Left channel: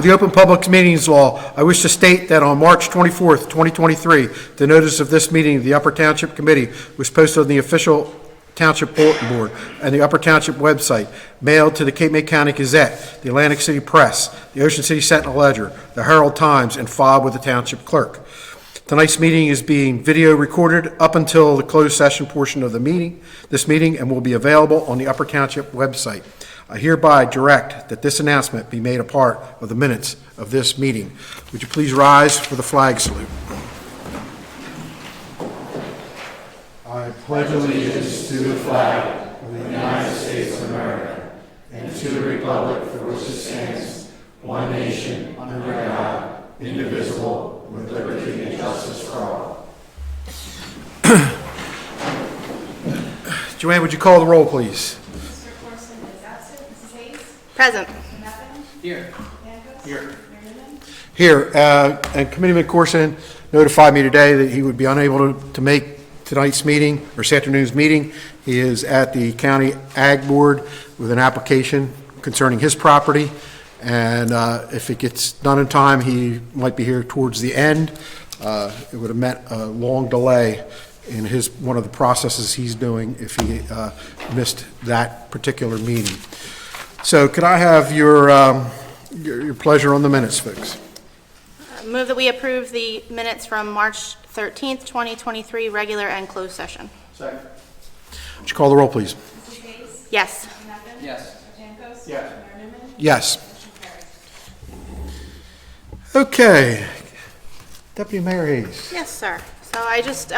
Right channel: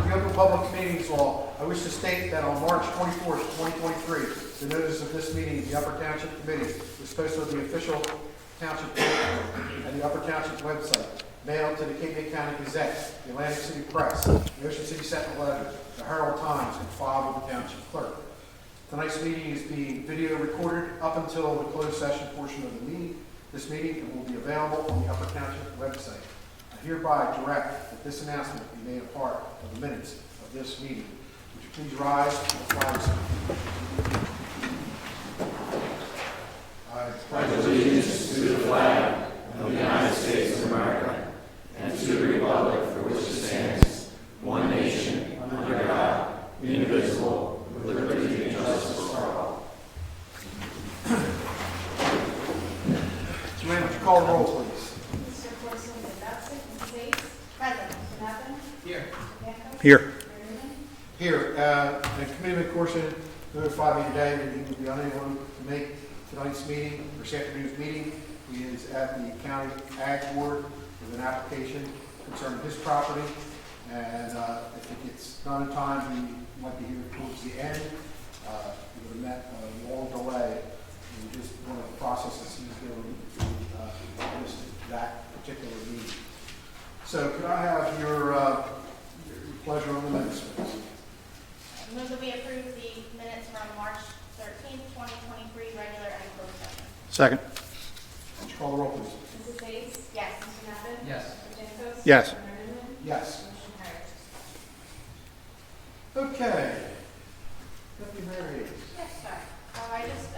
With the Open Public Meetings Law, I wish to state that on March 24th, 2023, the notice of this meeting of the Upper Township Committee was posted on the official Township Bulletin Board and the Upper Township website, mailed to the Cape May County Gazette, the Atlantic City Press, the Ocean City Sentinel-Ledger, the Herald Times, and filed with the Township Clerk. Tonight's meeting is being video recorded up until the closed session portion of this meeting, and will be available on the Upper Township website. I hereby direct that this announcement be made a part of the minutes of this meeting. Would you please rise for the flag salute? I pledge allegiance to the flag of the United States of America and to the republic for which it stands, one nation, under God, indivisible, with liberty and justice for all. Joanne, would you call the roll, please? Present. Here. Here. And Committeeman Corson notified me today that he would be unable to make tonight's meeting, or this afternoon's meeting. He is at the County Ag Board with an application concerning his property. And if it gets done in time, he might be here towards the end. It would have meant a long delay in one of the processes he's doing if he missed that particular meeting. So could I have your pleasure on the minutes, folks? Move that we approve the minutes from March 13th, 2023, regular and closed session. Second. Would you call the roll, please? Yes. Yes. Yes. Yes. Okay. Deputy Mayor Hayes. Yes, sir. So I just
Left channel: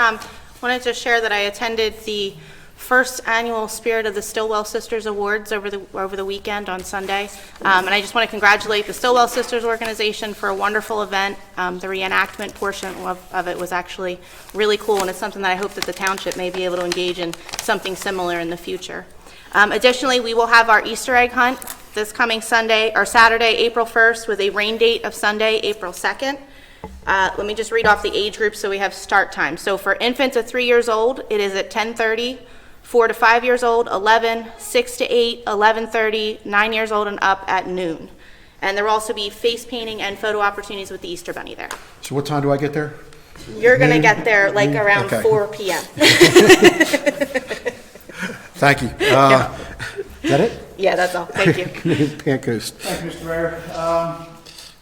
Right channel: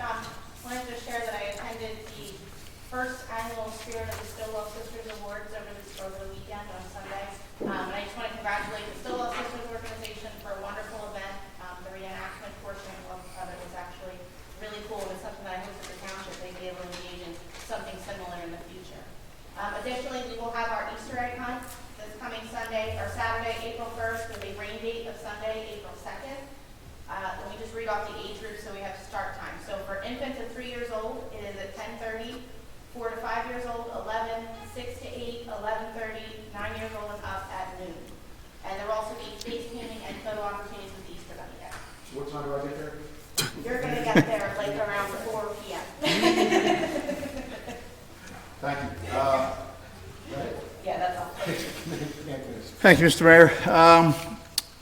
wanted to share that I attended the first annual Spirit of the Stillwell Sisters Awards over the weekend on Sunday. And I just want to congratulate the Stillwell Sisters organization for a wonderful event. The reenactment portion of it was actually really cool, and it's something that I hope that the township may be able to engage in something similar in the future. Additionally, we will have our Easter egg hunt this coming Saturday, April 1st, with a rain date of Sunday, April 2nd. Let me just read off the age group so we have start time. So for infants of 3 years old, it is at 10:30. 4 to 5 years old, 11, 6 to 8, 11:30, 9 years old and up at noon. And there will also be face painting and photo opportunities with the Easter Bunny there. So what time do I get there? You're going to get there like around Okay. 4 p.m. Thank you. Is that it? Yeah, that's all. Thank you. Pancoast. Thank you, Mr. Mayor.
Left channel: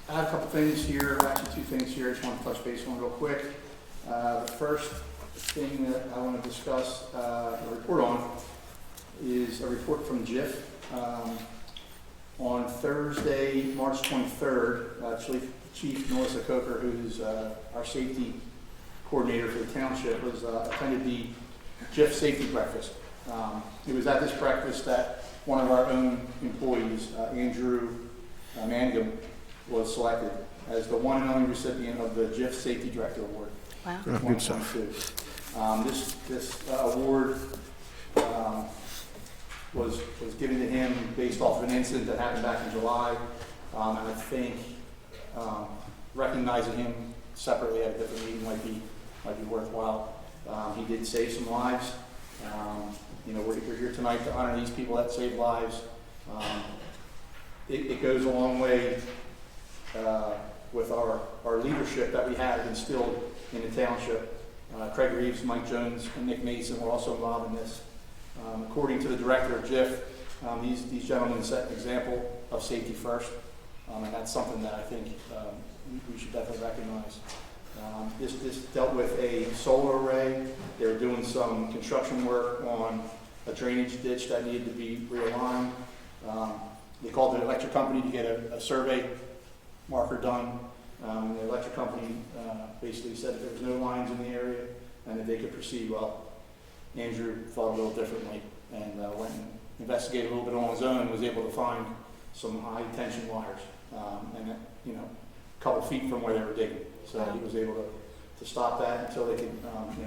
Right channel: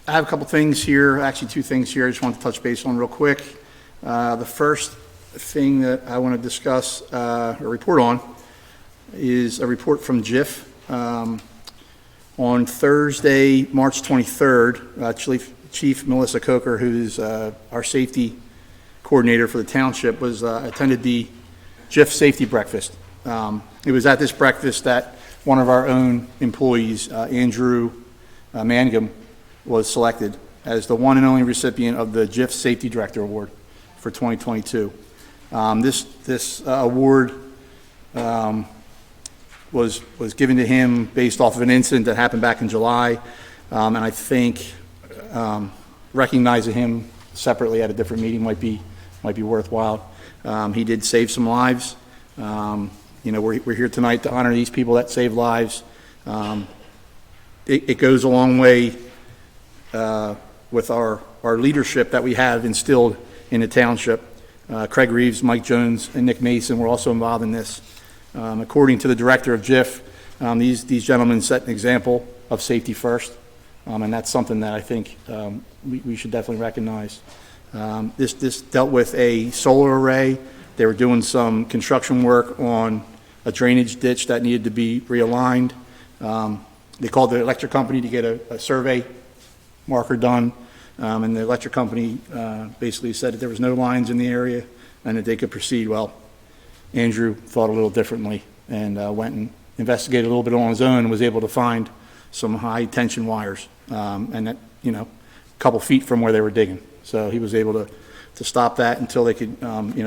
I have a couple things here, actually two things here I just want to touch base on real quick. The first thing that I want to discuss or report on is a report from JIF. On Thursday, March 23rd, Chief Melissa Coker, who's our safety coordinator for the township, attended the JIF safety breakfast. It was at this breakfast that one of our own employees, Andrew Mangum, was selected as the one and only recipient of the JIF Safety Director Award for 2022. This award was given to him based off of an incident that happened back in July, and I think recognizing him separately at a different meeting might be worthwhile. He did save some lives. We're here tonight to honor these people that save lives. It goes a long way with our leadership that we have instilled in the township. Craig Reeves, Mike Jones, and Nick Mason were also involved in this. According to the director of JIF, these gentlemen set an example of safety first, and that's something that I think we should definitely recognize. This dealt with a solar array. They were doing some construction work on a drainage ditch that needed to be realigned. They called the electric company to get a survey marker done. And the electric company basically said that there was no lines in the area and that they could proceed. Well, Andrew thought a little differently and went and investigated a little bit on his own and was able to find some high tension wires and that, a couple feet from where they were digging. So he was able to stop that until they could,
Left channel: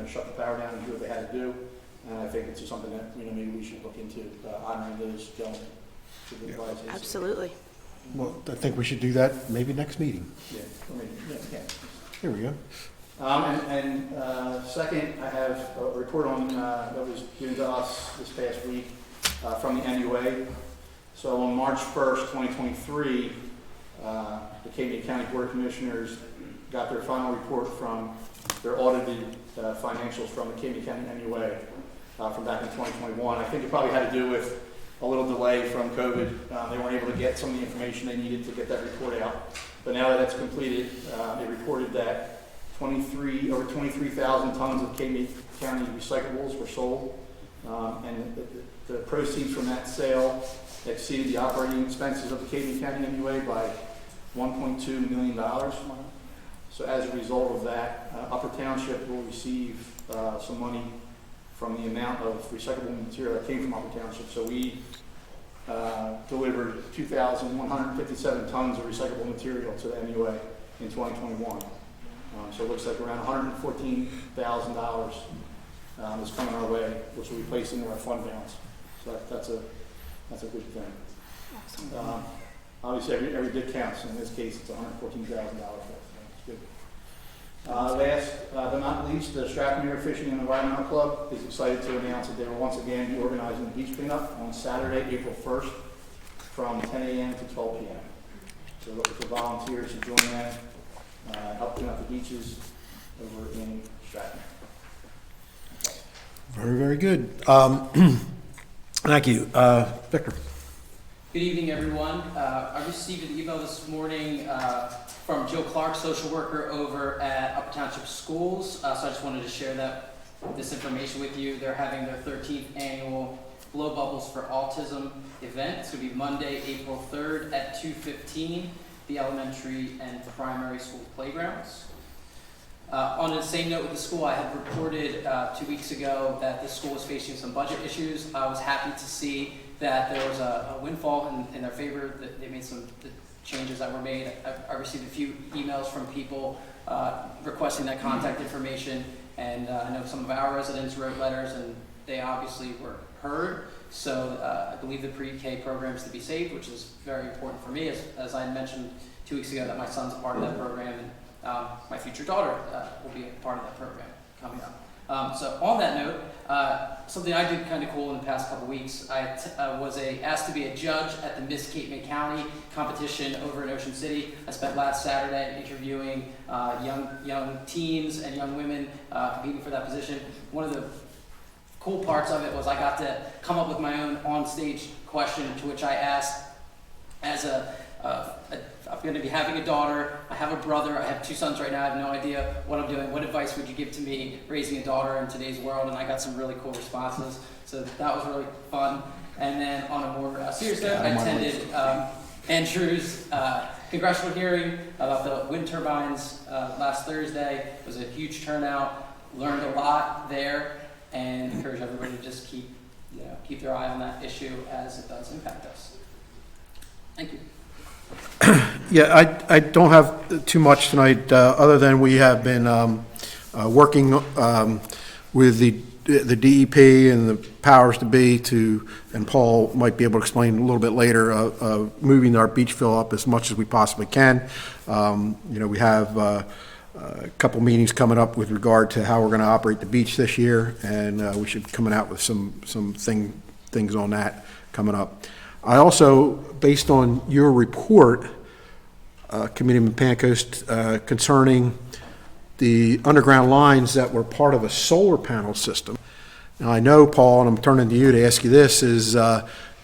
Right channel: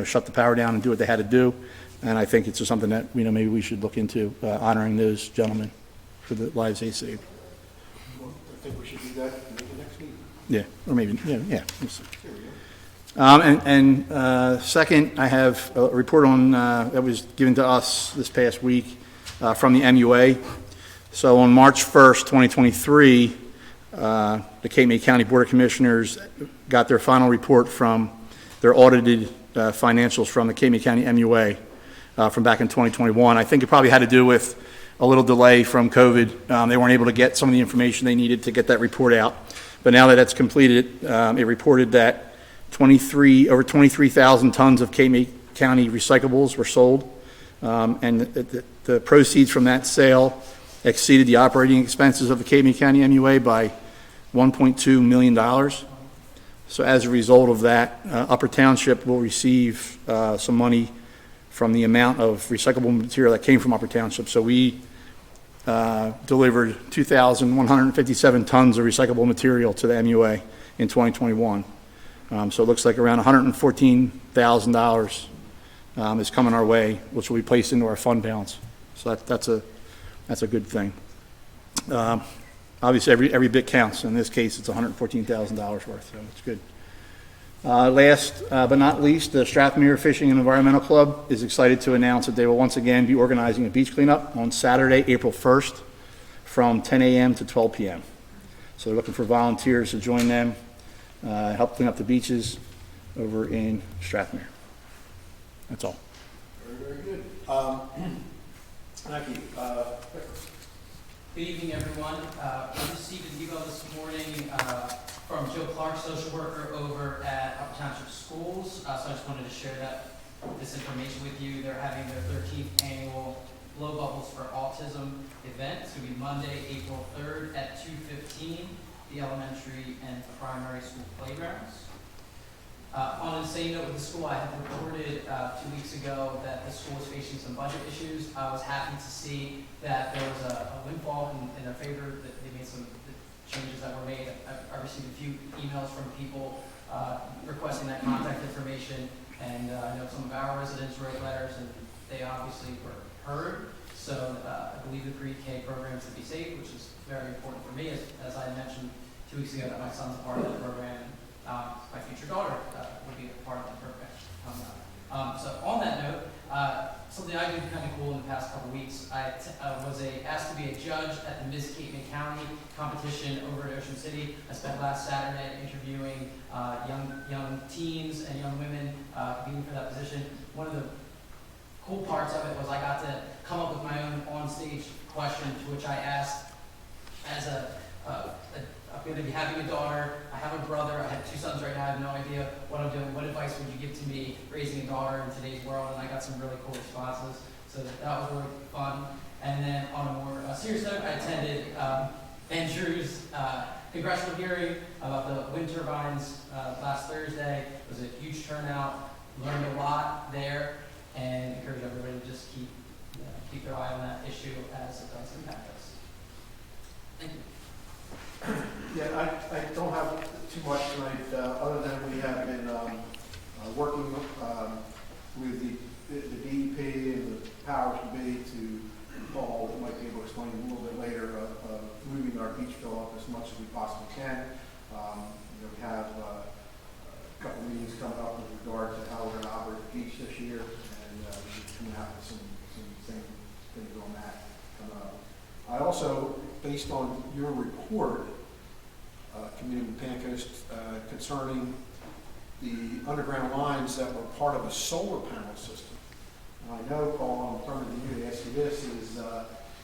shut the power down and do what they had to do. And I think it's just something that, maybe we should look into honoring those gentlemen for the lives they saved. Absolutely. Well, I think we should do that maybe next meeting. Yeah, or maybe, yeah. There we go. Second, I have a report on that was given to us this past week from the MUA. So on March 1st, 2023, The Cape County Board of Commissioners got their final report from their audited financials from the Cape County MUA from back in 2021. I think it probably had to do with a little delay from COVID. They weren't able to get some of the information they needed to get that report out. But now that that's completed, it reported that over 23,000 tons of Cape County recyclables were sold. And the proceeds from that sale exceeded the operating expenses of the Cape County MUA by $1.2 million. So as a result of that, Upper Township will receive some money from the amount of recyclable material that came from Upper Township. So we delivered 2,157 tons of recyclable material to the MUA in 2021. So it looks like around $114,000 is coming our way, which will be placed into our fund balance. So that's a good thing. Obviously, every bit counts. In this case, it's $114,000 worth, so it's good. Last but not least, the Strathmere Fishing and Environmental Club is excited to announce that they will once again be organizing a beach cleanup on Saturday, April 1st from 10 a.m. to 12 p.m. So they're looking for volunteers to join them, help clean up the beaches over in Strathmere. That's all. Very, very good. Thank you. Victor. Good evening, everyone. I received an email this morning from Jill Clark, social worker over at Upper Township Schools. So I just wanted to share this information with you. They're having their 13th annual Blow Bubbles for Autism event. It's going to be Monday, April 3rd at 2:15, the elementary and primary school playgrounds. On the same note with the school, I had reported 2 weeks ago that the school was facing some budget issues. I was happy to see that there was a windfall in their favor, that they made some changes that were made. I received a few emails from people requesting that contact information, and I know some of our residents wrote letters, and they obviously were heard. So I believe the pre-K program is to be safe, which is very important for me, as I mentioned 2 weeks ago that my son's a part of that program, and my future daughter will be a part of that program coming up. So on that note, something I did kind of cool in the past couple weeks, I was asked to be a judge at the Miss Cape County competition over in Ocean City. I spent last Saturday interviewing young teens and young women competing for that position. One of the cool parts of it was I got to come up with my own on-stage question, to which I asked, as I'm going to be having a daughter, I have a brother, I have 2 sons right now, I have no idea what I'm doing. What advice would you give to me raising a daughter in today's world? And I got some really cool responses, so that was really fun. And then on a more serious note, I attended Andrew's congressional hearing about the wind turbines last Thursday. It was a huge turnout, learned a lot there, and encourage everybody to just keep their eye on that issue as it does impact us. Thank you. Yeah, I don't have too much tonight, other than we have been working with the DEP and the powers to be and Paul might be able to explain a little bit later, moving our beach fill up as much as we possibly can. We have a couple meetings coming up with regard to how we're going to operate the beach this year, and we should be coming out with some things on that coming up. I also, based on your report, Committeeman Pancoast, concerning the underground lines that were part of a solar panel system. Now, I know, Paul, and I'm turning to you to ask you this, is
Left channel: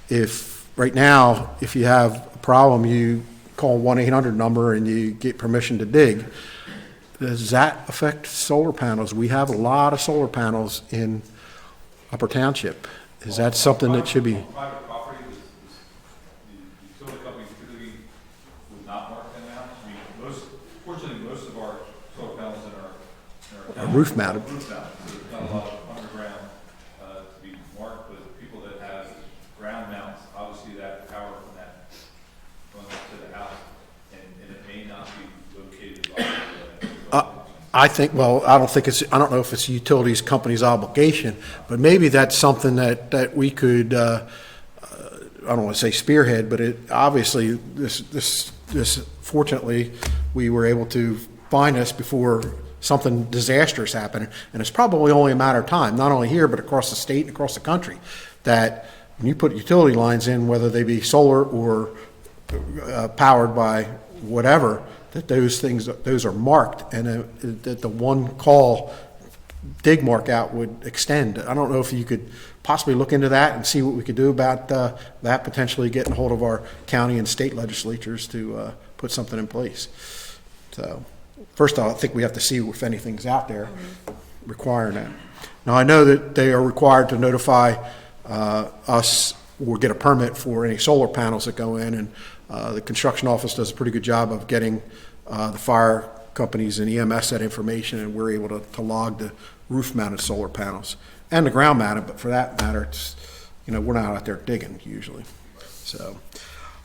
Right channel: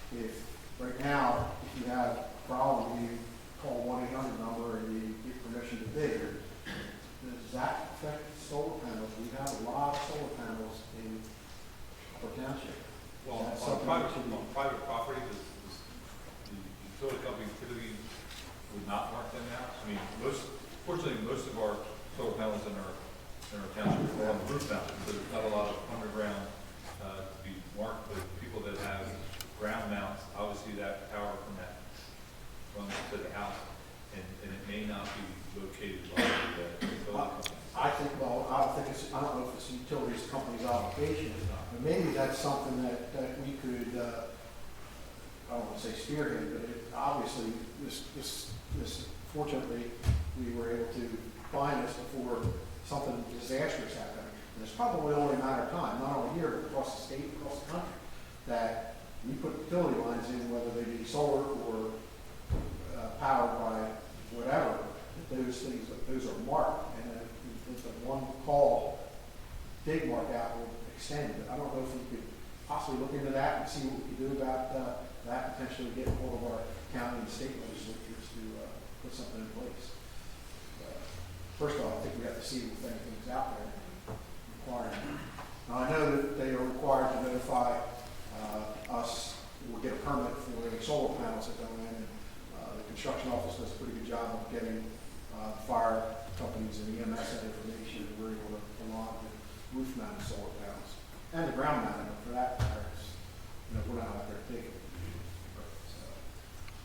if right now, if you have a problem, you call 1-800 number and you get permission to dig. Does that affect solar panels? We have a lot of solar panels in Upper Township. Is that something that should be? Private property, the utility company typically would not mark them out. I mean, fortunately, most of our solar panels in our town Roof mounted. so there's not a lot of underground to be marked, but people that have ground mounts, obviously that power from that runs to the house, and it may not be located by I don't know if it's the utilities company's obligation, but maybe that's something that we could, I don't want to say spearhead, but obviously this fortunately, we were able to find this before something disastrous happened, and it's probably only a matter of time, not only here, but across the state and across the country, that when you put utility lines in, whether they be solar or powered by whatever, that those are marked, and that the one call dig mark out would extend. I don't know if you could possibly look into that and see what we could do about that, potentially getting hold of our county and state legislatures to put something in place. So first off, I think we have to see if anything's out there requiring that. Now, I know that they are required to notify us or get a permit for any solar panels that go in, and the construction office does a pretty good job of getting the fire companies and EMS that information, and we're able to log the roof-mounted solar panels and the ground-mounted, but for that matter, it's, we're not out there digging usually. So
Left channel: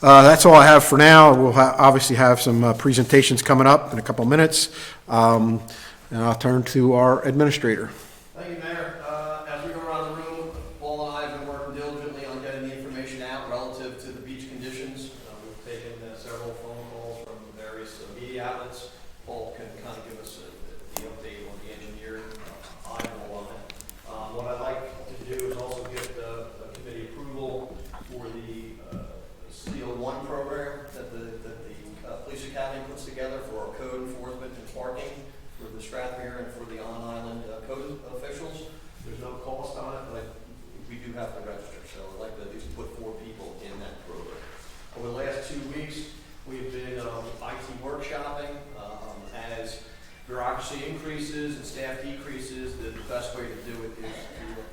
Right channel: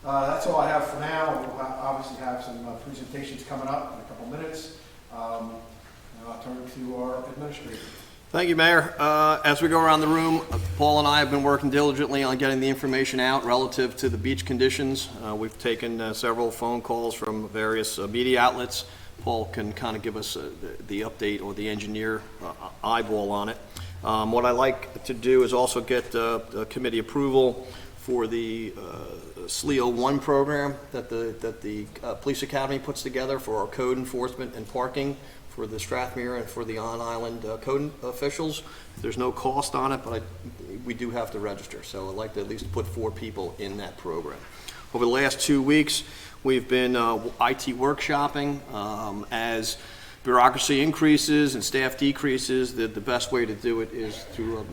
that's all I have for now. We'll obviously have some presentations coming up in a couple minutes, and I'll turn to our administrator. Thank you, Mayor. As we go around the room, Paul and I have been working diligently on getting the information out relative to the beach conditions. We've taken several phone calls from various media outlets. Paul can kind of give us the update or the engineer eyeball on it. What I like to do is also get committee approval for the SLEO 1 program that the Police Academy puts together for our code enforcement and parking for the Strathmere and for the on-island code officials. There's no cost on it, but we do have to register, so I'd like to at least put 4 people in that program. Over the last 2 weeks, we've been IT workshopping. As bureaucracy increases and staff decreases, the best way to do it is through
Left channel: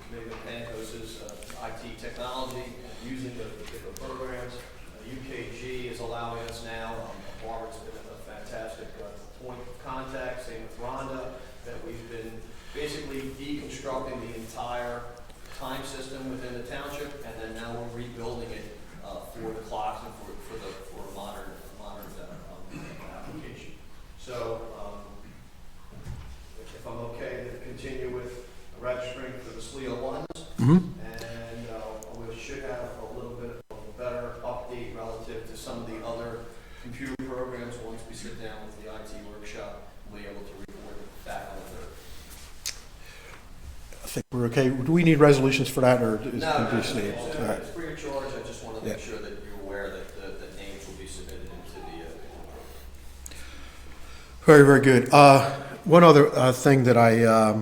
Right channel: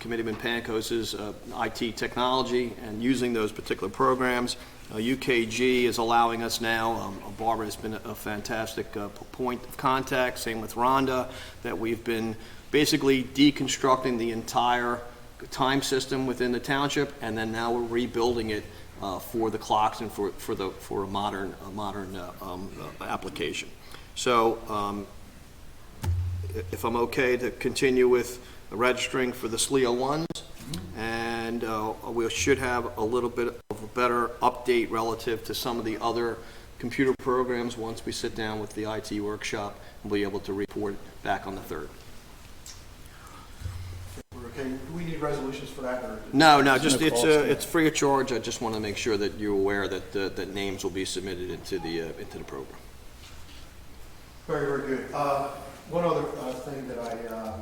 Committeeman Pankos's IT technology and using those particular programs. UKG is allowing us now, Barbara has been a fantastic point of contact, same with Rhonda, that we've been basically deconstructing the entire time system within the township, and then now we're rebuilding it for the clocks and for a modern application. So if I'm okay to continue with registering for the SLEO 1s, and we should have a little bit of a better update relative to some of the other computer programs once we sit down with the IT workshop and be able to report back on the 3rd. I think we're okay. Do we need resolutions for that, or? No, just it's free of charge. I just want to make sure that you're aware that that names will be submitted into the program. Very, very good. One other thing that I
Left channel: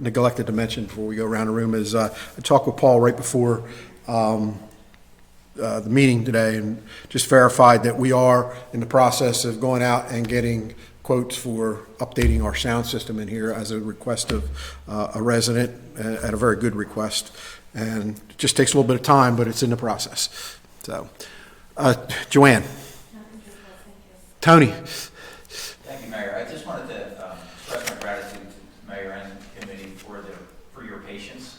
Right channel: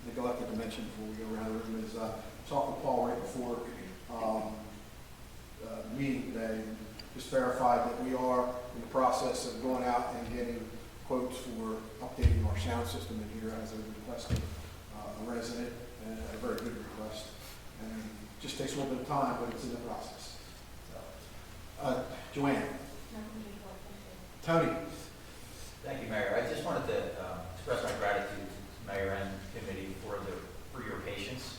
neglected to mention before we go around the room is I talked with Paul right before the meeting today, and just verified that we are in the process of going out and getting quotes for updating our sound system in here as a request of a resident, and a very good request. And it just takes a little bit of time, but it's in the process. So, Joanne. Tony. Thank you, Mayor. I just wanted to express my gratitude to Mayor and committee for your patience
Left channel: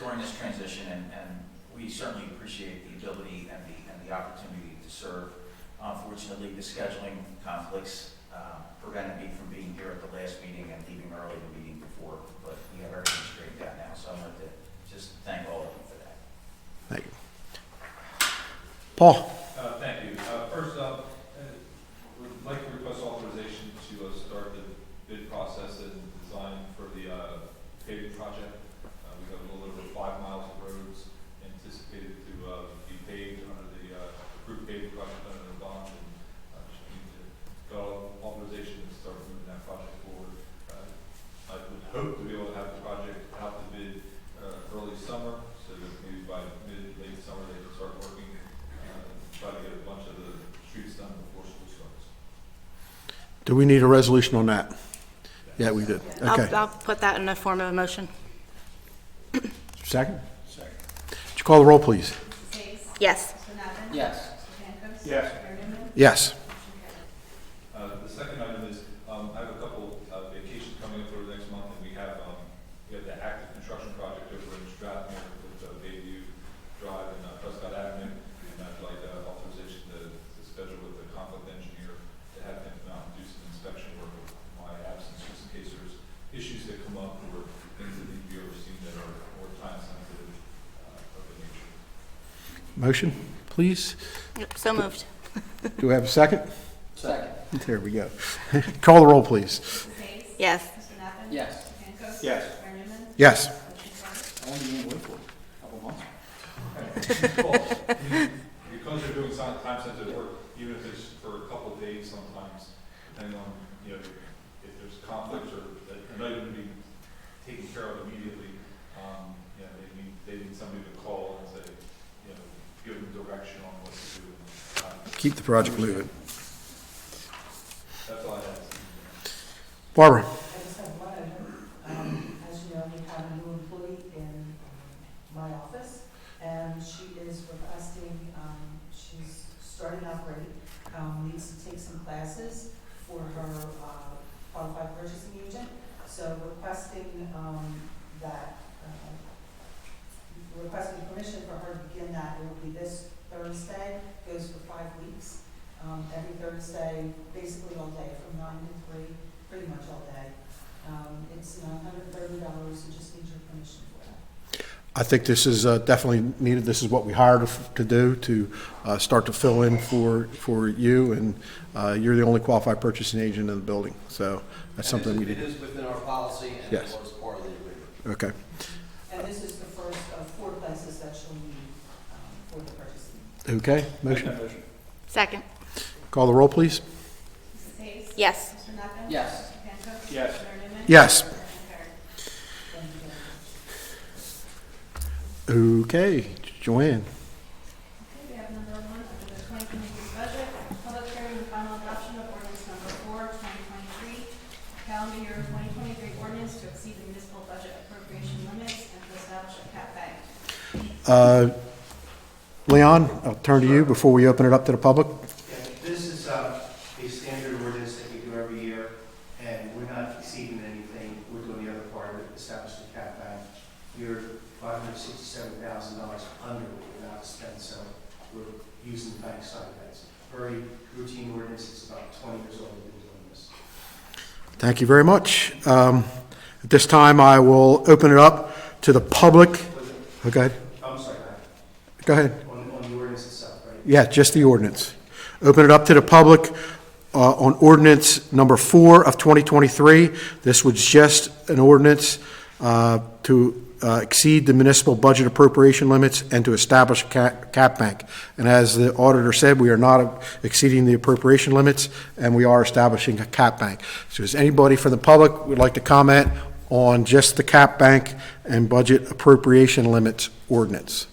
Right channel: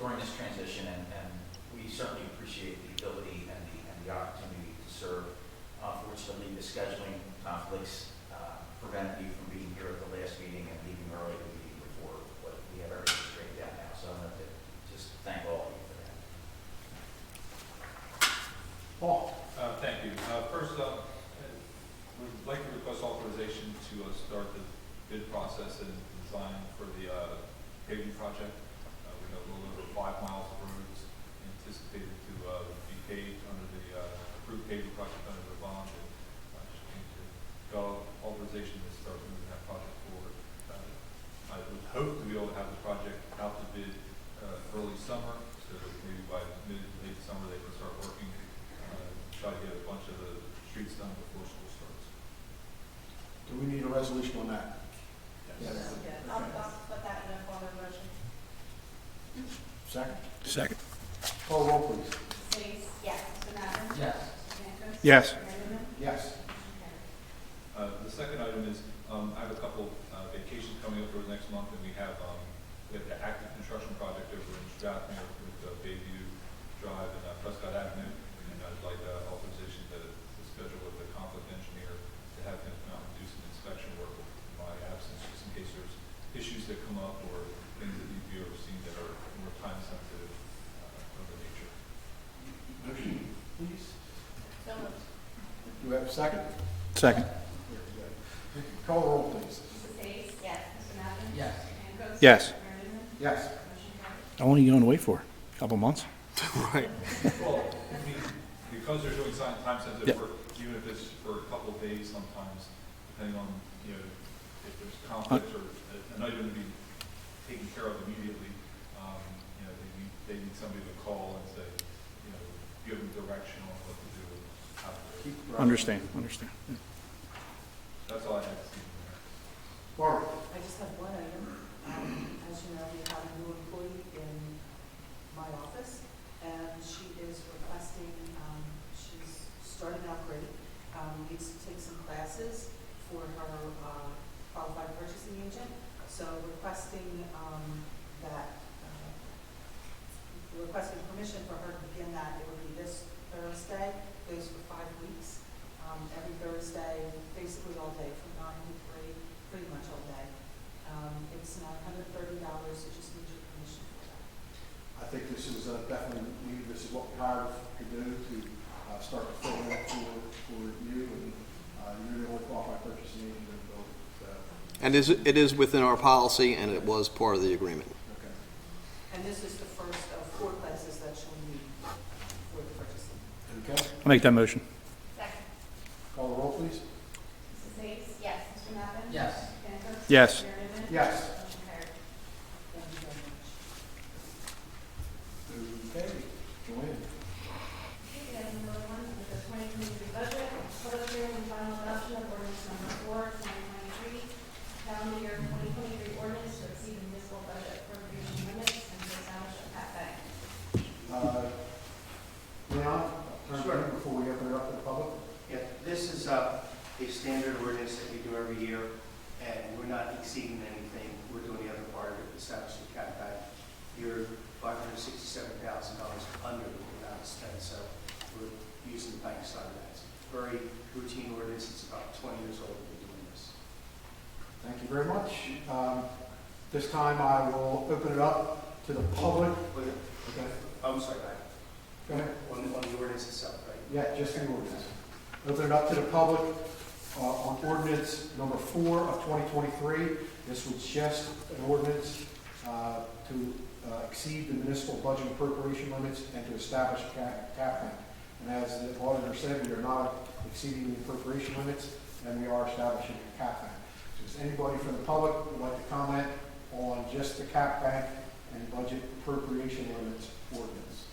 during this transition, and we certainly appreciate the ability and the opportunity to serve. Unfortunately, the scheduling conflicts prevented me from being here at the last meeting and leaving early the meeting before, but we have everything straightened out now, so I wanted to just thank all of you for that. Thank you. Paul. Thank you. First up, we'd like to request authorization to start the bid process and design for the paving project. We have a little over 5 miles of roads anticipated to be paved under the approved paving project under the bond, and should need to go authorization to start moving that project forward. I would hope to be able to have the project out to bid early summer, so that maybe by late summer they can start working, try to get a bunch of the streets done before school starts. Do we need a resolution on that? Yeah, we did. Okay. I'll put that in the form of a motion. Second? Second. Would you call the roll, please? Yes. Yes. Yes. Yes. The second item is, I have a couple vacations coming up for the next month, and we have the active construction project over in Strathmere with Bayview Drive and Prescott Avenue, and I'd like authorization to schedule with the conflict engineer to have him come out and do some inspection work with my absence, just in case there's issues that come up or things that you've ever seen that are more time sensitive of the nature. Motion, please. So moved. Do we have a second? Second. There we go. Call the roll, please. Yes. Yes. Yes. Yes. How long are you going to wait for? A couple months? Well, we because they're doing time-sensitive Yeah. work, even if it's for a couple of days sometimes, depending on, if there's conflicts or an item to be taken care of immediately, they need somebody to call and say, give them direction on what to do. Keep the project Understand. moving. That's all I have. Barbara? I just have one item. As you know, we have a new employee in my office, and she is requesting, she's starting out great, needs to take some classes for her qualified purchasing agent. So requesting requesting permission for her to begin that. It would be this Thursday, goes for 5 weeks. Every Thursday, basically all day, from 9 to 3, pretty much all day. It's $930, so just need your permission for that. I think this is definitely needed. This is what we hired to do, to start to fill in for you, and you're the only qualified purchasing agent in the building, so that's And something we it is within our policy, and it Yes. was part of the agreement. Okay. And this is the first of 4 classes that she'll need for the purchasing. Okay. Make that motion. Second. Call the roll, please. Yes. Yes. Yes. Yes. Thank you very much. Okay, Joanne. Okay, we have number 1 under the 2023 budget, public hearing and final adoption of ordinance number 4, 2023, calendar year 2023 ordinance to exceed the municipal budget appropriation limits and to establish a cap bank. Leon, I'll turn to you before we open it up to the public. Yeah, this is a standard ordinance that we do every year, and we're not exceeding anything. We're doing the other part of it, establish the cap bank. You're $567,000 under what we're allowed to spend, so we're using the bank side of that. It's a very routine ordinance. It's about 20 years old we've been doing this. Thank you very much. At this time, I will open it up to the public. Okay, I'm sorry, Matt. go ahead. On the ordinance itself, right? Yeah, just the ordinance. Open it up to the public on ordinance number 4 of 2023. This was just an ordinance to exceed the municipal budget appropriation limits and to establish a cap bank. And as the auditor said, we are not exceeding the appropriation limits, and we are establishing a cap bank. So is anybody from the public would like to comment on just the cap bank and budget appropriation limits ordinance?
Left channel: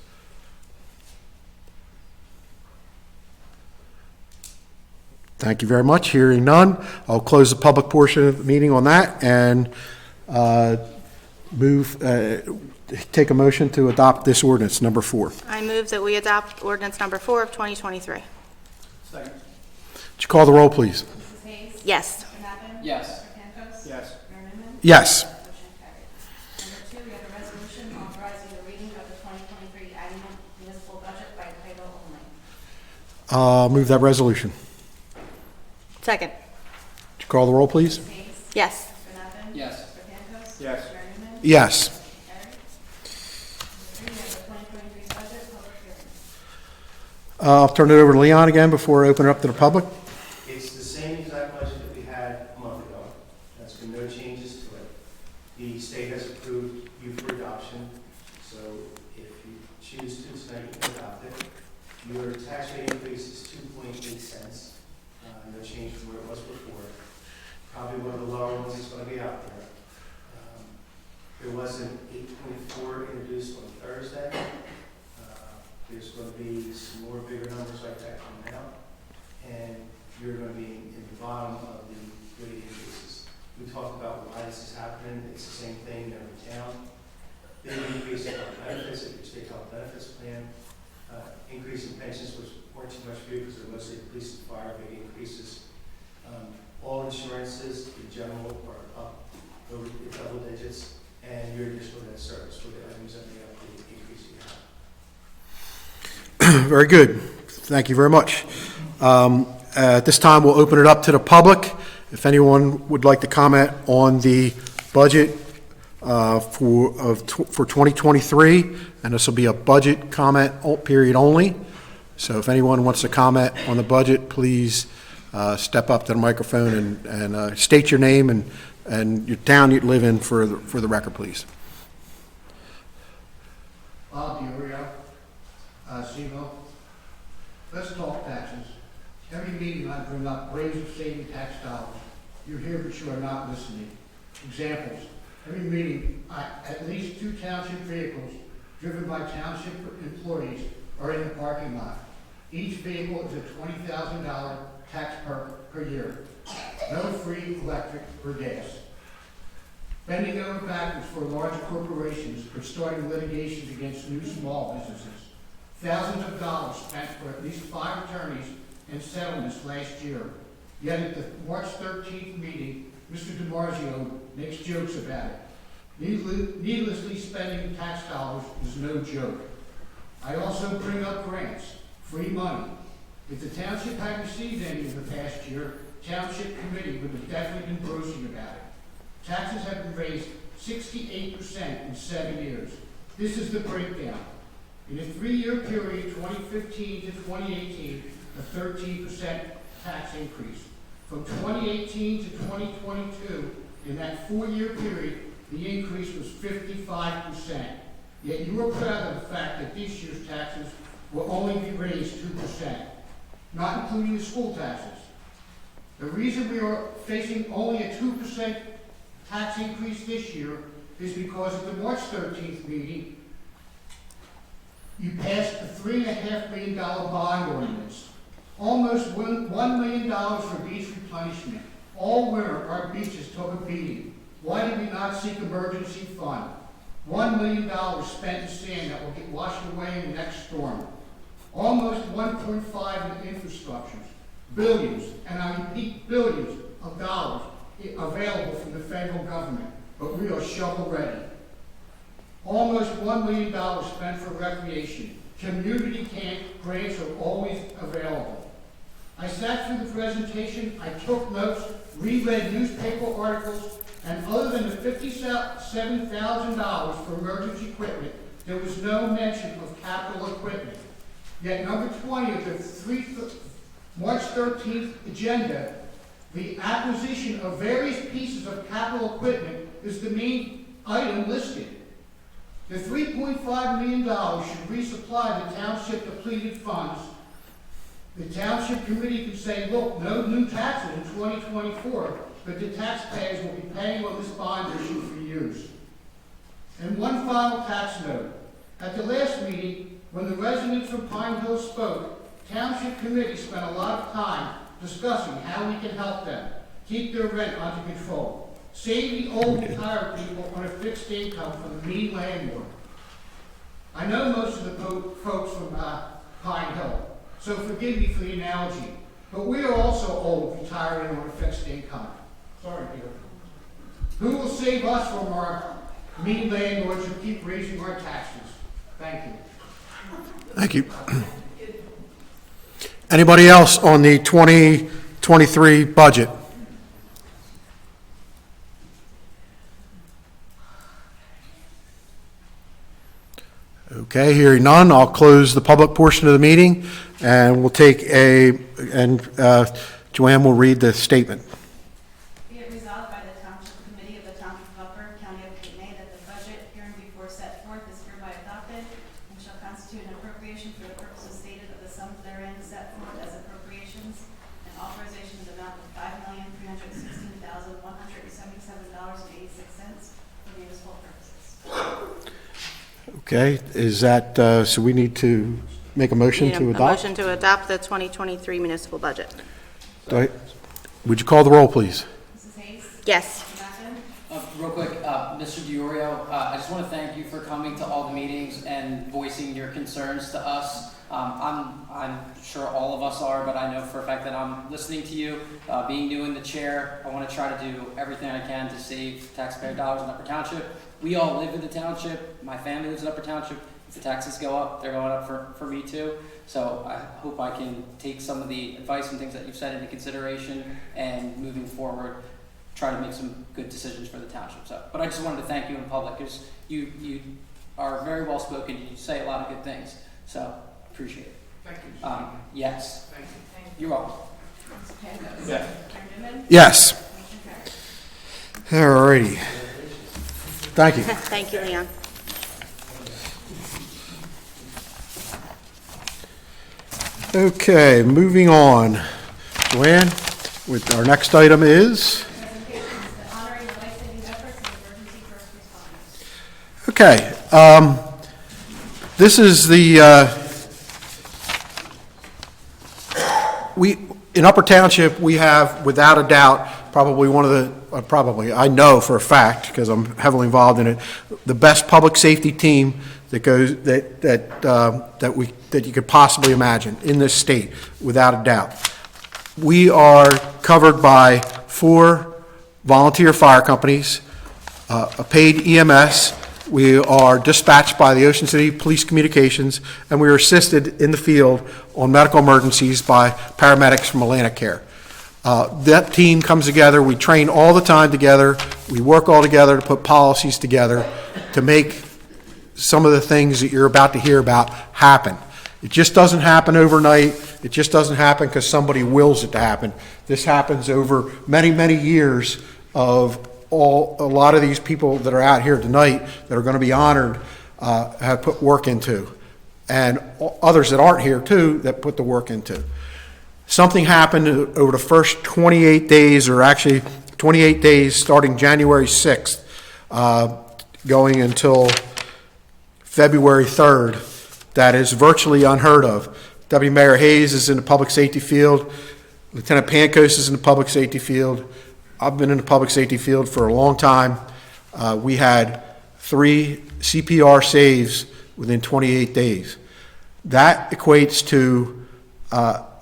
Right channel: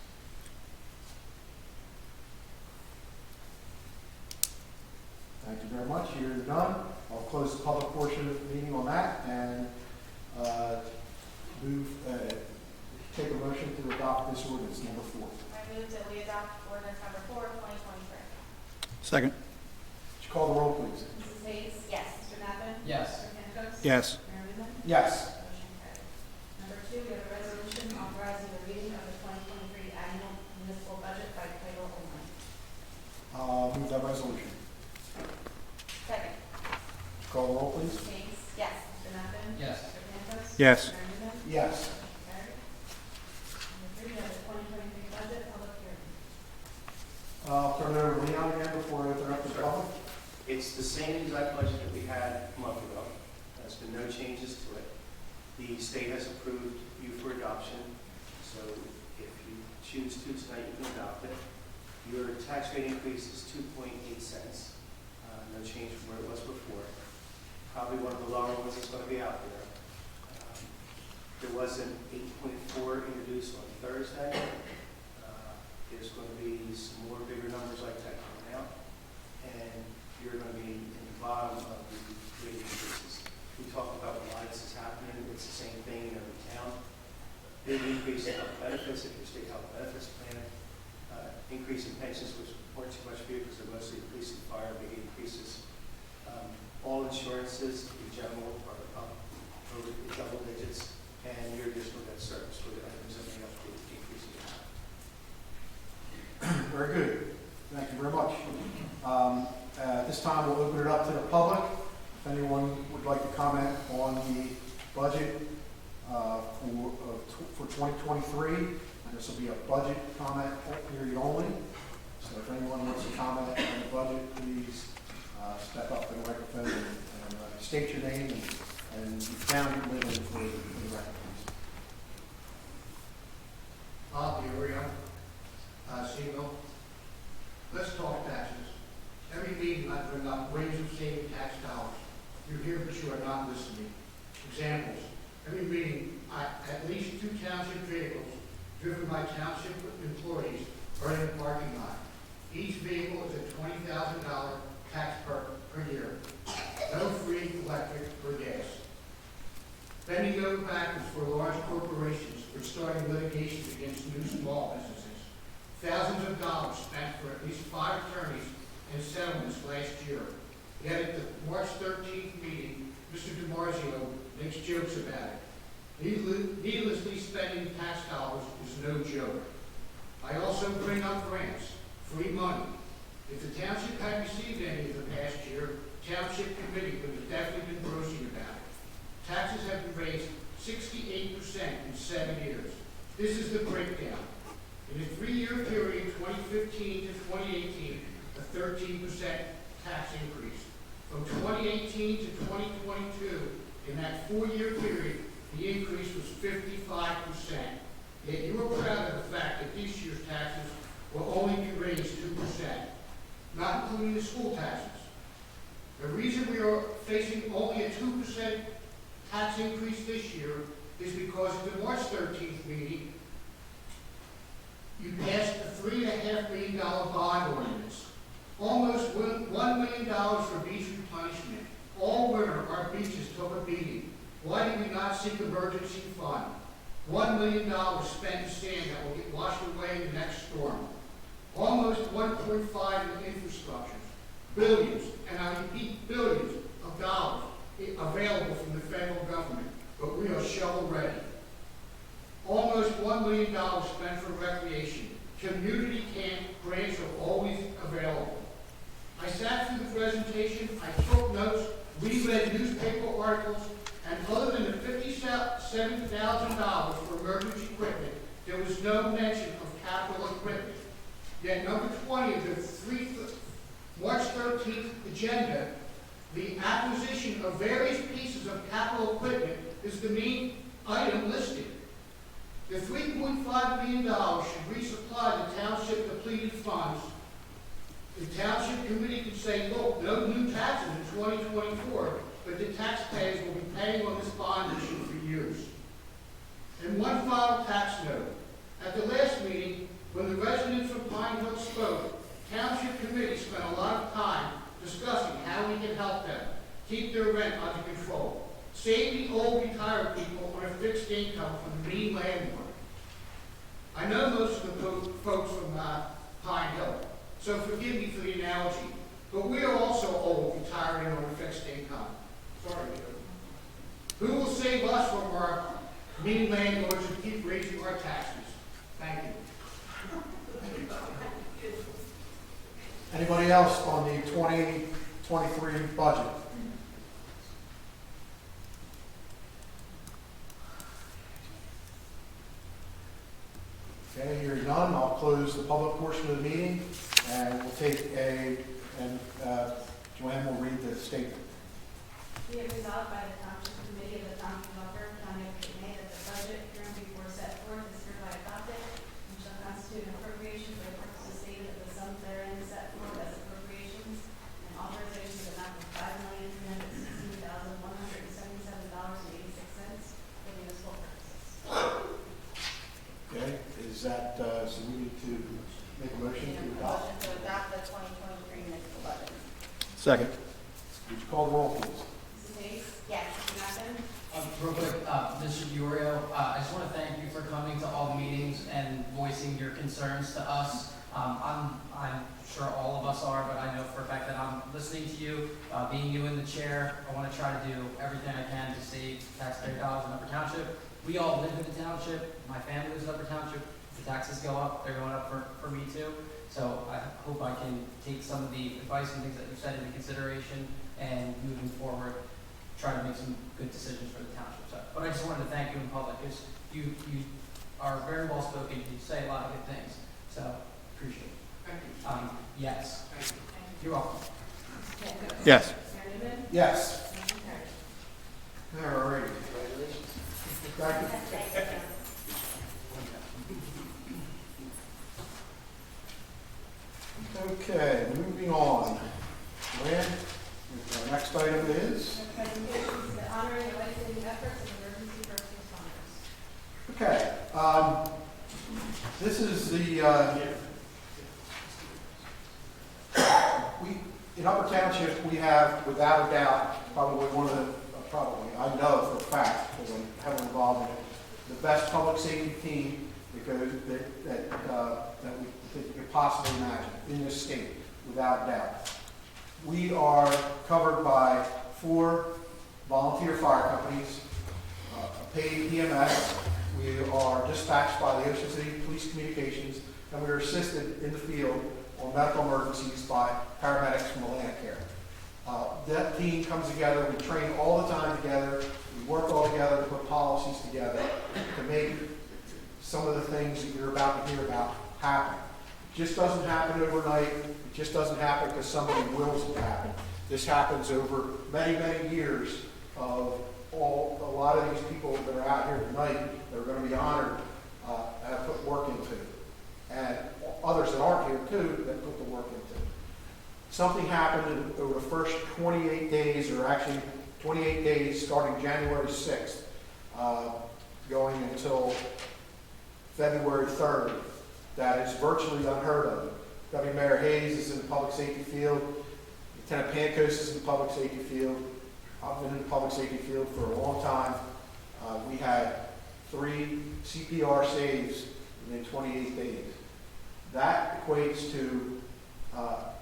Thank you very much. Hearing none, I'll close the public portion of the meeting on that and take a motion to adopt this ordinance, number 4. I move that we adopt ordinance number 4 of 2023. Second. Would you call the roll, please? Mrs. Hayes? Yes. Mr. Knappman? Yes. Mr. Campos? Yes. Mayor Newman? Yes. Motion carried. Number 2, we have a resolution authorizing the reading of the 2023 annual municipal budget by title only. Move that resolution. Second. Would you call the roll, please? Mrs. Hayes? Yes. Mr. Knappman? Yes. Mr. Campos? Yes. Mayor Newman? Yes. Carried. Number 3, we have the 2023 budget public hearing. I'll turn it over to Leon again before I open it up to the public. It's the same exact budget that we had a month ago. There's been no changes to it. The state has approved you for adoption, so if you choose to tonight, you can adopt it. Your tax rate increase is 2.8 cents, no change from where it was before. Probably one of the lower ones that's going to be out there. There was an 8.4 introduced on Thursday. There's going to be some more bigger numbers like that coming out, and you're going to be in the bottom of the rate increases. We talked about why this is happening. It's the same thing in every town. Big increase in health benefits, if your state health benefits plan. Increase in pensions was more too much for you because they're mostly police and fire, big increases. All insurances, in general, are up over the double digits, and your additional debt service for the items that make up the increase you have. Very good. Thank you very much. At this time, we'll open it up to the public. If anyone would like to comment on the budget for 2023, and this will be a budget comment period only. So if anyone wants to comment on the budget, please step up to the microphone and state your name and your town you live in for the record, please. Bob D'Orio, Shemo. meeting, I bring up ways of saving tax dollars. You're here, but you are not listening. Examples. Every meeting, at least 2 township vehicles driven by township employees are in the parking lot. Each vehicle is a $20,000 tax per year. No free electric or gas. Bending over backwards for large corporations for starting litigations against new small businesses. Thousands of dollars spent for at least 5 attorneys and settlements last year. Yet at the March 13th meeting, Mr. DiMarzio makes jokes about it. Needlessly spending tax dollars is no joke. I also bring up grants, free money. If the township had received any in the past year, township committee would have definitely been broaching about it. Taxes have been raised 68% in 7 years. This is the breakdown. In the 3-year period, 2015 to 2018, a 13% tax increase. From 2018 to 2022, in that 4-year period, the increase was 55%. Yet you are proud of the fact that this year's taxes will only be raised 2%, not including the school taxes. The reason we are facing only a 2% tax increase this year is because at the March 13th meeting, you passed a $3.5 million bond ordinance. Almost $1 million for beach replenishment. All winter, our beaches took a beating. Why did we not seek emergency fund? $1 million spent to sand that will get washed away in the next storm. Almost 1.5 in infrastructures. Billions, and I repeat billions of dollars available from the federal government, but we are shovel ready. Almost $1 million spent for recreation. Community camp grants are always available. I sat through the presentation, I took notes, reread newspaper articles, and other than the $57,000 for emergency equipment, there was no mention of capital equipment. Yet number 20 of the March 13th agenda, the acquisition of various pieces of capital equipment is the main item listed. The $3.5 million should resupply the township depleted funds. The township committee could say, look, no new taxes in 2024, but the taxpayers will be paying on this bond issue for years. And one final tax note. At the last meeting, when the residents from Pine Hill spoke, township committee spent a lot of time discussing how we can help them keep their rent under control, save the old retired people on a fixed income from the mean landlord. I know most of the folks from Pine Hill, so forgive me for the analogy, but we are also old, retired, and on a fixed income. Sorry, Peter. Who will save us from our mean landlords who keep raising our taxes? Thank you. Thank you. Anybody else on the 2023 budget? Okay, hearing none, I'll close the public portion of the meeting, and we'll take Joanne will read the statement. Be it resolved by the Township Committee of the Township of Butler, County of Cape that the budget hereinbefore set forth is hereby adopted and shall constitute an appropriation for the purposes stated of the sums therein set forth as appropriations and authorization to the amount of $5,316,177.86 for municipal purposes. Okay, is that, so we need to make a motion Need to a adopt? motion to adopt the 2023 municipal budget. Go ahead. Would you call the roll, please? Mrs. Hayes? Yes. Knappen? Real quick, Mr. DiOrio, I just want to thank you for coming to all the meetings and voicing your concerns to us. I'm sure all of us are, but I know for a fact that I'm listening to you. Being new in the chair, I want to try to do everything I can to save taxpayer dollars in Upper Township. We all live in the township. My family lives in Upper Township. If the taxes go up, they're going up for me too. So I hope I can take some of the advice and things that you've said into consideration and moving forward, try to make some good decisions for the township. So, but I just wanted to thank you in public because you are very well spoken. You say a lot of good things. So appreciate it. Thank you. Yes. Thank you. You're welcome. Yes. Mayor Newman? Yes. Motion carries. All righty. Thank you. Thank you, Leon. Okay, moving on. Joanne. With our next item is, Presentations, the honoring and life-saving efforts of emergency first responders. okay, this is in Upper Township, we have, without a doubt, probably one of the, I know for a fact, because I'm heavily involved in it, the best public safety team that you could possibly imagine in this state, without a doubt. We are covered by 4 volunteer fire companies, a paid EMS. We are dispatched by the Ocean City Police Communications, and we are assisted in the field on medical emergencies by paramedics from Atlantic Care. That team comes together. We train all the time together. We work all together to put policies together to make some of the things that you're about to hear about happen. It just doesn't happen overnight. It just doesn't happen because somebody wills it to happen. This happens over many, many years of a lot of these people that are out here tonight that are going to be honored have put work into, and others that aren't here too that put the work into. Something happened over the first 28 days, or actually 28 days starting January 6th, going until February 3rd, that is virtually unheard of. Deputy Mayor Hayes is in the public safety field. Lieutenant Pancos is in the public safety field. I've been in the public safety field for a long time. We had 3 CPR saves within 28 days. That equates to,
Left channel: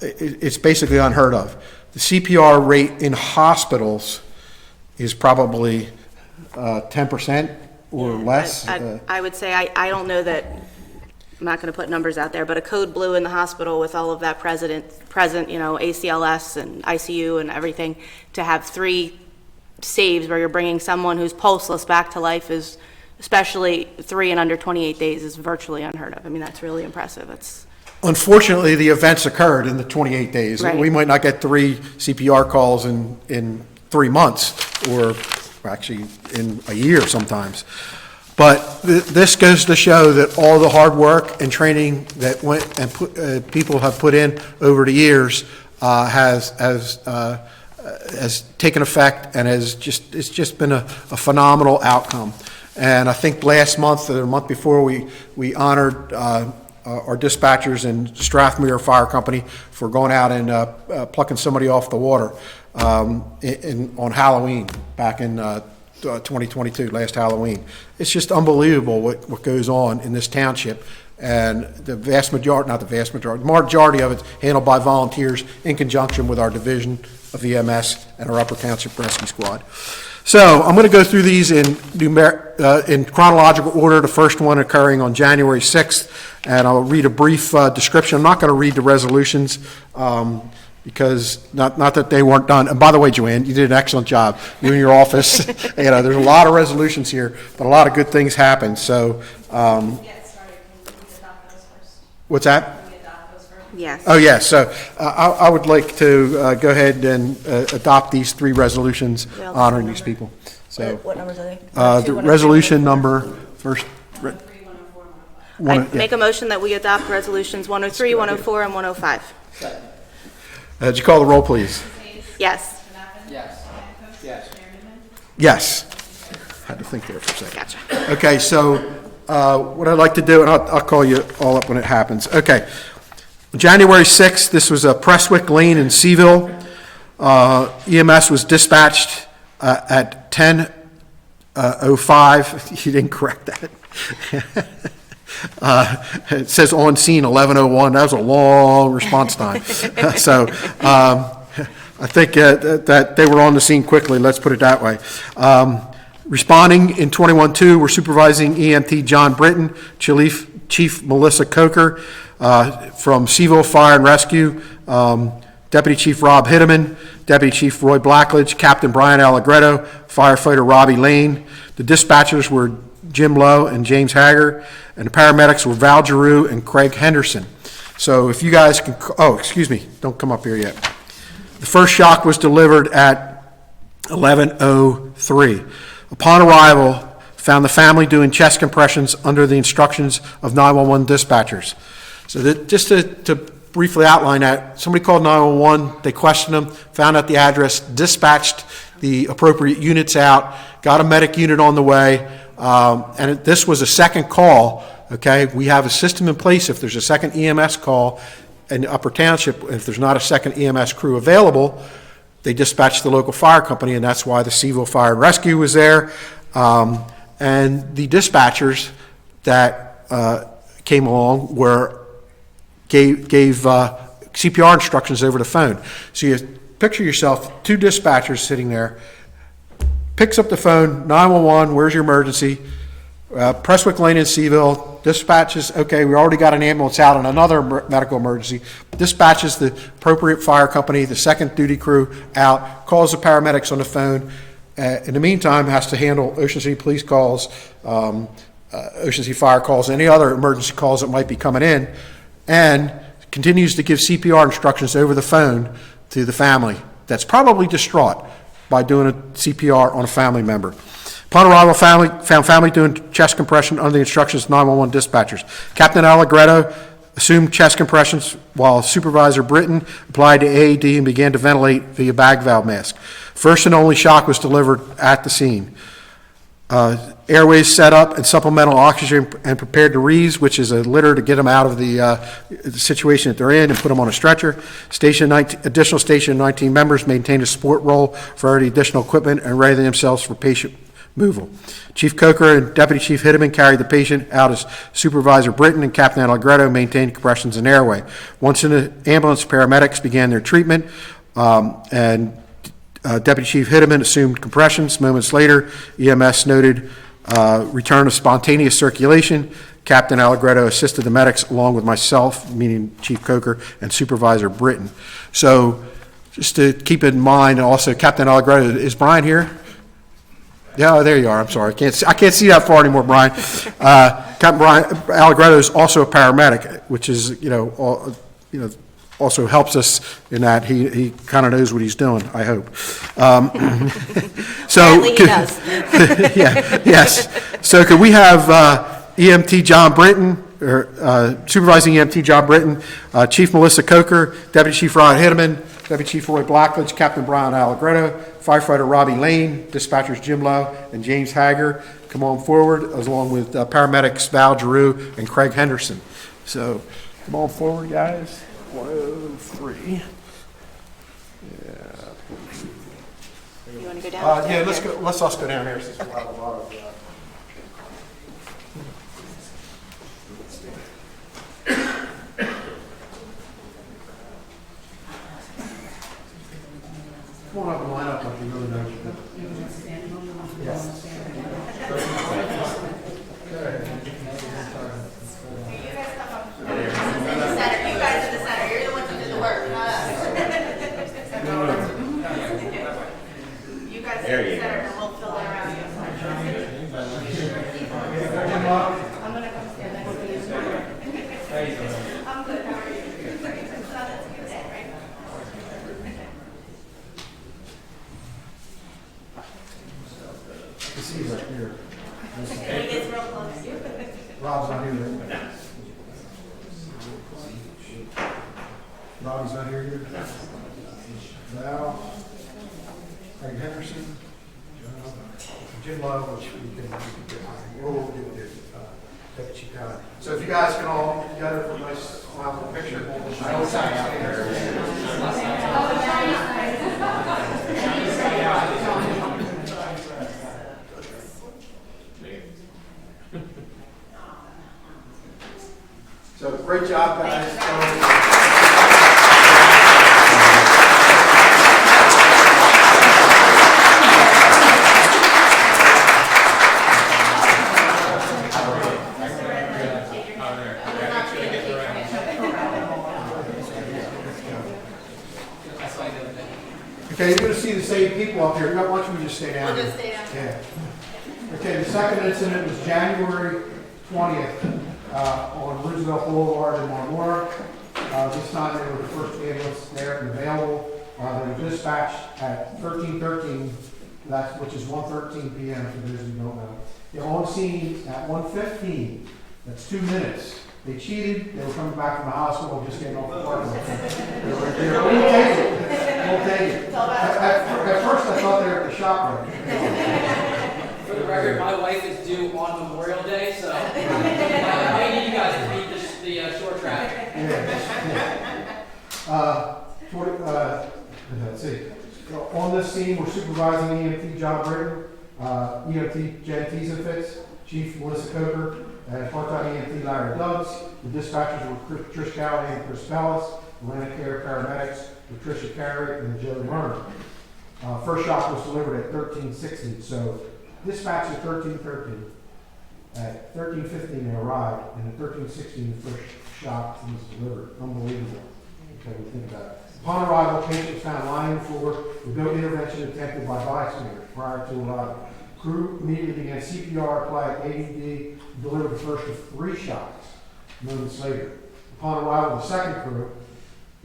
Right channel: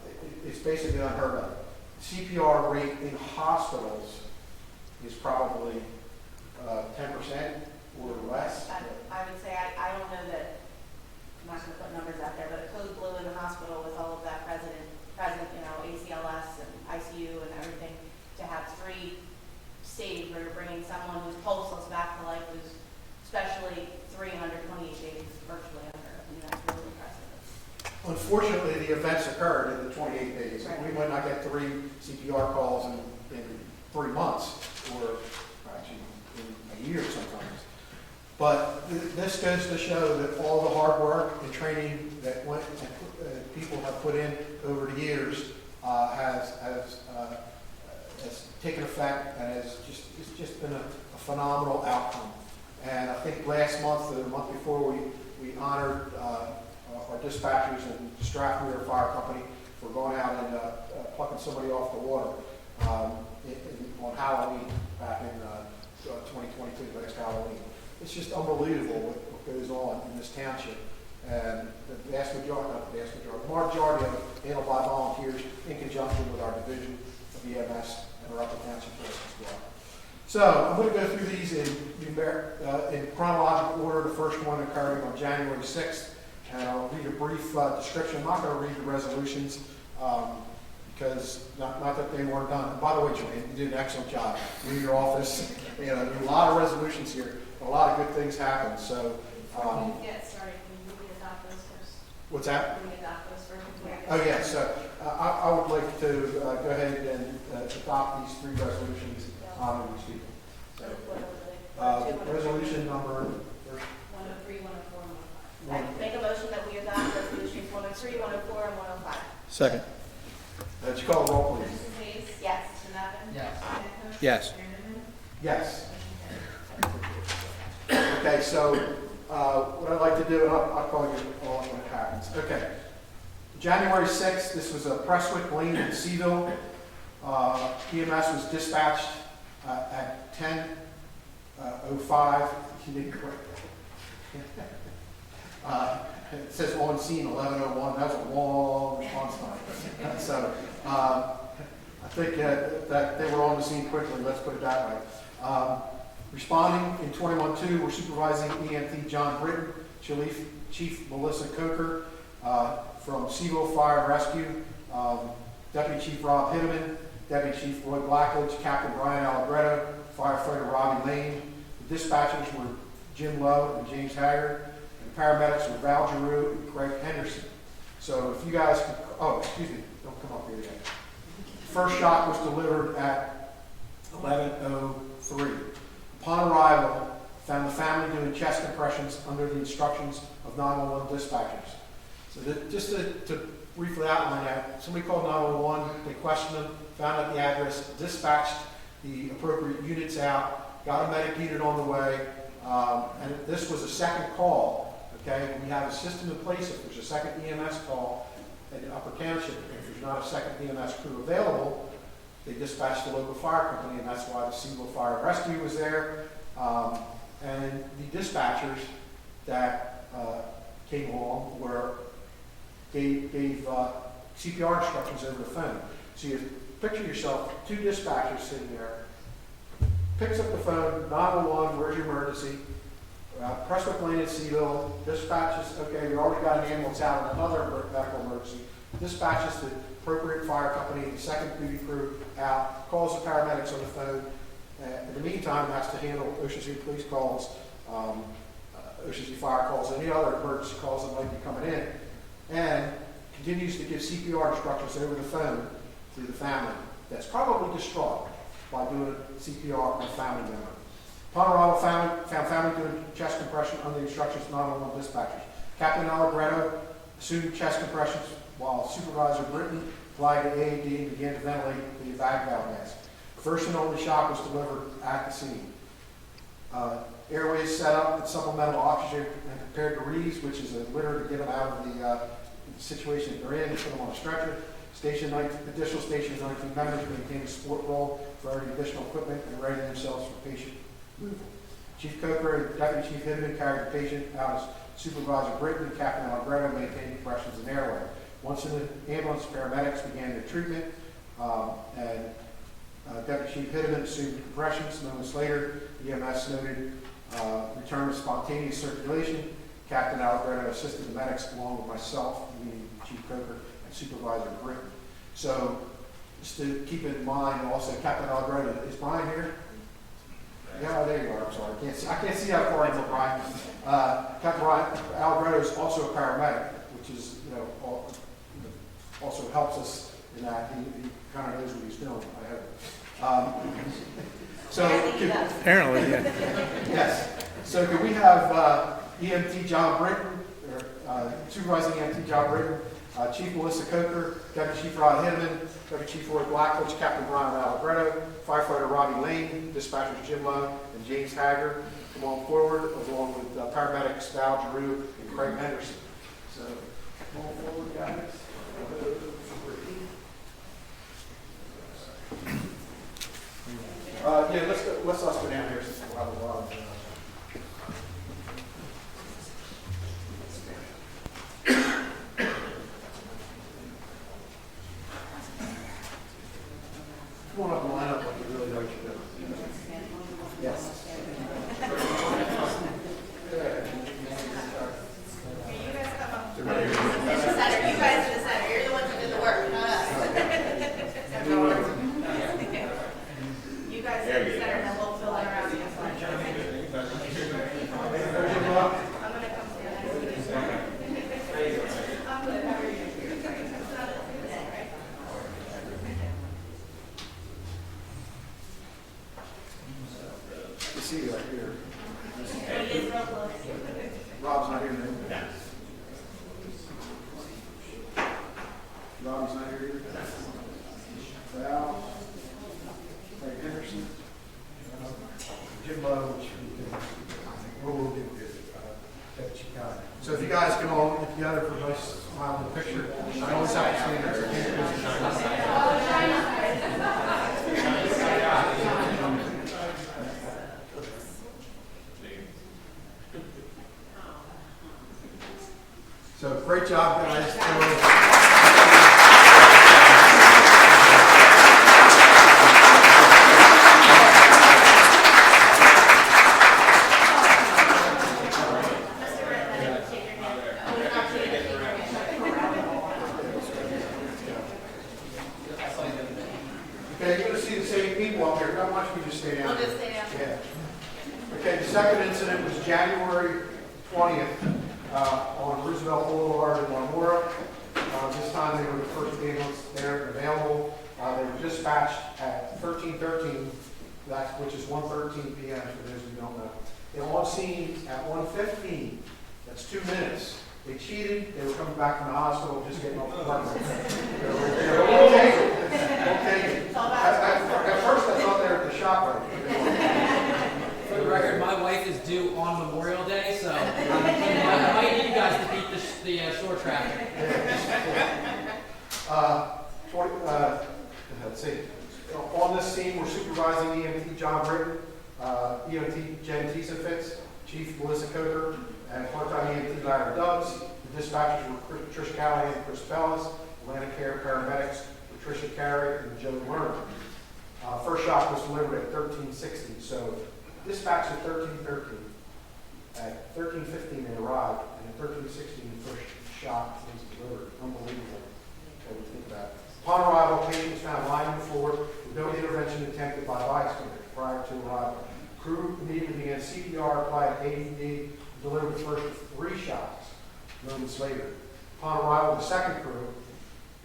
it's basically unheard of. The CPR rate in hospitals is probably 10% or less. I would say, I don't know that, I'm not going to put numbers out there, but a code blue in the hospital with all of that present, ACLS and ICU and everything, to have 3 saves where you're bringing someone who's pulseless back to life is, especially 3 and under 28 days, is virtually unheard of. I mean, that's really impressive. Unfortunately, the events occurred in the 28 days. Right. We might not get 3 CPR calls in 3 months, or actually in a year sometimes. But this goes to show that all the hard work and training that went and people have put in over the years has taken effect, and it's just been a phenomenal outcome. And I think last month or the month before, we honored our dispatchers in Strathmere Fire Company for going out and plucking somebody off the water on Halloween back in 2022, last Halloween. It's just unbelievable what goes on in this township, and the majority of it's handled by volunteers in conjunction with our division of EMS and our Upper Township Rescue Squad. So I'm going to go through these in chronological order, the first one occurring on January 6th, and I'll read a brief description. I'm not going to read the resolutions because not that they weren't done. And by the way, Joanne, you did an excellent job. You and your office, there's a lot of resolutions here, but a lot of good things happen. So, Get started, can we adopt those first? what's that? Can we adopt those first? Yes. Oh, yes. So I would like to go ahead and adopt these 3 resolutions honoring these people. So What numbers are they? the resolution number first. 103, 104, and 105. I make a motion that we adopt resolutions 103, 104, and 105. Second. Would you call the roll, please? Yes. Yes. Yes. Yes. Had to think there for a second. Gotcha. Okay, so what I'd like to do, and I'll call you all up when it happens. Okay. January 6th, this was a Prestwick Lane in Seaville. EMS was dispatched at 10:05. You didn't correct that. It says on scene 11:01. That was a long response time. So I think that they were on the scene quickly. Let's put it that way. Responding in 21-2 were supervising EMT John Britton, Chief Melissa Coker from Seaville Fire and Rescue, Deputy Chief Rob Hitteman, Deputy Chief Roy Blackledge, Captain Brian Allegretto, firefighter Robbie Lane. The dispatchers were Jim Lowe and James Hager, and the paramedics were Val Giroux and Craig Henderson. So if you guys can, excuse me, don't come up here yet. The first shock was delivered at 11:03. Upon arrival, found the family doing chest compressions under the instructions of 911 dispatchers. So that just to briefly outline that, somebody called 911, they questioned them, found out the address, dispatched the appropriate units out, got a medic unit on the way, and this was a second call, okay? We have a system in place if there's a second EMS call in Upper Township, if there's not a second EMS crew available, they dispatch the local fire company, and that's why the Seville Fire and Rescue was there. And the dispatchers that came along gave CPR instructions over the phone. So you picture yourself, two dispatchers sitting there, picks up the phone, 911, where's your emergency? Prestwick Lane in Seville, dispatches, okay, we already got an ambulance out on another medical emergency, dispatches the appropriate fire company, the second duty crew out, calls the paramedics on the phone. In the meantime, has to handle Ocean City police calls, Ocean City fire calls, any other emergency calls that might be coming in, and continues to give CPR instructions over the phone to the family that's probably distraught by doing a CPR on a family member. Upon arrival, found family doing chest compression under the instructions of 911 dispatchers. Captain Allegretto assumed chest compressions while Supervisor Britton applied the AED and began to ventilate via bag valve mask. First and only shock was delivered at the scene. Airways set up and supplemental oxygen and prepared to Reeves, which is a litter to get them out of the situation that they're in and put them on a stretcher. Additional Station 19 members maintained a support role for any additional equipment and ready themselves for patient removal. Chief Coker and Deputy Chief Hitteman carried the patient out as Supervisor Britton and Captain Allegretto maintained compressions and airway. Once in the ambulance, paramedics began their treatment, and Deputy Chief Hitteman assumed compressions. Moments later, EMS noted return of spontaneous circulation. Captain Allegretto assisted the medics along with myself, meaning Chief Coker, and Supervisor Britton. So just to keep in mind, also Captain Allegretto, is Brian here? Yeah, oh, there you are. I'm sorry. I can't see that far anymore, Brian. Captain Brian Allegretto is also a paramedic, which is, also helps us in that he kind of knows what he's doing, I hope. So Apparently he does. yeah, yes. So could we have EMT John Britton, or Supervising EMT John Britton, Chief Melissa Coker, Deputy Chief Ryan Hitteman, Deputy Chief Roy Blackledge, Captain Brian Allegretto, Firefighter Robbie Lane, Dispatchers Jim Lowe and James Hager come on forward, along with paramedics Val Giroux and Craig Henderson. So come on forward, guys. 103. You want to go down? Yeah, let's go. Let's go down here since we have a lot of. Come on up and line up like you really know what you're doing. Yes. Rob's not here yet. Rob's not here yet. Val, Craig Henderson, Jim Lowe, which we'll get there. Deputy Chief Connor. So if you guys can all get together for a nice smile picture. So great job, guys. Okay, you're going to see the same people up here. Why don't you just stay down here? We'll just stay down here. Yeah. Okay, the second incident was January 20th on Roosevelt Boulevard in Marlboro. This time they were the first ambulance there and available. They were dispatched at 13:13, which is 1:13 p.m. for those who don't know. They're on scene at 1:15. That's 2 minutes They cheated, they were coming back from the hospital, just getting off the flight. They were there. We'll take it. We'll take it. At first, I thought they were at the shop right. For the record, my wife is due on Memorial Day, so I need you guys to beat the short track. Let's see. On this scene, we're supervising EMT John Britton, EMT Jen Tiesenfitz, Chief Melissa Coker, and part-time EMT Larry Dubs. The dispatchers were Trish Callahan and Chris Bellis. Atlantic Care paramedics were Tricia Carey and Joe Lerner. First shot was delivered at 13:60, so dispatch is 13:13. At 13:15 they arrived, and at 13:16 the first shot was delivered. Unbelievable. Okay, we think about it. Upon arrival, patient was found lying on the floor with no intervention attempted by bystanders prior to arrival. Crew immediately began CPR, applied AED, and delivered the first of 3 shots moments later. Upon arrival of the second crew,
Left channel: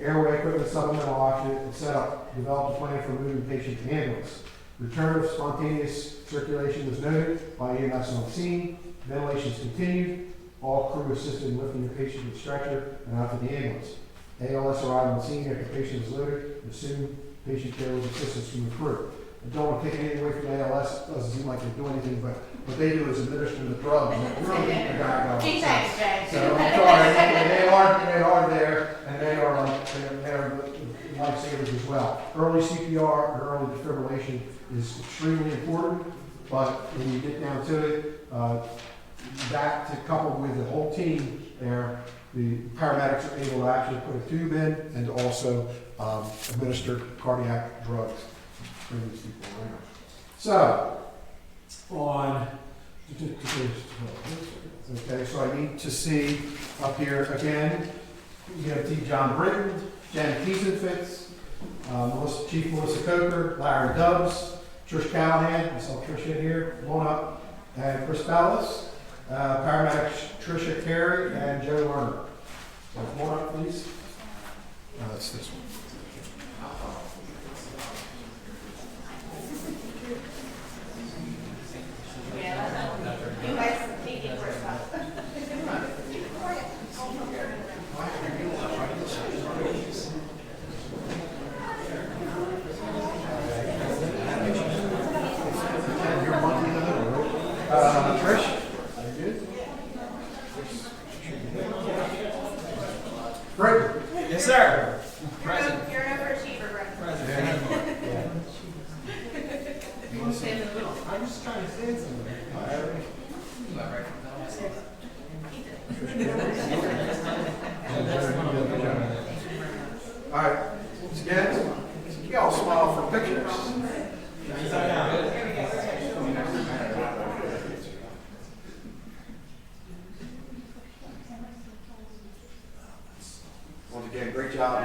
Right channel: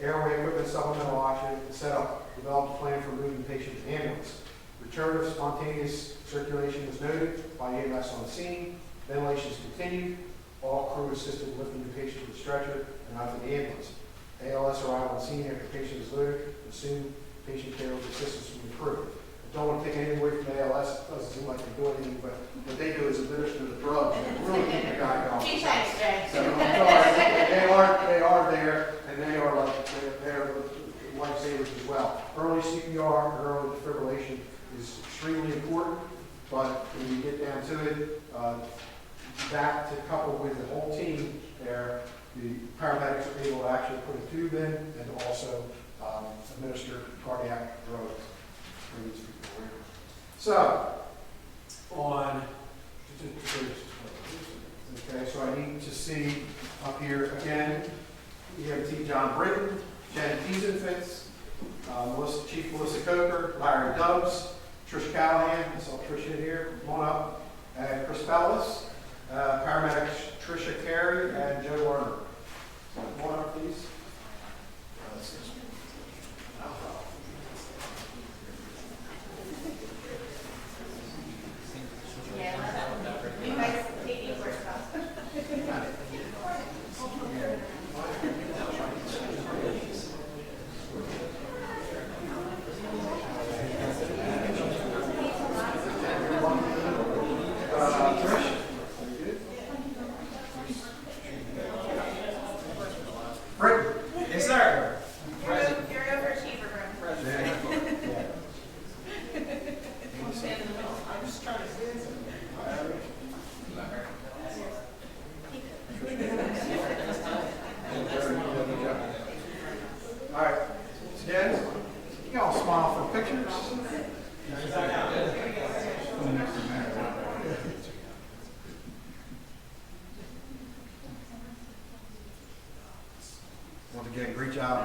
airway equipment, supplemental oxygen, and setup, developed a plan for moving the patient to ambulance. Return of spontaneous circulation was noted by EMS on scene. Ventilations continued. All crew assisted in lifting the patient to the stretcher and out to the ambulance. ALS arrived on scene after the patient was loaded, and soon patient care with assistance from the crew. I don't want to take anything away from ALS. It doesn't seem like they do anything, but what they do is administer the drugs. They really need the guy going. So I'm sorry, they are there, and they are lifesavers as well. Early CPR and early defibrillation is extremely important, but when you get down to it, that to couple with the whole team there, the paramedics are able to actually put a tube in and also administer cardiac drugs for these people around. So, okay, so I need to see up here again, EMT John Britton, Jen Tiesenfitz, Chief Melissa Coker, Larry Dubs, Trish Callahan, I saw Trish in here, come on up, and Chris Bellis, paramedics Tricia Carey and Joe Lerner. So come on up, please. That's this one. You guys, Katie, first up. Trish? Britton? Yes, sir. You're an overachiever, bro. I'm just trying to say something. All right, again, you all smile for pictures. Once again, great job.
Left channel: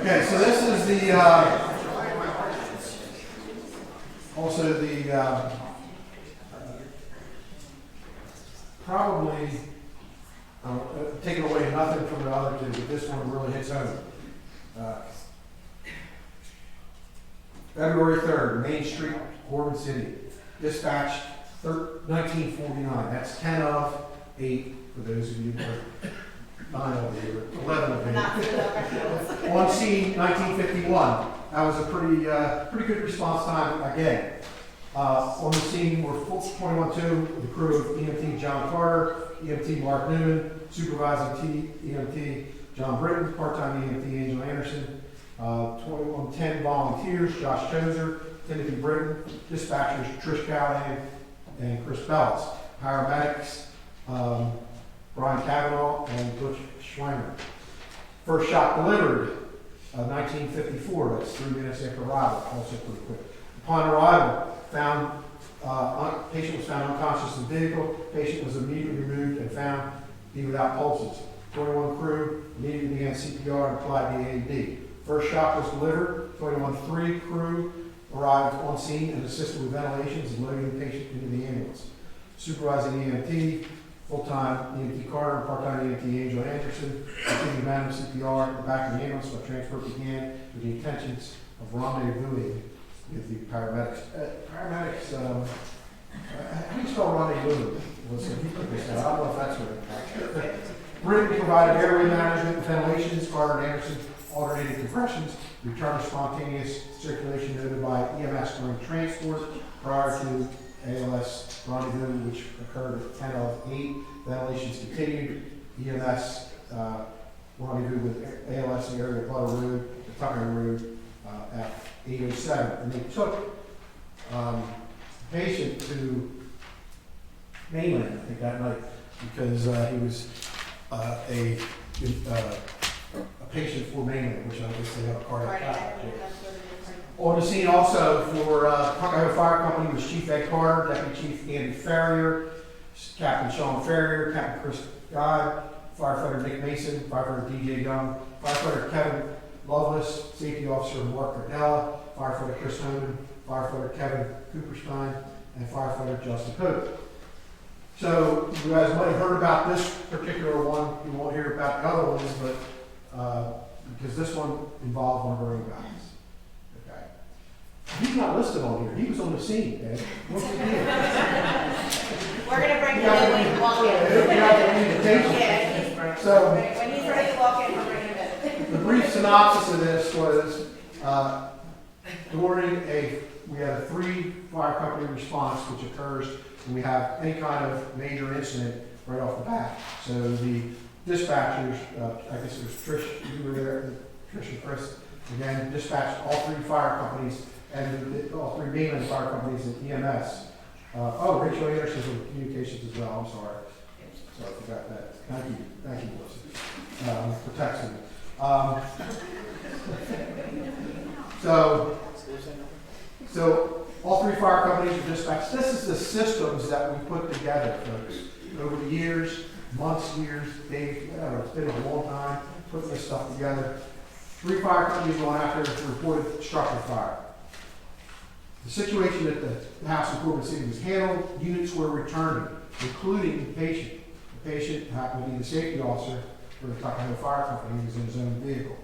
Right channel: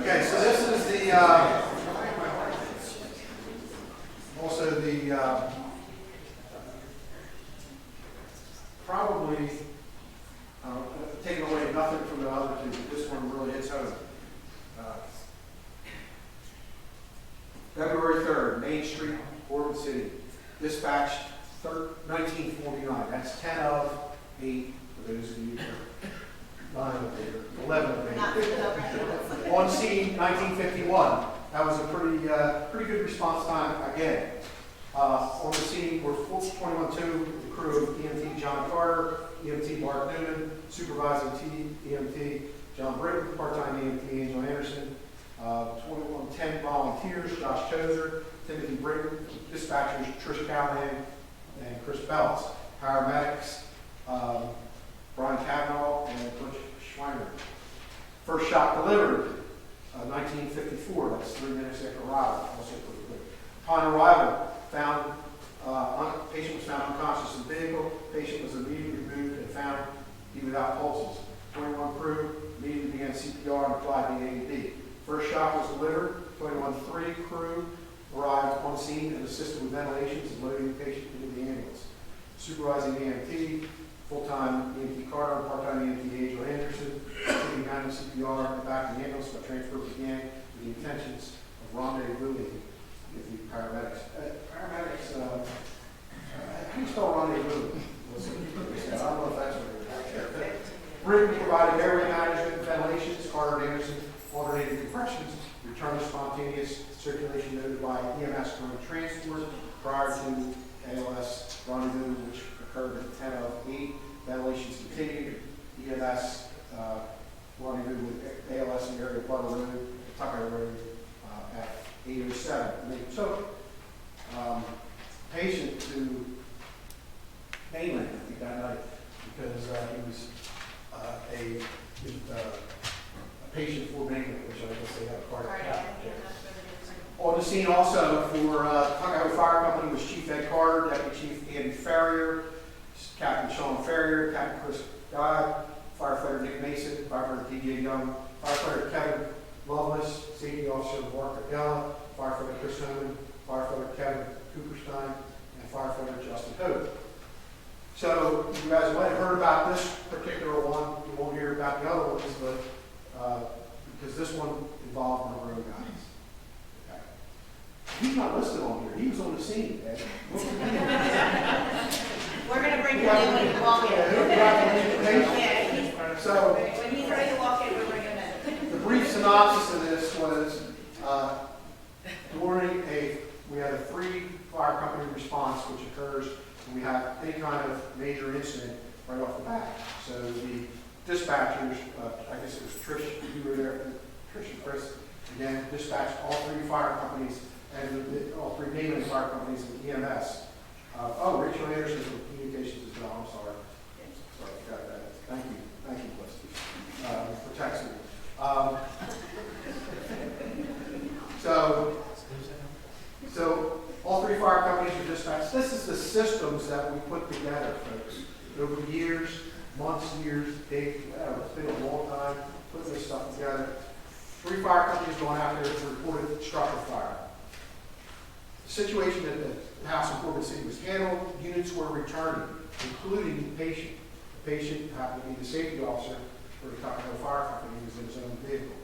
Okay, so this is the, also the, probably, taking away nothing from the other two, but this one really hits home. February 3rd, Main Street, Gordon City. Dispatch 1949. That's 10 of 8 for those of you who are 9 of 8 or 11 of 8. On scene, 1951. That was a pretty good response time again. On the scene were 21-2, the crew of EMT John Carter, EMT Mark Newman, supervising EMT John Britton, part-time EMT Angel Anderson, 10 volunteers, Josh Choser, Timothy Britton, dispatchers Trish Callahan and Chris Bellis, paramedics Brian Cavanaugh and Butch Schweimer. First shot delivered, 1954, that's 3 minutes after arrival, also pretty quick. Upon arrival, patient was found unconscious in the vehicle. Patient was immediately removed and found to be without pulses. 21 crew immediately began CPR and applied the AED. First shock was delivered. 21-3 crew arrived on scene and assisted with ventilations and loading the patient into the ambulance. Supervising EMT, full-time EMT Carter, and part-time EMT Angel Anderson, continued manual CPR and back in the ambulance while transport began with the intentions of rendezvousing with the paramedics. Paramedics, how do you spell rendezvous? I don't know if that's right. Brittany provided airway management, ventilations, Carter and Anderson alternated compressions, return of spontaneous circulation noted by EMS during transport prior to ALS rendezvous, which occurred at 10:08. Ventilations continued. EMS rendezvous with ALS in the area of Butler Road, Tucker Road at 8:07. And they took patient to mainland, I think, that night because he was a patient for mainland, which I guess they have a cardiac cath. On the scene also for Tuckahoe Fire Company was Chief Ed Carter, Deputy Chief Andy Farrier, Captain Sean Farrier, Captain Chris God, Firefighter Nick Mason, Firefighter DJ Young, Firefighter Kevin Lovelace, Safety Officer Mark Cardella, Firefighter Chris Homan, Firefighter Kevin Cooperstein, and Firefighter Justin Pope. So you guys might have heard about this particular one. You won't hear about the other ones, but because this one involved one of our own guys. Okay. He's not listed on here. He was on the scene, Ed. What's the deal? We're gonna bring him in when you walk in. Yeah. So When he's ready to walk in, we're bringing him in. the brief synopsis of this was we had a 3 fire company response which occurs when we have any kind of major incident right off the bat. So the dispatchers, I guess it was Trish, you were there, Trish and Chris, and then dispatched all 3 fire companies and all 3 mainland fire companies and EMS. Rachel Anderson's in communications as well, I'm sorry. So I forgot that. Thank you, Melissa, for texting me. So all 3 fire companies were dispatched. This is the systems that we put together, folks. Over the years, months, years, days, it's been a long time putting this stuff together. 3 fire companies going after reported structure fire. The situation at the house in Corbin City was handled. Units were returning, including the patient. The patient happened to be the safety officer for the Tuckahoe Fire Company. He was in his own vehicle.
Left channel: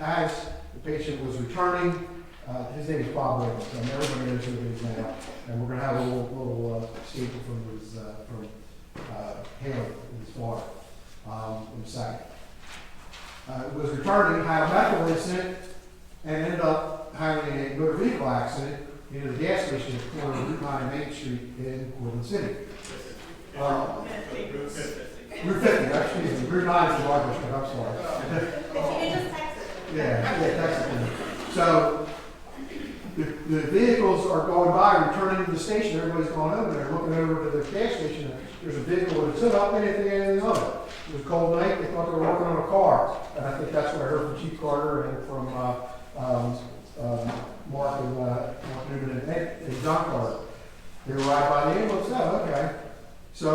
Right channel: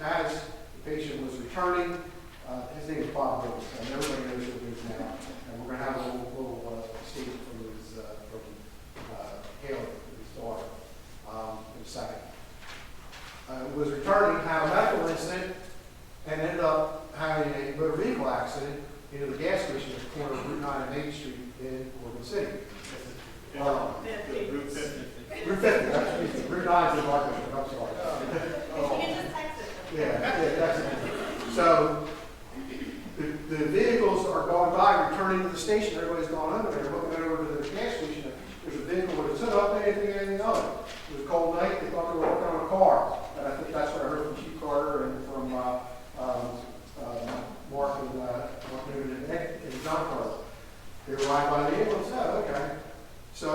As the patient was returning, his name is Bob Riggins, and everybody knows who he is now. And we're going to have a little statement from Hale, his daughter, in a second. Was returning, had a medical incident, and ended up having a motor vehicle accident into the gas station at the corner of Route 9 and Main Street in Corbin City. Route 50, actually, Route 9 is the Barber Street, I'm sorry. If you just text it. Yeah, that's it. So, the vehicles are going by, returning to the station, everybody's going over there, looking over to the gas station, there's a vehicle with a hood up, anything other. It was a cold night, they thought they were working on a car, and I think that's what I heard from Chief Carter and from Mark Newton and John Carter. They arrived by the ambulance, okay. So,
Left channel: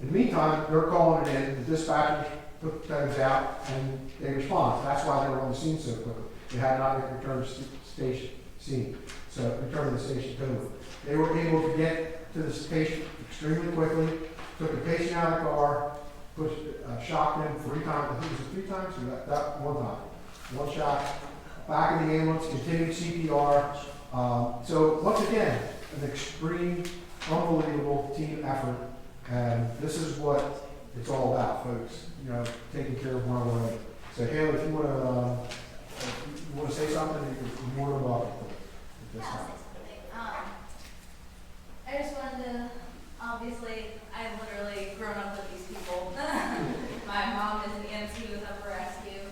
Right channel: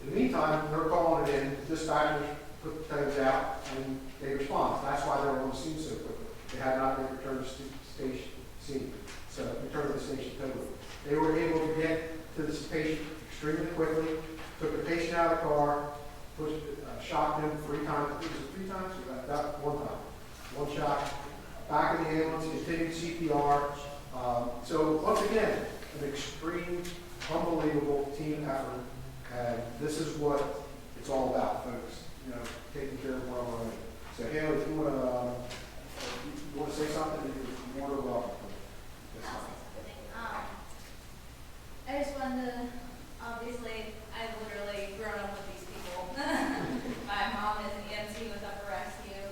in the meantime, they're calling it in, the dispatchers put things out, and they respond. That's why they were on the scene so quickly. They had not yet returned to the station scene. So, returned to the station totally. They were able to get to the station extremely quickly, took the patient out of the car, pushed, shocked him 3 times. I think it was 3 times, or that 1 time. 1 shot, back in the ambulance, continued CPR. So, once again, an extreme, unbelievable team effort. And this is what it's all about, folks. You know, taking care of one another. So, Hale, if you want to say something, you're more than welcome. I just wanted to, obviously, I've literally grown up with these people. My mom is the EMT with Upper Rescue,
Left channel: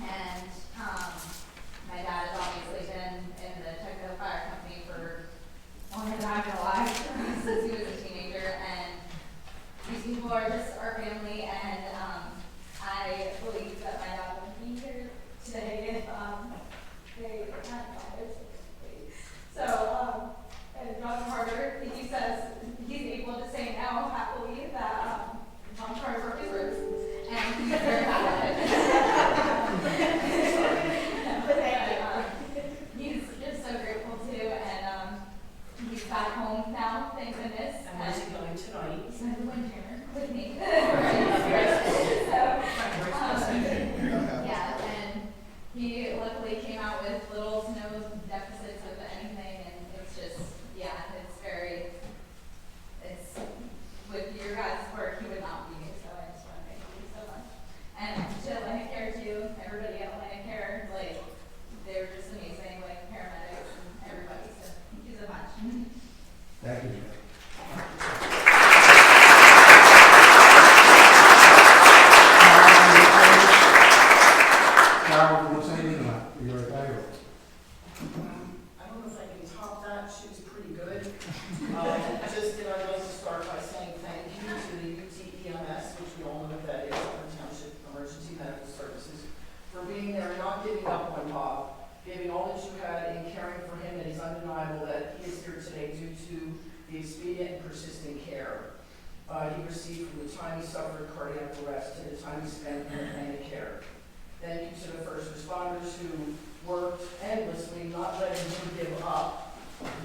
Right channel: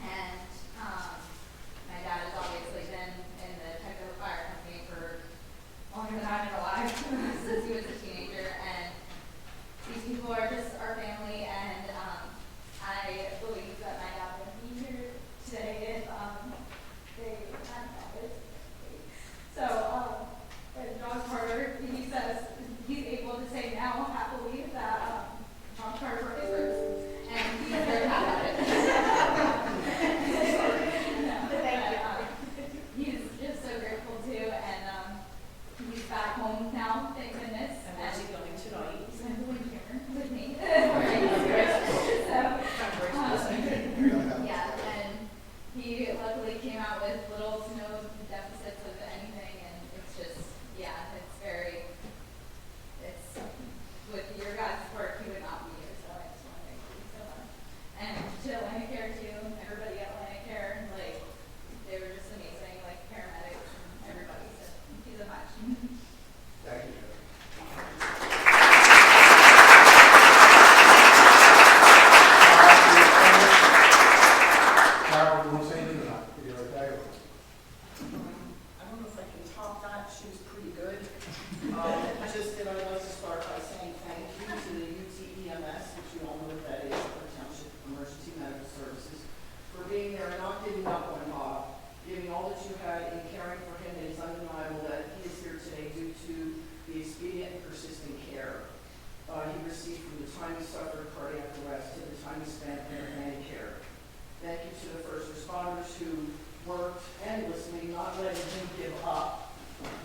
and my dad has obviously been in the Tuckahoe Fire Company for longer than I've been alive, since he was a teenager, and these people are just our family, and I believe that my dad would be here today if they hadn't always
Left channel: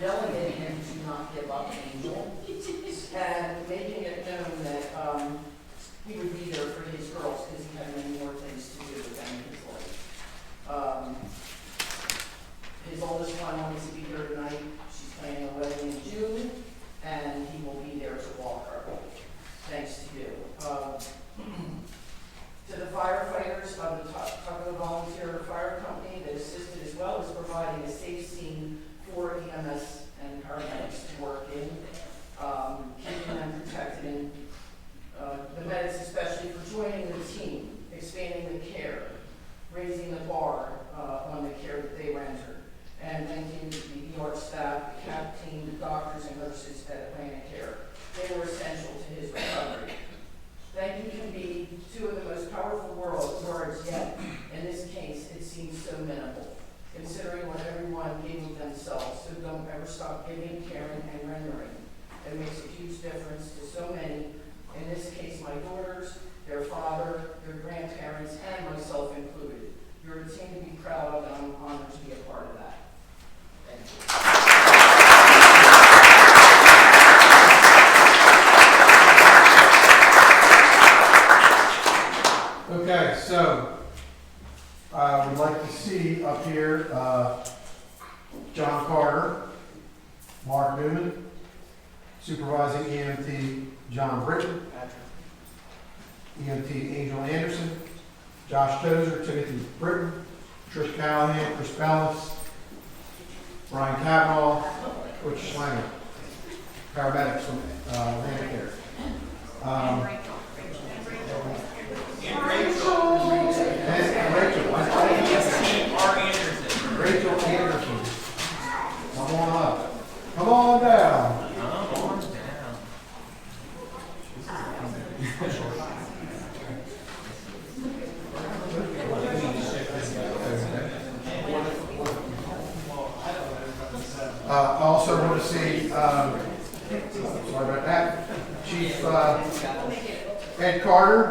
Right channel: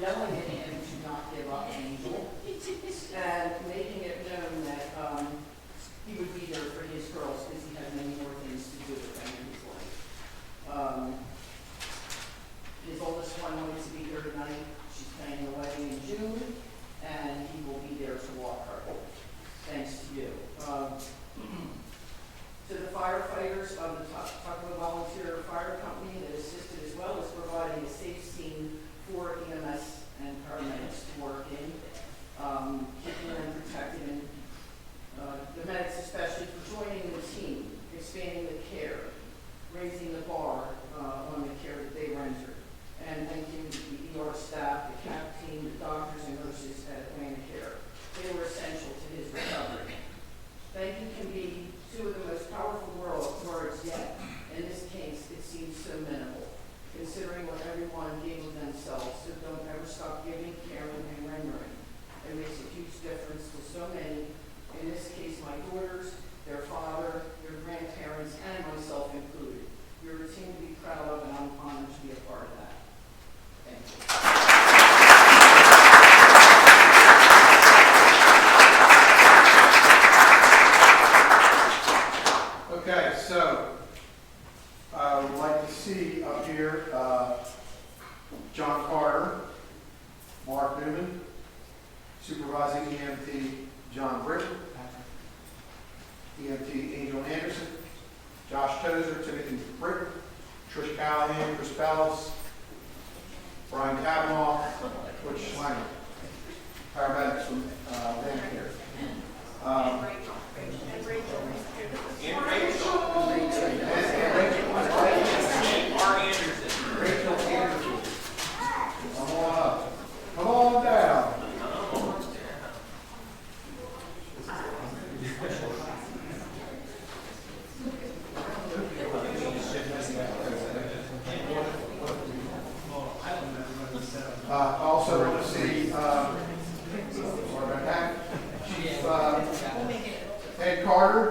yelling at him to not give up Angel, and making it known that he would be there for his girls because he had many more things to do with them in his life. His oldest one wants to be here tonight. She's planning a wedding in June, and he will be there to walk her. Thanks to you. To the firefighters of the Tuckahoe Volunteer Fire Company that assisted as well as providing a safe scene for EMS and paramedics to work in, keeping them protected, and the medics especially for joining the team, expanding the care, raising the bar on the care that they rendered, and thanking the ER staff, the CAP team, the doctors and nurses at Atlantic Care. They were essential to his recovery. Thank you can be two of the most powerful words yet. In this case, it seems so minimal, considering what everyone gave of themselves. So don't ever stop giving, caring, and rendering. It makes a huge difference to so many. In this case, my daughters, their father, their grandparents, and myself included. You're a team to be proud of, and I'm honored to be a part of that. Thank you. Okay, so I would like to see up here John Carter, Mark Newman, supervising EMT John Britton, EMT Angel Anderson, Josh Tozer, Timothy Britton, Trish Callahan, Chris Bellis, Brian Cavanaugh, Butch Schlanger, paramedics from Medicare. Rachel Anderson. Come on up. Come on down. I also want to see, sorry about that, Chief Ed Carter,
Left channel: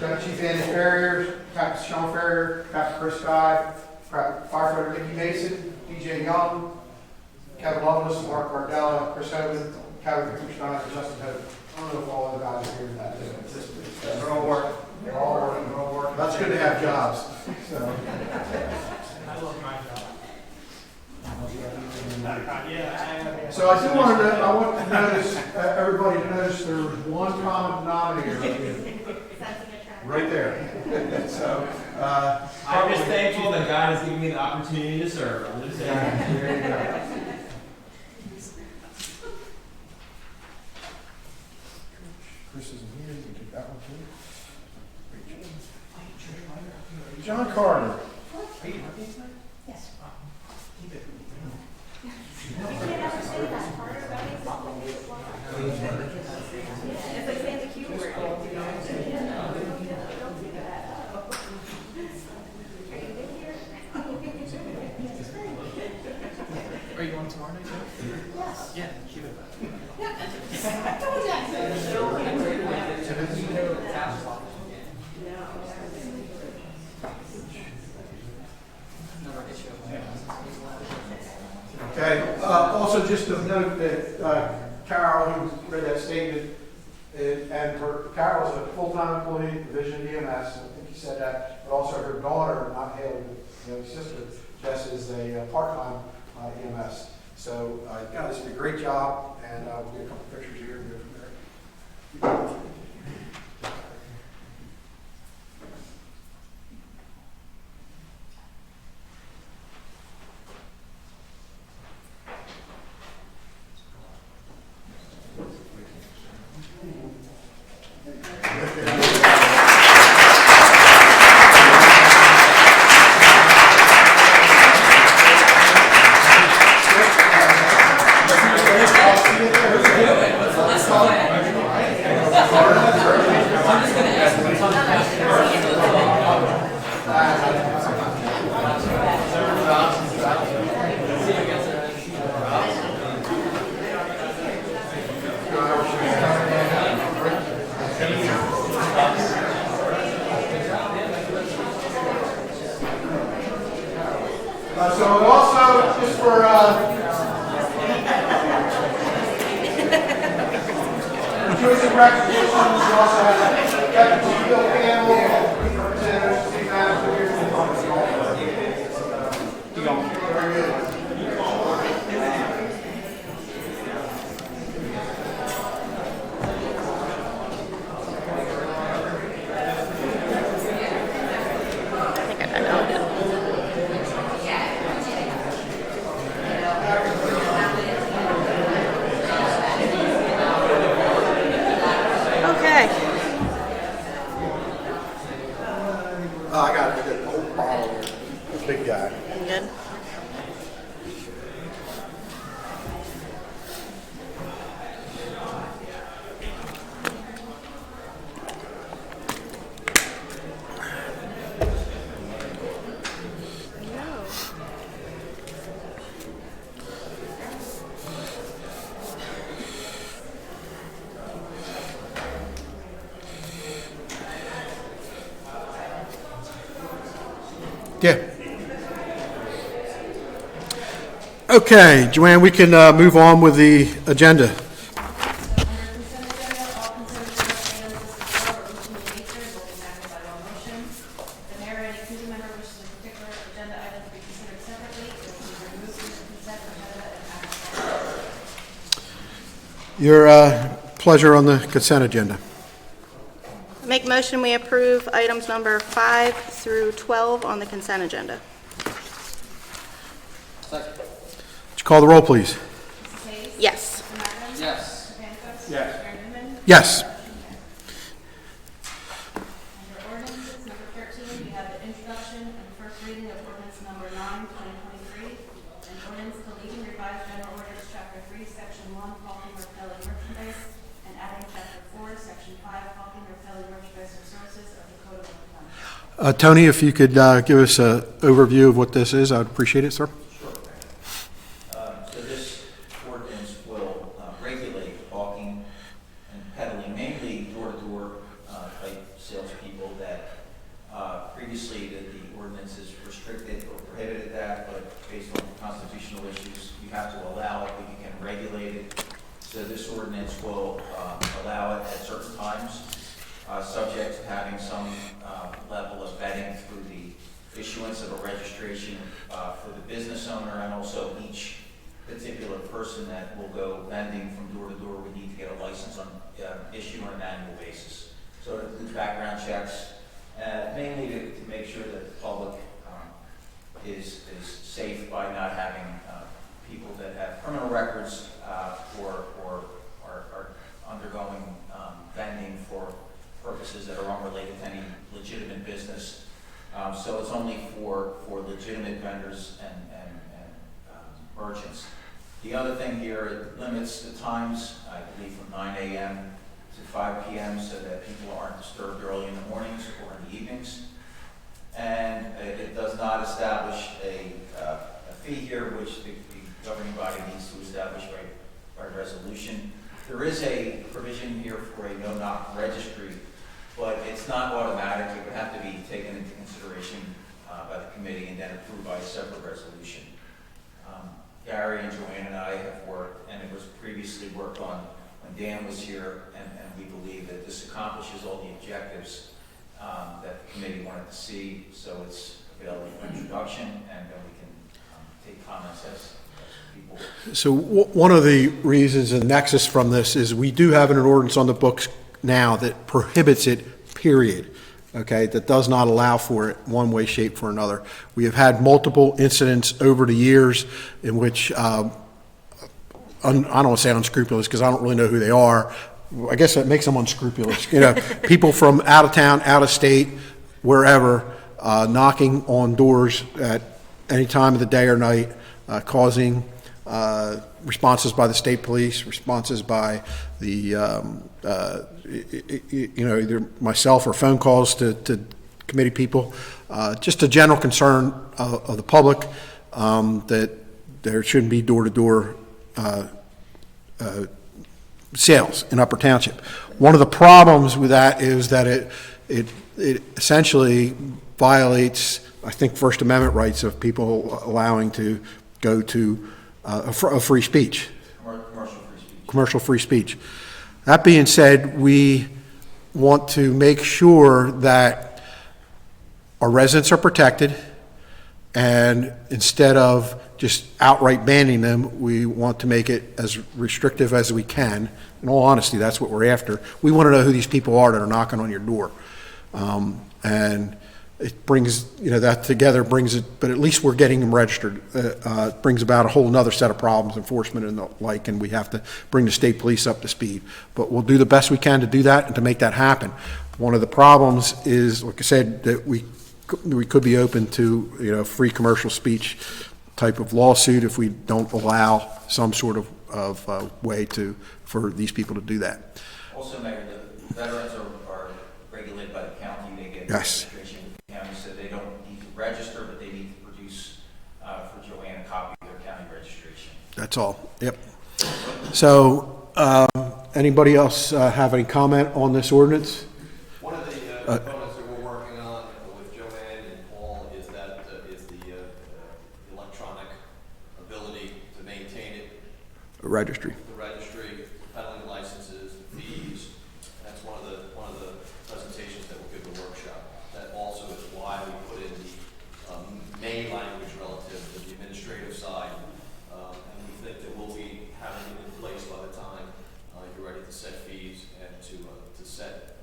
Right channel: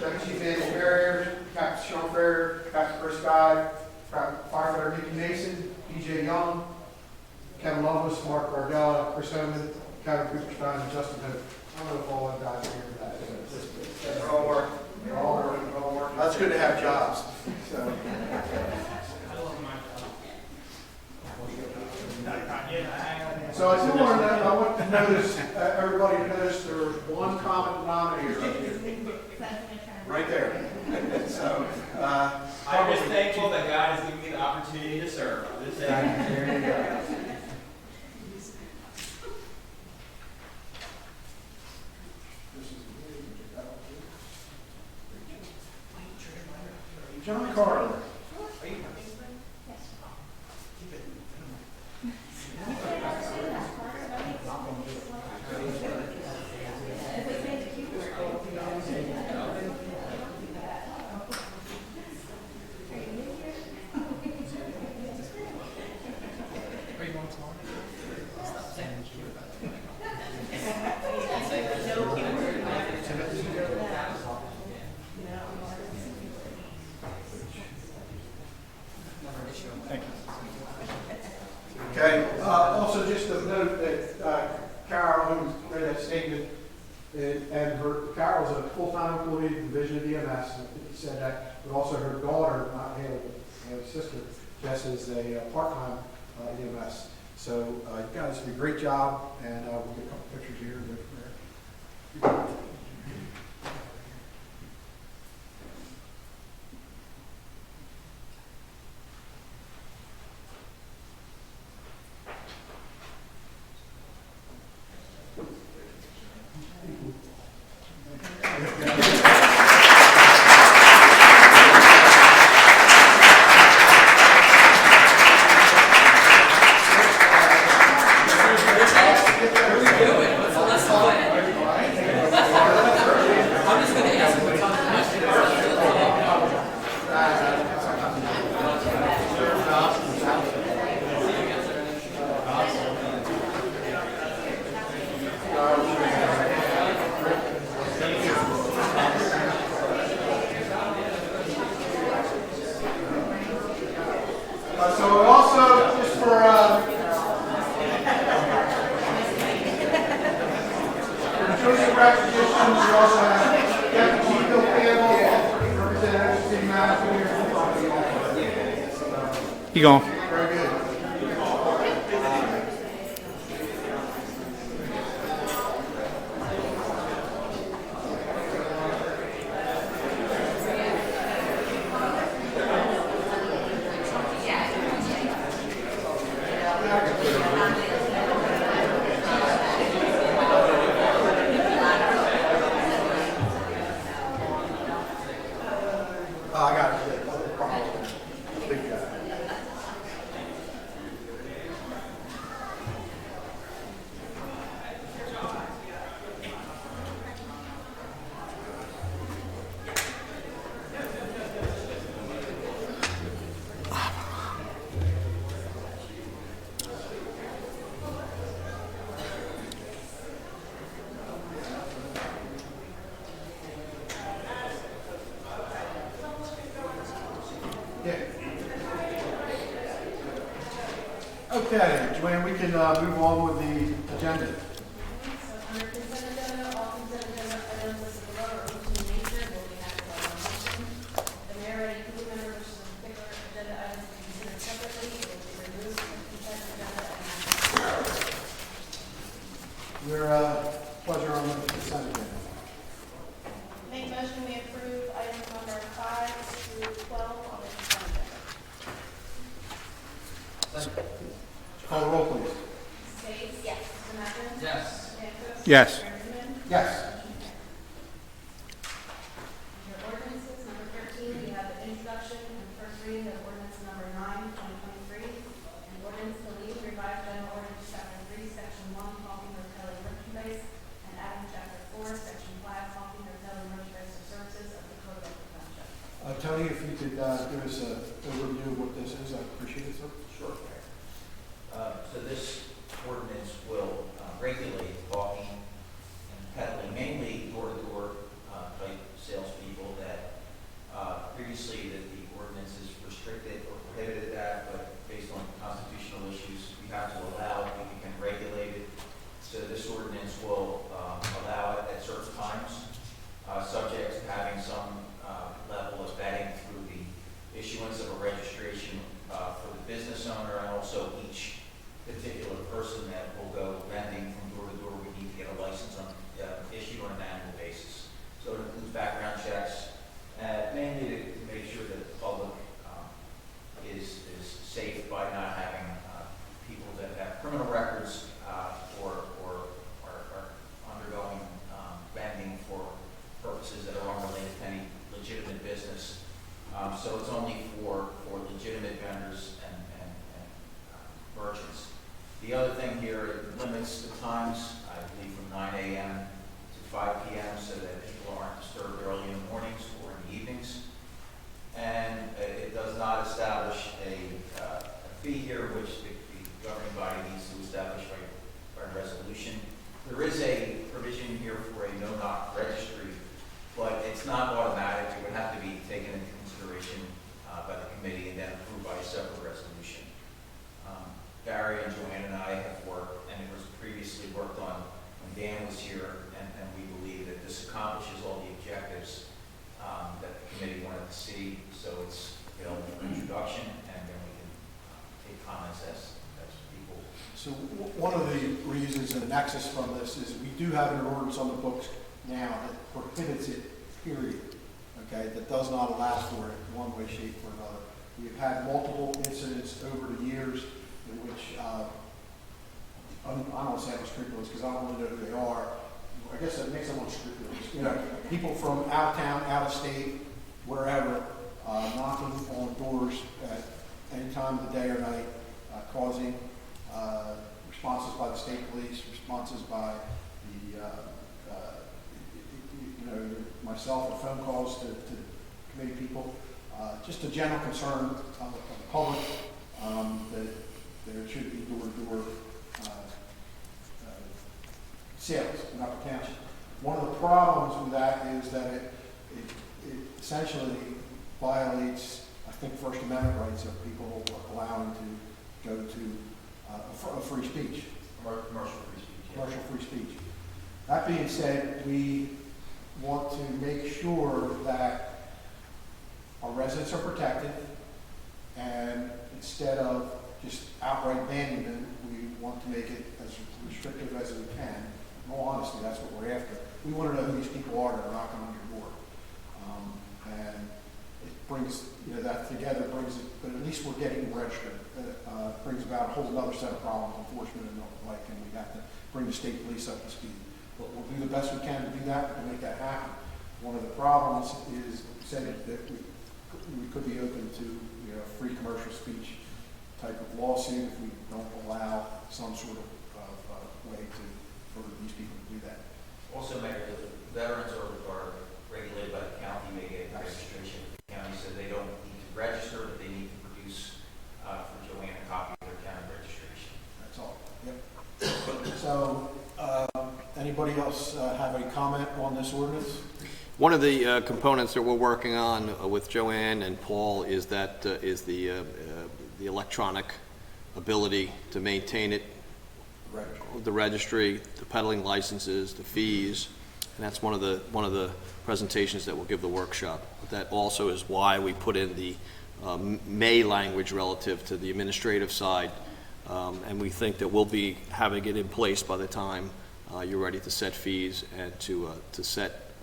Deputy Chief Andy Ferrier, Captain Sean Ferrier, Captain Chris Guy, Firefighter Mickey Mason, PJ Young, Kevin Lovelace, Mark Cardella, Chris Homan, Kevin Cooperstein, and Justin Hope. I don't know if all those guys are here today. They're all working. They're all working. That's good to have jobs. So. I love my job. So I do want to, I want to notice, everybody to notice there was one common denominator right here. Right there. So, I'm just thankful that God has given me the opportunity to serve. I'm just saying. there you go. This is here, you can take that one too. John Carter. Are you going tomorrow night? Yeah. Okay, also just to note that Carol, who read that statement, Carol's a full-time employee at Division of EMS, and I think he said that, but also her daughter, not Haley, but sister, Jess, is a part-time EMS. So, you guys did a great job, and we'll get a couple pictures here and go from there. going? Okay. I got it. Big guy. Good. Yeah. Okay, Joanne, we can move on with the agenda. Your pleasure on the consent agenda. Make motion we approve items number 5 through 12 on the consent agenda. Would you call the roll, please? Yes. Yes. Yes. Yes. Under ordinances, number 13, we have the introduction and first reading of ordinance number 9, 2023, and ordinance deleting revised general ordinance, chapter 3, section 1, hauling or retailing merchandise, and adding chapter 4, section 5, hauling or retailing merchandise or services of the code of the township. Tony, if you could give us an overview of what this is, I'd appreciate it, sir. So this ordinance will regulate hawking and peddling, mainly door-to-door type salespeople that previously the ordinances restricted or prohibited that, but based on constitutional issues, you have to allow it, but you can regulate it. So this ordinance will allow it at certain times, subject to having some level of vetting through the issuance of a registration for the business owner, and also each particular person that will go vending from door to door would need to get a license on issued on an annual basis. So it includes background checks, mainly to make sure that the public is safe by not having people that have criminal records or are undergoing vending for purposes that are unrelated to any legitimate business. So it's only for legitimate vendors and merchants. The other thing here, it limits the times, I believe from 9 a.m. to 5 p.m. so that people aren't disturbed early in the mornings or in the evenings. And it does not establish a fee here, which the governing body needs to establish by resolution. There is a provision here for a no-knock registry, but it's not automatic. It would have to be taken into consideration by the committee and then approved by a separate resolution. Gary and Joanne and I have worked, and it was previously worked on when Dan was here, and we believe that this accomplishes all the objectives that the committee wanted to see. So it's available for introduction, and then we can take comments as people. So one of the reasons and nexus from this is we do have an ordinance on the books now that prohibits it, period. Okay, that does not allow for it one way, shape, or another. We have had multiple incidents over the years in which, I don't want to say unscrupulous because I don't really know who they are. I guess that makes them unscrupulous. You know, people from out of town, out of state, wherever, knocking on doors at any time of the day or night, causing responses by the state police, responses by the either myself or phone calls to committee people, just a general concern of the public that there shouldn't be door-to-door sales in Upper Township. One of the problems with that is that it essentially violates, I think, First Amendment rights of people allowing to go to a free speech. Commercial free speech. That being said, we want to make sure that our residents are protected And instead of just outright banning them, we want to make it as restrictive as we can. In all honesty, that's what we're after. We want to know who these people are that are knocking on your door. And it brings, that together brings it, but at least we're getting them registered. It brings about a whole nother set of problems, enforcement and the like, and we have to bring the state police up to speed. But we'll do the best we can to do that and to make that happen. One of the problems is, like I said, that we could be open to, free commercial speech type of lawsuit if we don't allow some sort of way for these people to do that. Also, Mayor, the veterans are regulated by the county, they get Yes. registration with the county, so they don't need to register, but they need to produce for Joanne a copy of their county registration. That's all. Yep. So, anybody else have any comment on this ordinance? One of the components that we're working on with Joanne and Paul is the electronic ability to maintain it. Registry. The registry, the peddling licenses, the fees, and that's one of the presentations that we'll give the workshop. That also is why we put in the may language relative to the administrative side, and we think that we'll be having it in place by the time you're ready to set fees and to set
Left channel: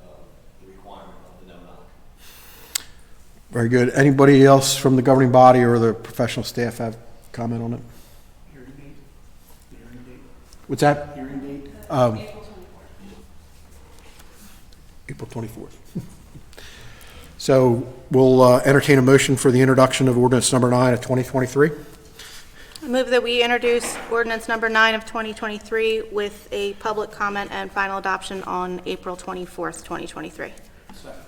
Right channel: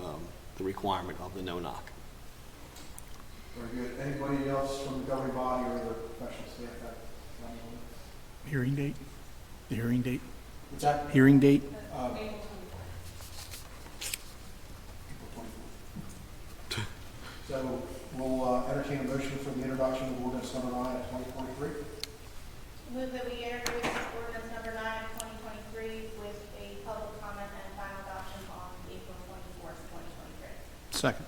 the requirement of the no-knock. Very good. Anybody else from the governing body or the professional staff have comment on it? Hearing date? The hearing date? What's that? Hearing date? April 24th. So we'll entertain a motion for the introduction of ordinance number 9 of 2023. I move that we introduce ordinance number 9 of 2023 with a public comment and final adoption on April 24th, 2023. Second.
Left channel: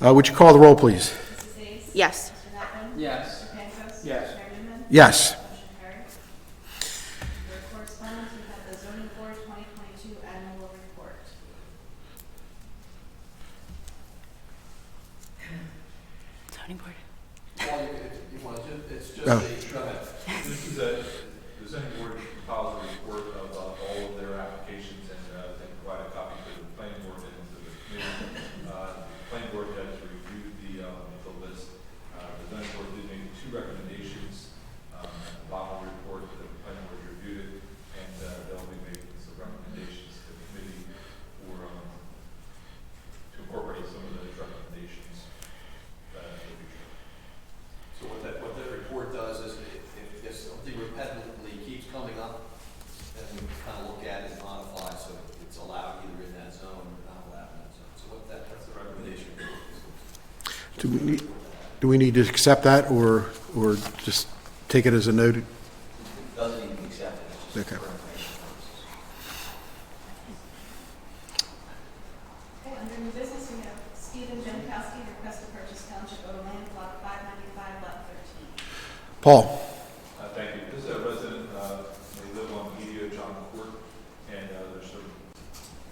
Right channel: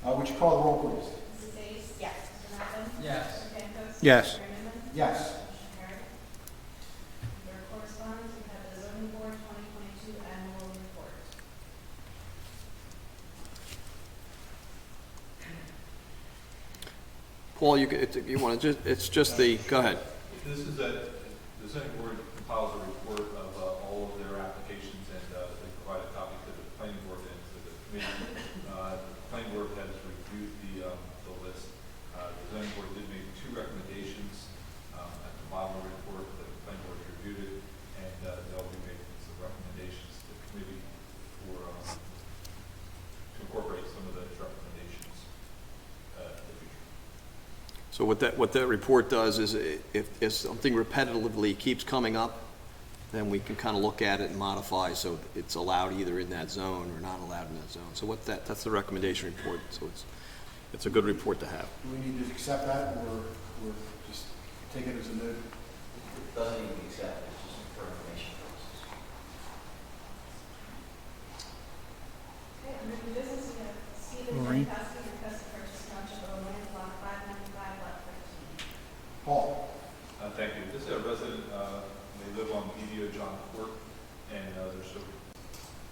Would you call the roll, please? Mrs. Dace? Yes. Mr. Peppin? Yes. Mr. Pankos? Yes. Mayor Newman? Yes. Motion carries. Your correspondence, we have the zoning board 2022 annual report. Paul, you want to it's just the, go ahead. This is the zoning board compiles a report of all of their applications, and they provide a copy to the planning board and to the committee. The planning board has reviewed the list. The zoning board did make 2 recommendations at the bottom of the report that the planning board reviewed it, and they'll be making some recommendations to the committee for to incorporate some of those recommendations in the future. So what that report does is if something repetitively keeps coming up, then we can kind of look at it and modify so it's allowed either in that zone or not allowed in that zone. So that's the recommendation report. So it's a good report to have. Do we need to accept that or just take it as a note? Doesn't even be accepted, it's just Okay. for information purposes. Okay, under new business, we have Stephen Jankowski, request to purchase township of land block 595, lot 13. Paul? Thank you. This is a resident, they live on Media John Court, and there's some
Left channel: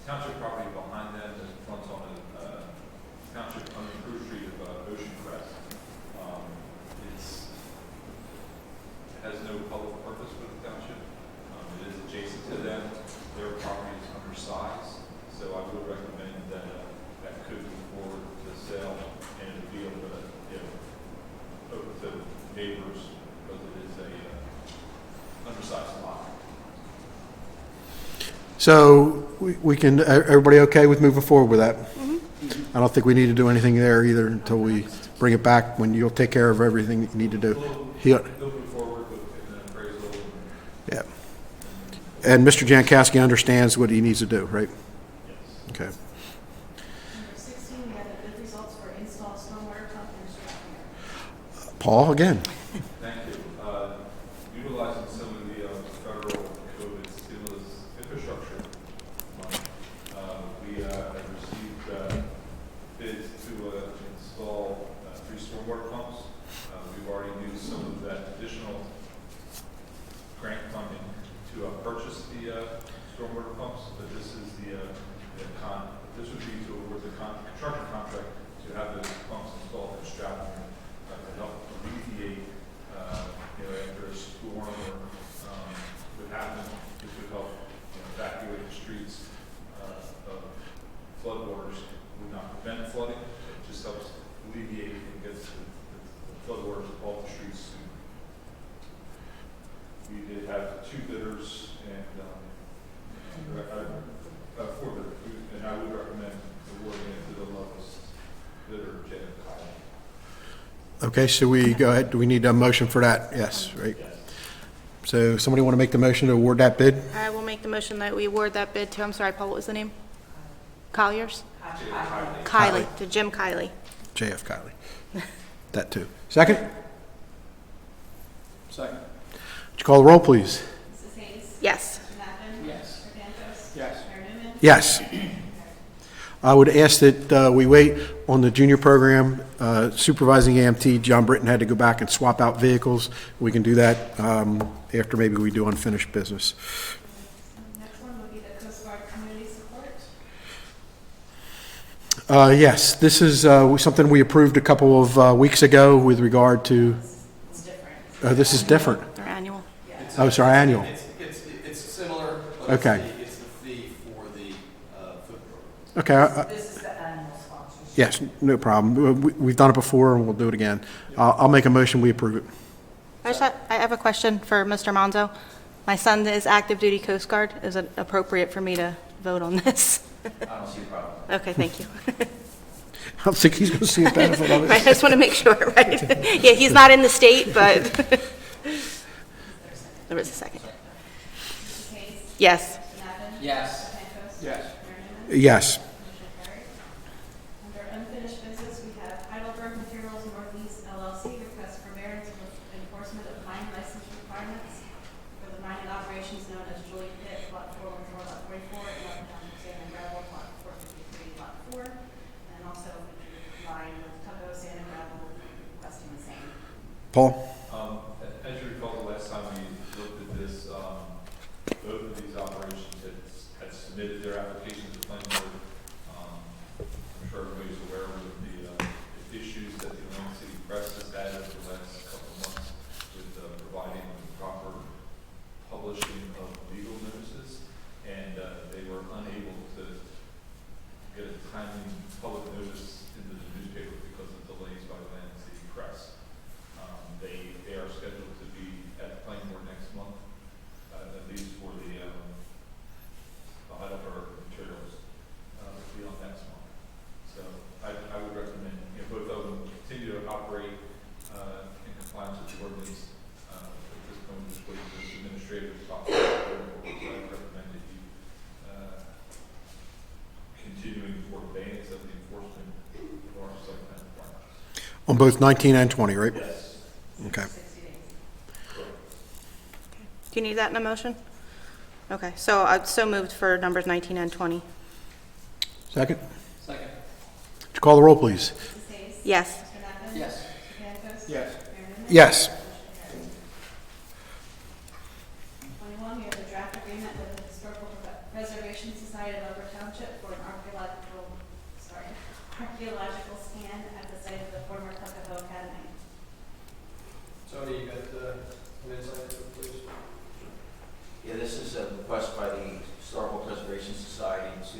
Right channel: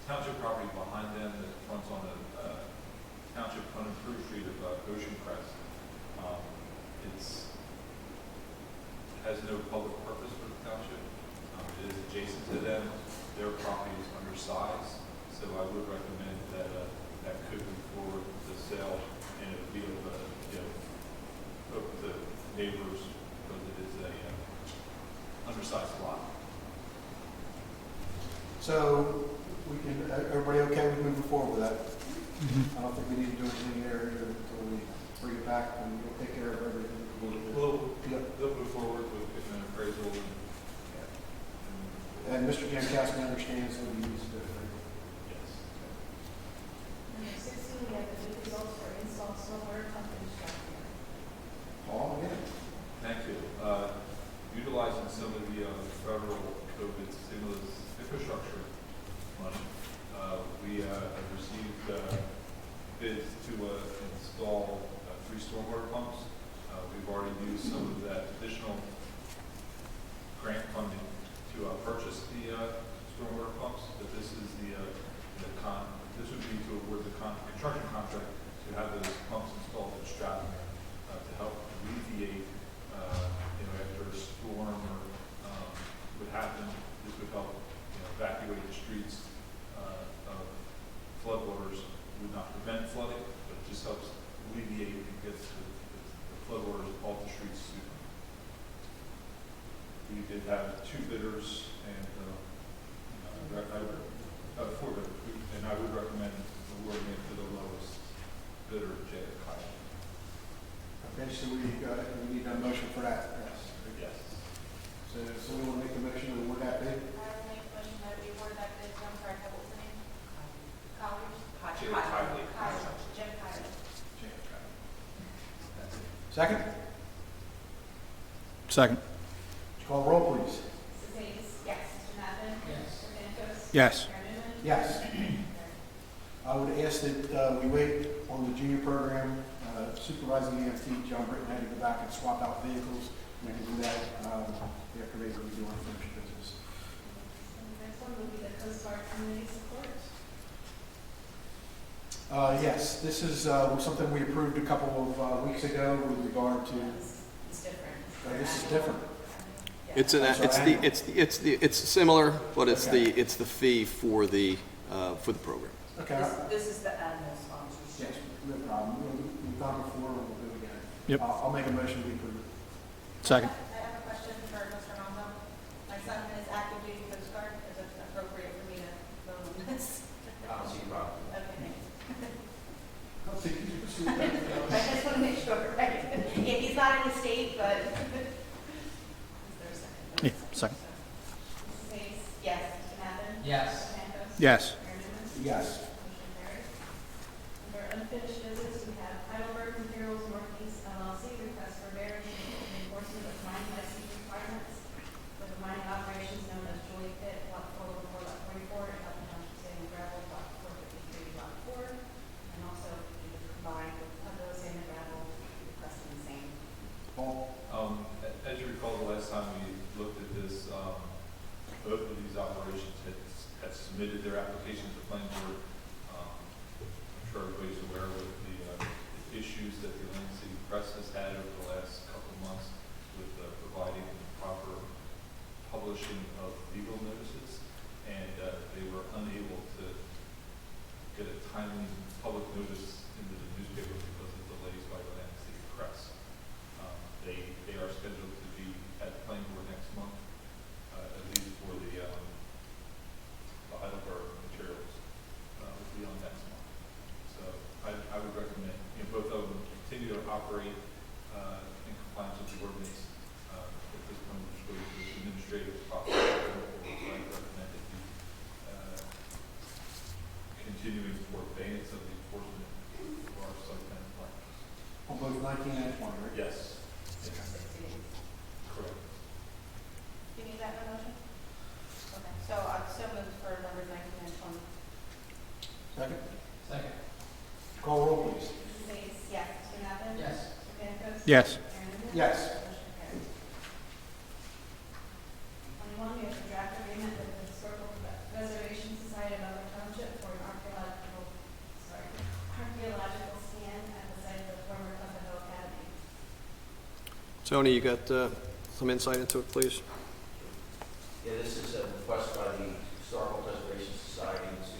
township property behind them that fronts on the township unimproved street of Ocean Crest. Has no public purpose for the township. It is adjacent to them. Their property is undersized, so I would recommend that that could move forward with the sale and it would be able to, open to neighbors because it is a undersized lot. So we can, everybody okay with moving forward with that? I don't think we need to do anything there either until we bring it back when you'll take care of everything that you need to do. They'll move forward with an appraisal and Yeah. And Mr. Jankowski understands what he needs to do, right? yes. Okay. Number 16, we have the bid results for installed stormwater pump construction. Paul, again. Thank you. Utilizing some of the federal COVID stimulus infrastructure money, we have received bids to install 3 stormwater pumps. We've already used some of that additional grant funding to purchase the stormwater pumps, but this is this would be to award the construction contract to have those pumps installed in Stratton to help alleviate, after a storm or what happened, this would help evacuate the streets of floodwaters. Would not prevent flooding, it just helps alleviate and gets the floodwaters off the streets workers, and, and I would recommend awarding it to the lowest bidder, Jed Kyle. Okay, so we go ahead, do we need a motion for that? Yes, right? So somebody want to make the motion to award that bid? I will make the motion that we award that bid to, I'm sorry, Paul, what was the name? Colliers? Kiley, to Jim Kiley. JF Kylie. That too. Second? Second. Would you call the roll, please? Mrs. Hayes? Yes. Mr. Madden? Yes. Mr. Cantos? Yes. Mayor Newman? Yes. I would ask that we wait on the junior program. Supervising EMT, John Britton had to go back and swap out vehicles. We can do that after maybe we do unfinished business. And the next one would be the Coast Guard community support. Yes, this is something we approved a couple of weeks ago with regard to, this is different. Their annual. It's Oh, it's our annual. It's similar, but it's Okay. it's the fee for the program. Okay, This is the annual sponsorship. yes, no problem. We've done it before and we'll do it again. I'll make a motion, we approve it. I have a question for Mr. Monzo. My son is active duty Coast Guard. Is it appropriate for me to vote on this? I don't see a problem. Okay, thank you. I don't think he's going to see a benefit of Right, I it. just want to make sure, right? Yeah, he's not in the state, but. There was a second. Mrs. Hayes? Yes. Mr. Madden? Yes. Mr. Cantos? Yes. Mayor Newman? Yes. Motion carried. Under unfinished business, we have Heidelberg Materials Northeast LLC request for variance for the enforcement of mine license requirements for the mining operations known as Julie Pit, Lot 414, Lot 44, and Lot Township Sand and Gravel, Lot 453, Lot 4, and also combined with Tucko Sand and Gravel, requesting the same. Paul? As you recall, the last time we looked at this, both of these operations had submitted their application to the planning board. I'm sure everybody's aware of the issues that the Atlantic City Press has had over the last couple of months with providing proper publishing of legal notices, and they were unable to get a timely public notice into the newspaper because of delays by the Atlantic City Press. They are scheduled to be at the planning board next month, at least for the Heidelberg materials, will be on next month. So I would recommend, both of them continue to operate in compliance with the ordinance. At this point, we're just waiting for the administrative process. So I recommend that you continuing for abeyance of the enforcement of our site plan requirements. On both 19 and 20, right? Yes. Okay. Do you need that in a motion? Okay, so I've so moved for numbers 19 and 20. Second? Second. Would you call the roll, please? Mrs. Hayes? Yes. Mr. Madden? Yes. Mr. Cantos? Yes. Mayor Newman? Yes. 21, we have a draft agreement with the Historical Preservation Society of Upper Township for an archaeological scan at the site of the former Tuckahoe Academy. Tony, you got some insight into it, please? Yeah, this is a request by the Historical Preservation Society to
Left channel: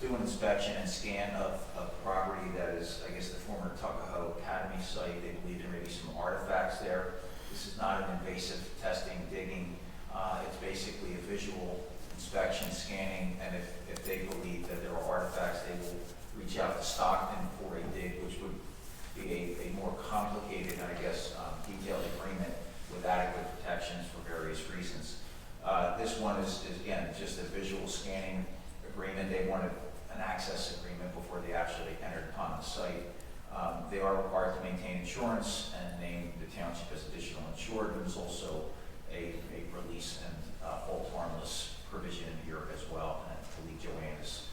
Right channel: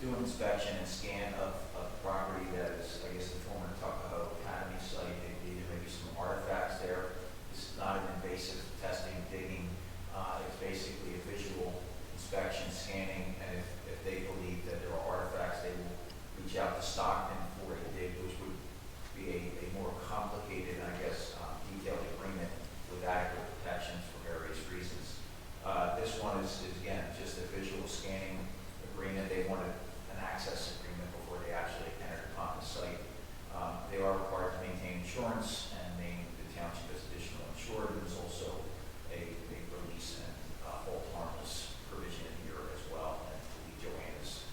do an inspection and scan of the property that is, I guess, the former Tuckahoe Academy site. They believe there may be some artifacts there. This is not an invasive testing, digging. It's basically a visual inspection, scanning, and if they believe that there are artifacts, they will reach out to Stockton for a dig, which would be a more complicated, I guess, detailed agreement with adequate protections for various reasons. This one is again, just a visual scanning agreement. They wanted an access agreement before they actually entered upon the site. They are required to maintain insurance and name the township as additional insured. There's also a release and hold harmless provision here as well. And I believe Joanne is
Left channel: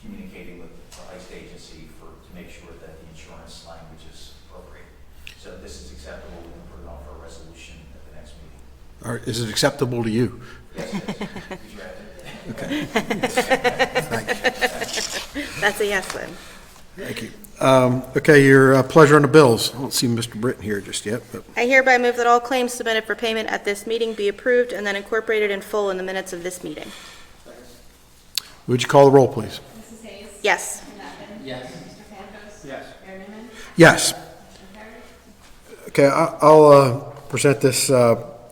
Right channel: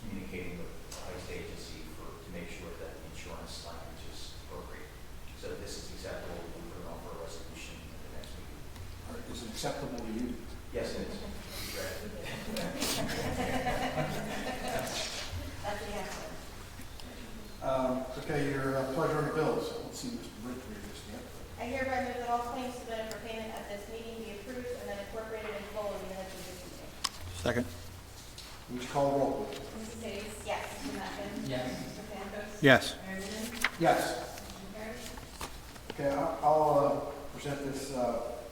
communicating with the heist agency to make sure that the insurance language is appropriate. So this is acceptable. We'll put it on for a resolution at the next meeting. Or is it acceptable to you? Yes, it is. That's a yes then. Thank you. Okay, your pleasure on the bills. I don't see Mr. Britton here just yet, but I hereby move that all claims submitted for payment at this meeting be approved and then incorporated in full in the minutes of this meeting. Second. would you call the roll, please? Mrs. Hayes? Yes. Mr. Madden? Yes. Mr. Cantos? Yes. Mayor Newman? Yes. Motion carried. Okay, I'll present this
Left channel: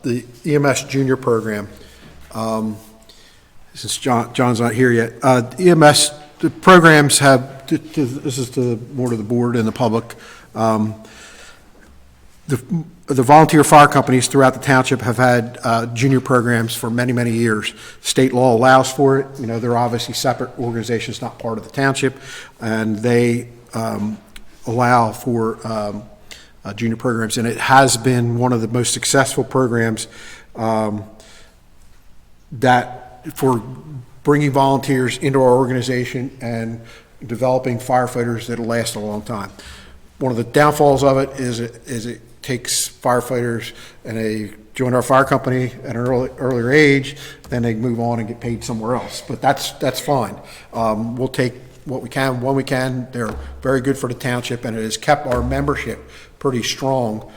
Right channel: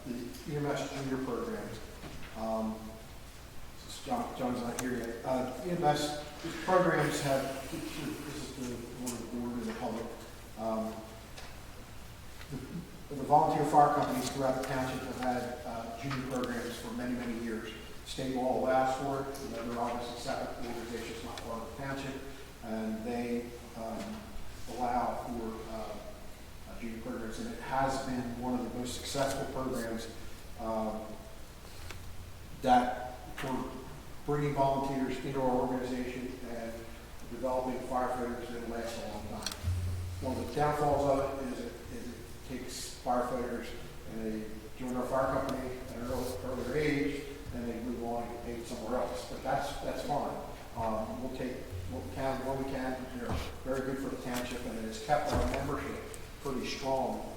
the EMS Junior Program. Since John's not here yet, EMS, the programs have, this is more to the board and the public. The volunteer fire companies throughout the township have had junior programs for many, many years. State law allows for it. You know, they're obviously separate organizations, not part of the township, and they allow for junior programs. And it has been one of the most successful programs that for bringing volunteers into our organization and developing firefighters that'll last a long time. One of the downfalls of it is it takes firefighters and they join our fire company at an earlier age, then they move on and get paid somewhere else. But that's fine. We'll take what we can when we can. They're very good for the township, and it has kept our membership pretty strong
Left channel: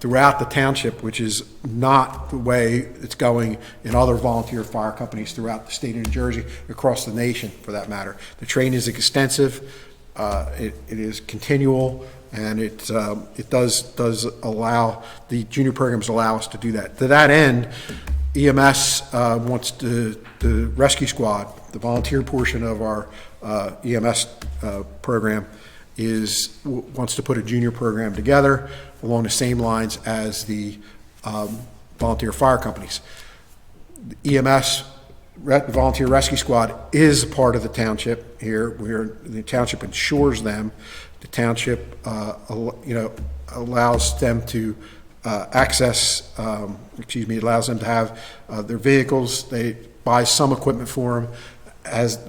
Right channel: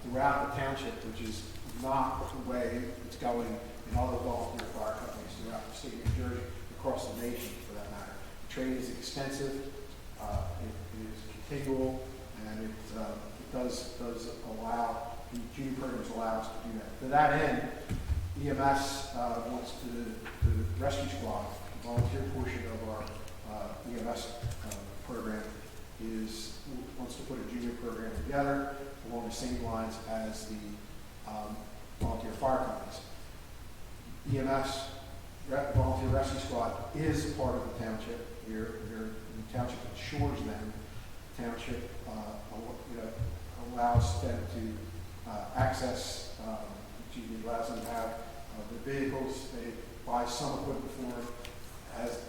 throughout the township, which is not the way it's going in other volunteer fire companies throughout the state of New Jersey, across the nation for that matter. The training is extensive, it is continual, and it does allow, the junior programs allow us to do that. To that end, EMS wants the rescue squad, the volunteer portion of our EMS program, wants to put a junior program together along the same lines as the volunteer fire companies. The EMS, Volunteer Rescue Squad, is a part of the township here. The township insures them. The township, allows them to allows them to have their vehicles. They buy some equipment for them,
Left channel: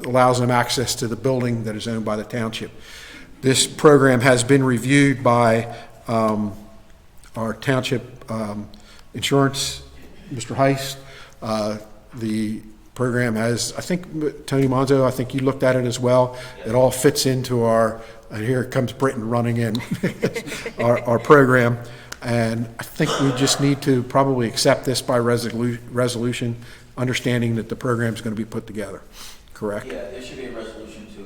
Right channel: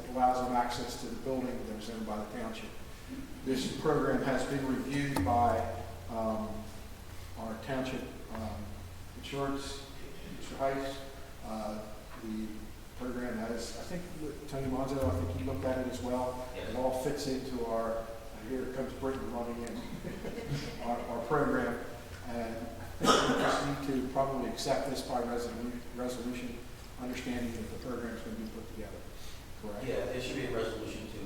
allows them access to the building that is owned by the township. This program has been reviewed by our township insurance, Mr. Heist. The program has, I think, Tony Monzo, I think you looked at it as well. It all fits into our, and here comes Britain running in, our program. And I think we just need to probably accept this by resolution, understanding that the program is going to be put together. Correct? Yeah, there should be a resolution to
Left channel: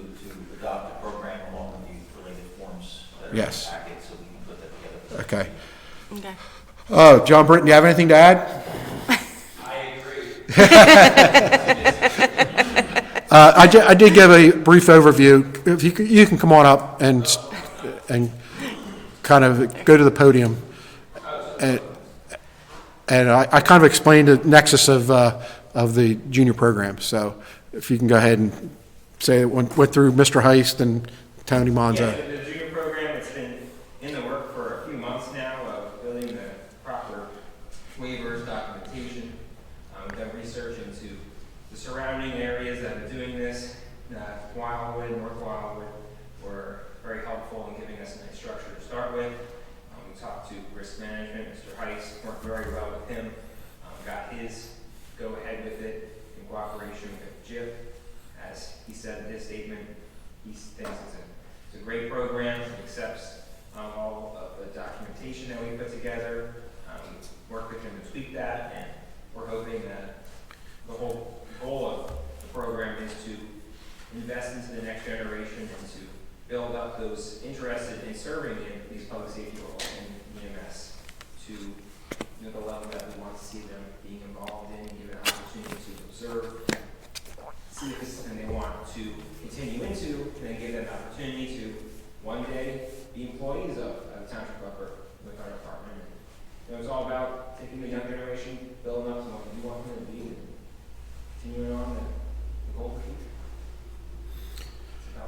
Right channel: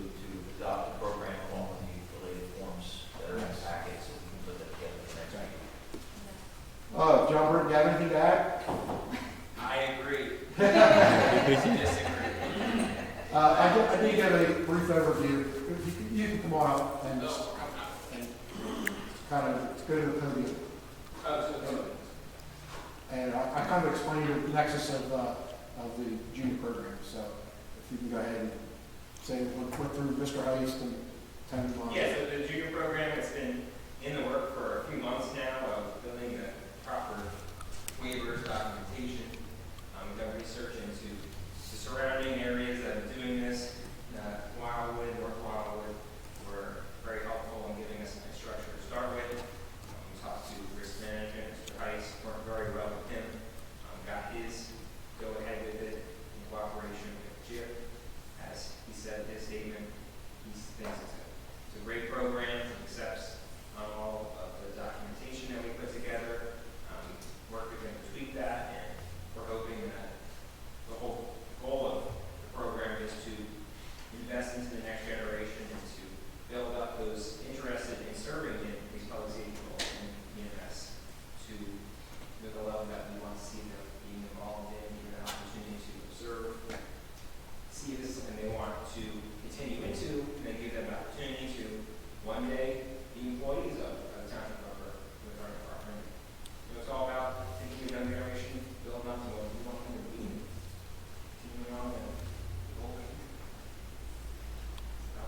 adopt the program along with the related forms that are in the Yes. packet, so we can put that together. Okay. Okay. John Britton, do you have anything to add? I did give a brief overview. If you can come on up and kind of go to the podium. And I kind of explained the nexus of the junior program. So if you can go ahead and say it went through Mr. Heist and Tony Monzo. Yeah, so the junior program, it's been in the work for a few months now of building the proper waivers, documentation. We've done research into the surrounding areas that are doing this. Wildwood, North Wildwood were very helpful in giving us some structure to start with. We talked to risk management, Mr. Heist, worked very well with him. Got his go ahead with it in cooperation with Jip. As he said in his statement, he thinks it's a great program, accepts all of the documentation that we put together, work with him to tweak that, and we're hoping that the whole goal of the program is to invest into the next generation and to build up those interested in serving in these public safety roles in EMS to the level that we want to see them being involved in, give an opportunity to observe, see if it's something they want to continue into, and then give them an opportunity to one day be employees of the township with our department. It's all about taking the younger generation, building up to what we want them to be, and continuing on the goal.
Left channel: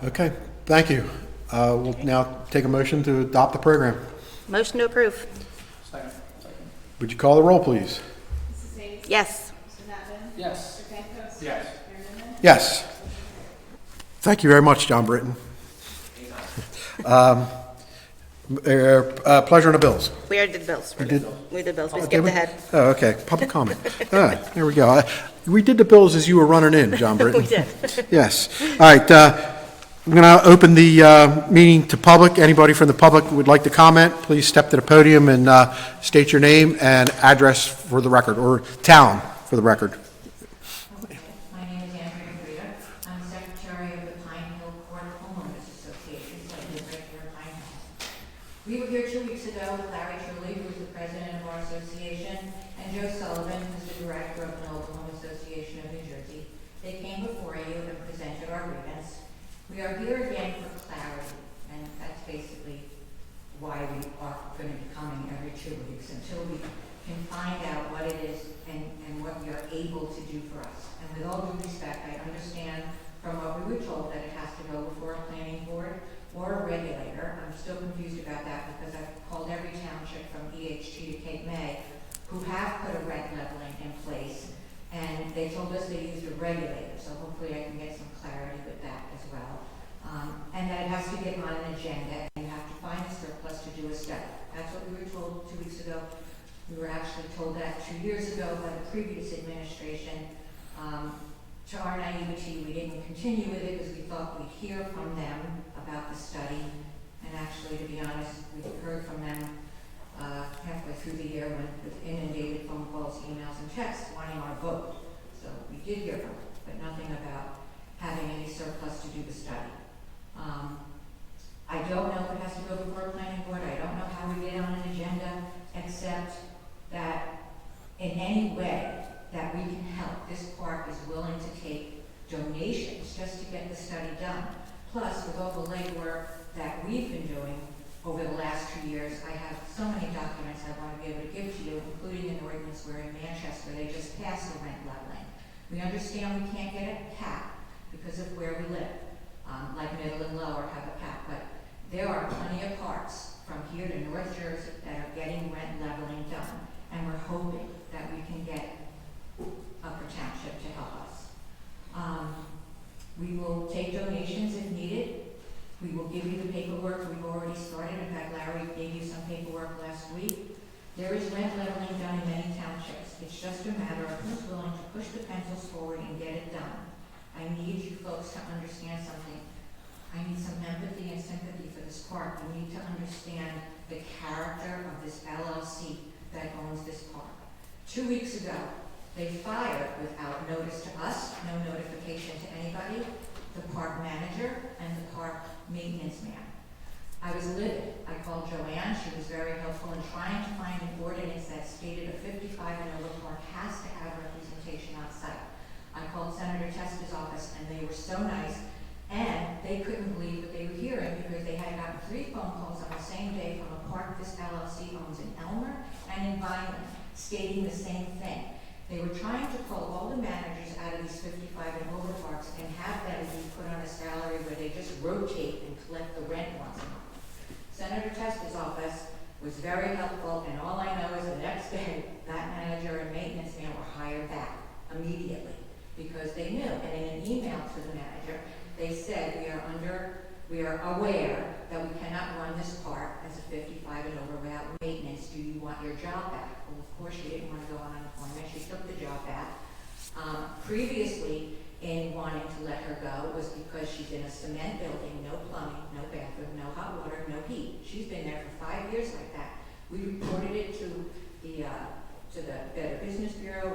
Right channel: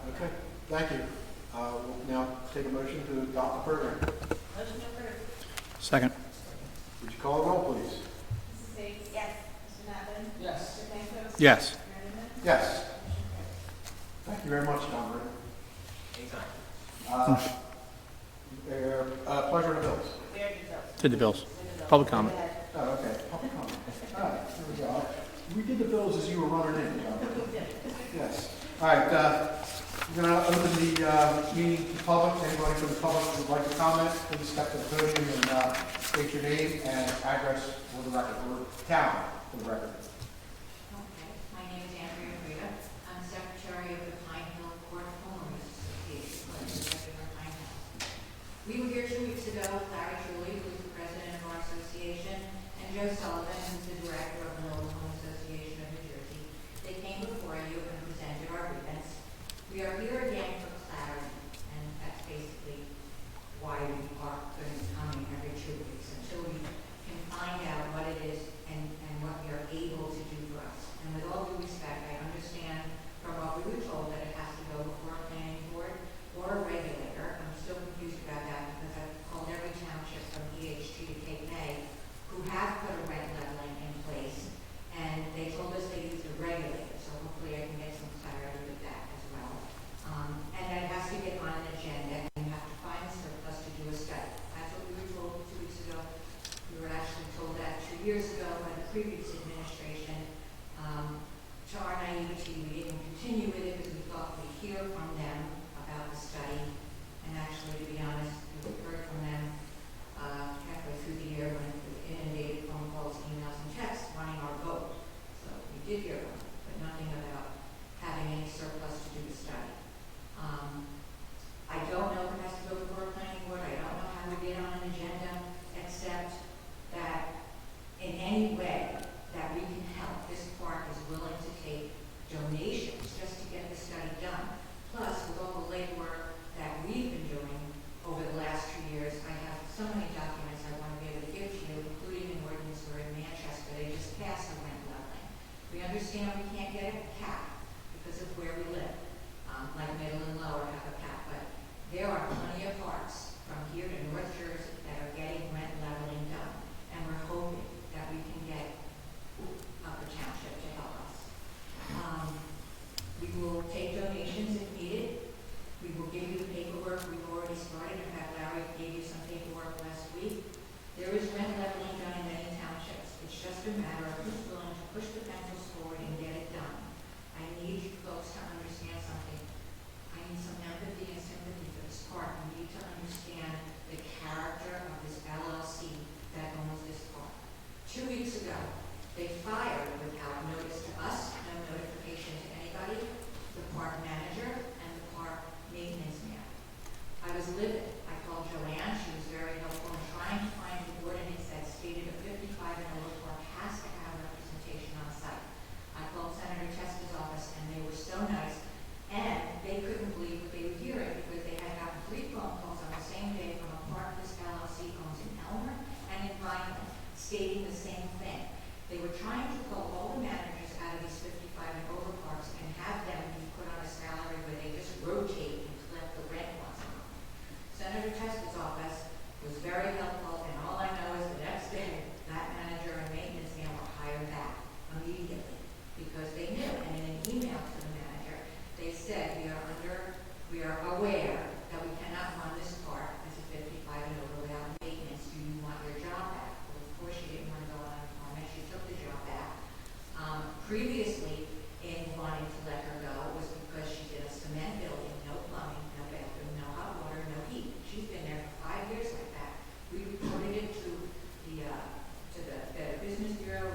Okay, thank you. We'll now take a motion to adopt the program. Motion to approve. Second. Would you call the roll, please? Mrs. Bates? Yes. Mr. Navin? Yes. Mr. Pankos? Yes. Mayor Newman? Yes. Thank you very much, John Britton. Pleasure on the bills. We already did bills. Did the bills. We did bills. Public Skip ahead. Oh, okay, public comment. All right, there we go. We did the bills as you were running in, John Britton. We did. Yes. All right, I'm going to open the meeting to public. Anybody from the public who would like to comment, please step to the podium and state your name and address for the record, or town for the record. Okay, my name is Andrea Frida. I'm secretary of the Pine Hill Court Homeowners Association, which is regular Pine Hill. We were here 2 weeks ago with Larry Truly, who is the president of our association, and Joe regulator, so hopefully I can get some clarity with that as well. And that it has to get on an agenda, and you have to find a surplus to do a study. That's what we were told 2 weeks ago. We were actually told that 2 years ago by the previous administration. To our naivety, we didn't continue with it because we thought we'd hear from them about the study. And actually, to be honest, we heard from them halfway through the year when with inundated phone calls, emails, and texts wanting our vote. So we did hear from them, but nothing about having any surplus to do the study. I don't know if it has to go before a planning board. I don't know how we get on an agenda, except that in any way that we can help, this park is willing to take donations just to get the study done. Plus, with all the legwork that we've been doing over the last 2 years, I have so many documents I want to be able to give to you, including an ordinance where in Manchester they just passed the rent leveling. We understand we can't get a cap because of where we live, like Middle and Lower have a cap, but there are plenty of parks from here to North Jersey that are getting rent leveling done, and we're hoping that we can get Upper Township to help us. We will take donations if needed. We will give you the paperwork. We've already started. In fact, Larry gave you some paperwork last week. There is rent leveling done in many townships. It's just a matter of who's willing to push the pencils forward and get it done. I need you folks to understand something. I need some empathy and sympathy for this park. We need to understand the character of this LLC that owns this park. 2 weeks ago, they fired without notice to us, no notification to anybody, the park manager and the park maintenance man. I was livid. I called Joanne. She was very helpful in trying to find an ordinance that stated a 55 and over park has to have representation on site. I called Senator Testa's office and they were so nice, and they couldn't believe what they were hearing because they had gotten 3 phone calls on the same day from a park this LLC owns in Elmer and in Vineland stating the same thing. They were trying to pull all the managers out of these 55 and over parks and have them be put on a salary where they just rotate and collect the rent once a month. Senator Testa's office was very helpful, and all I know is the next day, that manager and maintenance man were hired back immediately because they knew. And in an email to the manager, they said, we are aware that we cannot run this park as a 55 and over without maintenance. Do you want your job back? Well, of course she didn't want to go on unemployment. She took the job back. Previously, in wanting to let her go was because she's in a cement building, no plumbing, no bathroom, no hot water, no heat. She's been there for 5 years like that. We reported it to the Better Business Bureau.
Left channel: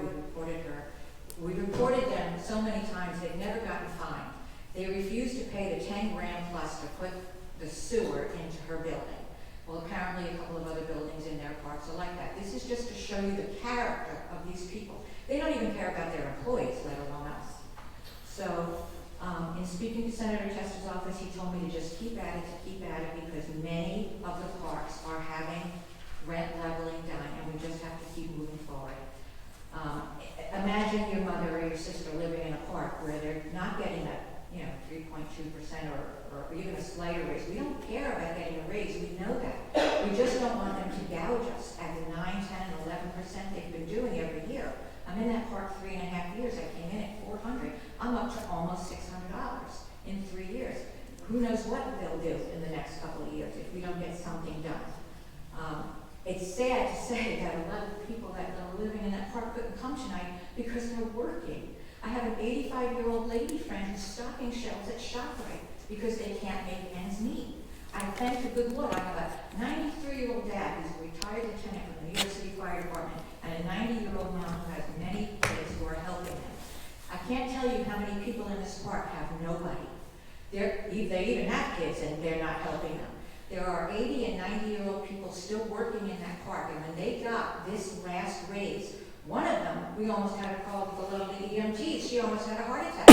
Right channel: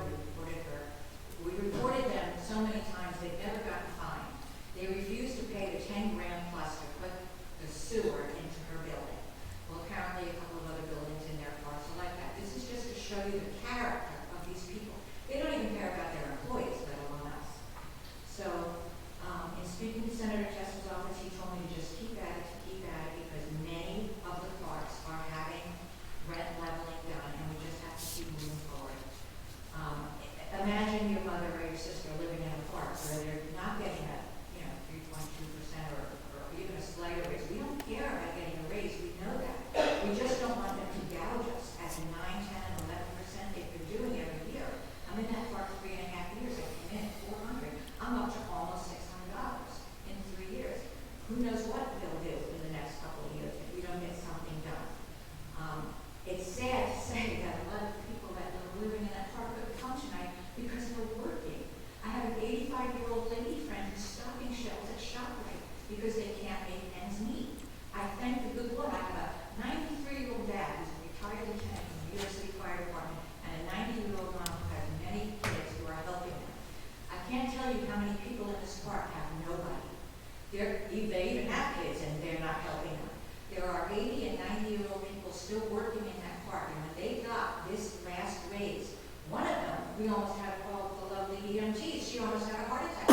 We reported them so many times they've never gotten fined. They refused to pay the 10 grand plus to put the sewer into her building. Well, apparently a couple of other buildings in their parks are like that. This is just to show you the character of these people. They don't even care about their employees, let alone us. So, in speaking to Senator Testa's office, he told me to just keep at it, because many of the parks are having rent leveling done, and we just have to keep moving forward. Imagine your mother or your sister living in a park where they're not getting a 3.2% or even a slighter raise. We don't care about getting a raise. We know that. We just don't want them to gouge us at the 9, 10, and 11% they've been doing every year. I'm in that park 3.5 years. I came in at $400. I'm up to almost $600 in 3 years. Who knows what they'll do in the next couple of years if we don't get something done. It's sad to say that a lot of the people that are living in that park couldn't come tonight because they're working. I have an 85-year-old lady friend who's stocking shelves at ShopRite because they can't make ends meet. I thank the good Lord. I have a 93-year-old dad who's a retired lieutenant from the New York City Fire Department and a 90-year-old mom who has many kids who are helping him. I can't tell you how many people in this park have nobody. They even have kids and they're not helping them. There are 80 and 90-year-old people still working in that park, and when they got this last raise, one of them, we almost had a call with the lovely EMT. She almost had a heart attack.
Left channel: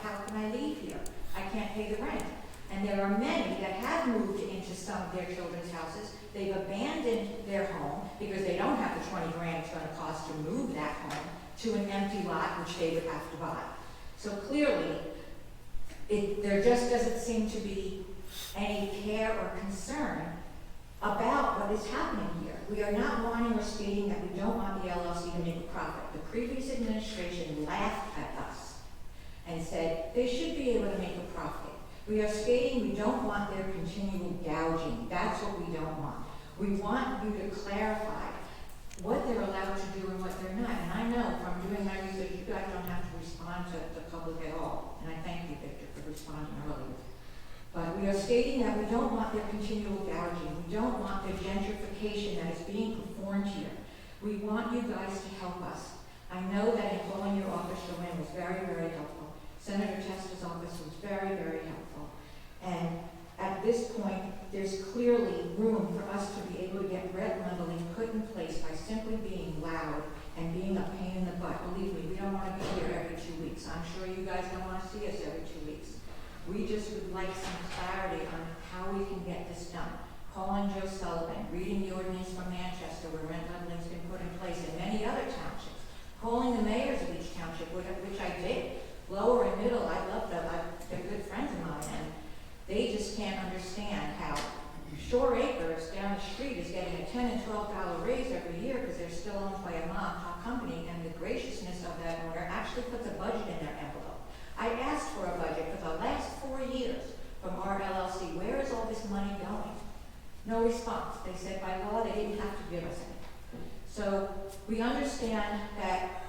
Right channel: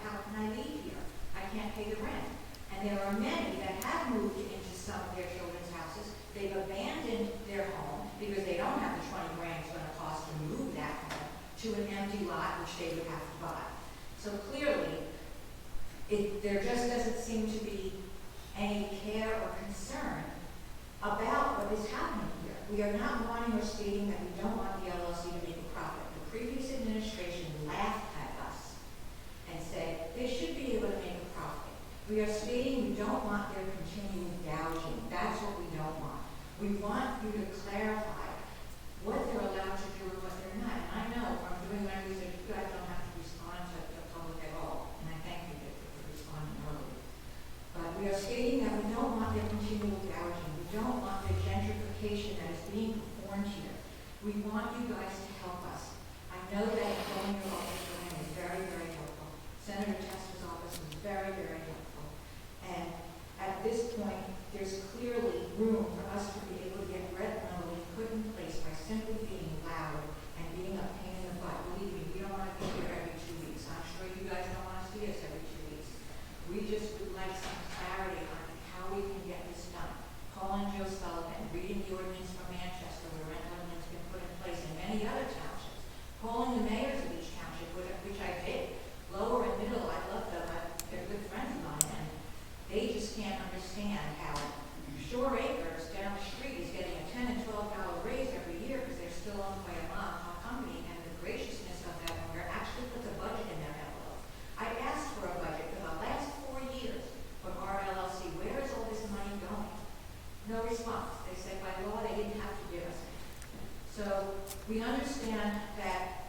How can I leave here? I can't pay the rent. And there are many that have moved into some of their children's houses. They've abandoned their home because they don't have the 20 grand it's going to cost to move that home to an empty lot, which they would have to buy. So clearly, there just doesn't seem to be any care or concern about what is happening here. We are not wanting or stating that we don't want the LLC to make a profit. The previous administration laughed at us and said they should be able to make a profit. We are stating we don't want their continual gouging. That's what we don't want. We want you to clarify what they're allowed to do and what they're not. And I know from doing my research, you guys don't have to respond to the public at all. And I thank you, Victor, for responding earlier. But we are stating that we don't want their continual gouging. We don't want the gentrification that is being performed here. We want you guys to help us. I know that in calling your office, Joanne, was very, very helpful. Senator Tesla's office was very, very helpful. And at this point, there's clearly room for us to be able to get rent relief put in place by simply being loud and being a pain in the butt. Believe me, we don't want to be here every 2 weeks. I'm sure you guys don't want to see us every 2 weeks. We just would like some clarity on how we can get this done. Calling Joe Sullivan, reading the ordinance from Manchester where rent leveling has been put in place in many other townships, calling the mayors of each township, which I did, lower and middle. I love them. They're good friends of mine, and they just can't understand how Shore Acres down the street is getting a $10 and $12 raise every year because they're still owned by a mom-and-pop company, and the graciousness of that owner actually puts a budget in their envelope. I asked for a budget for the last 4 years from our LLC. Where is all this money going? No response. They said by law they didn't have to give us it. So we understand that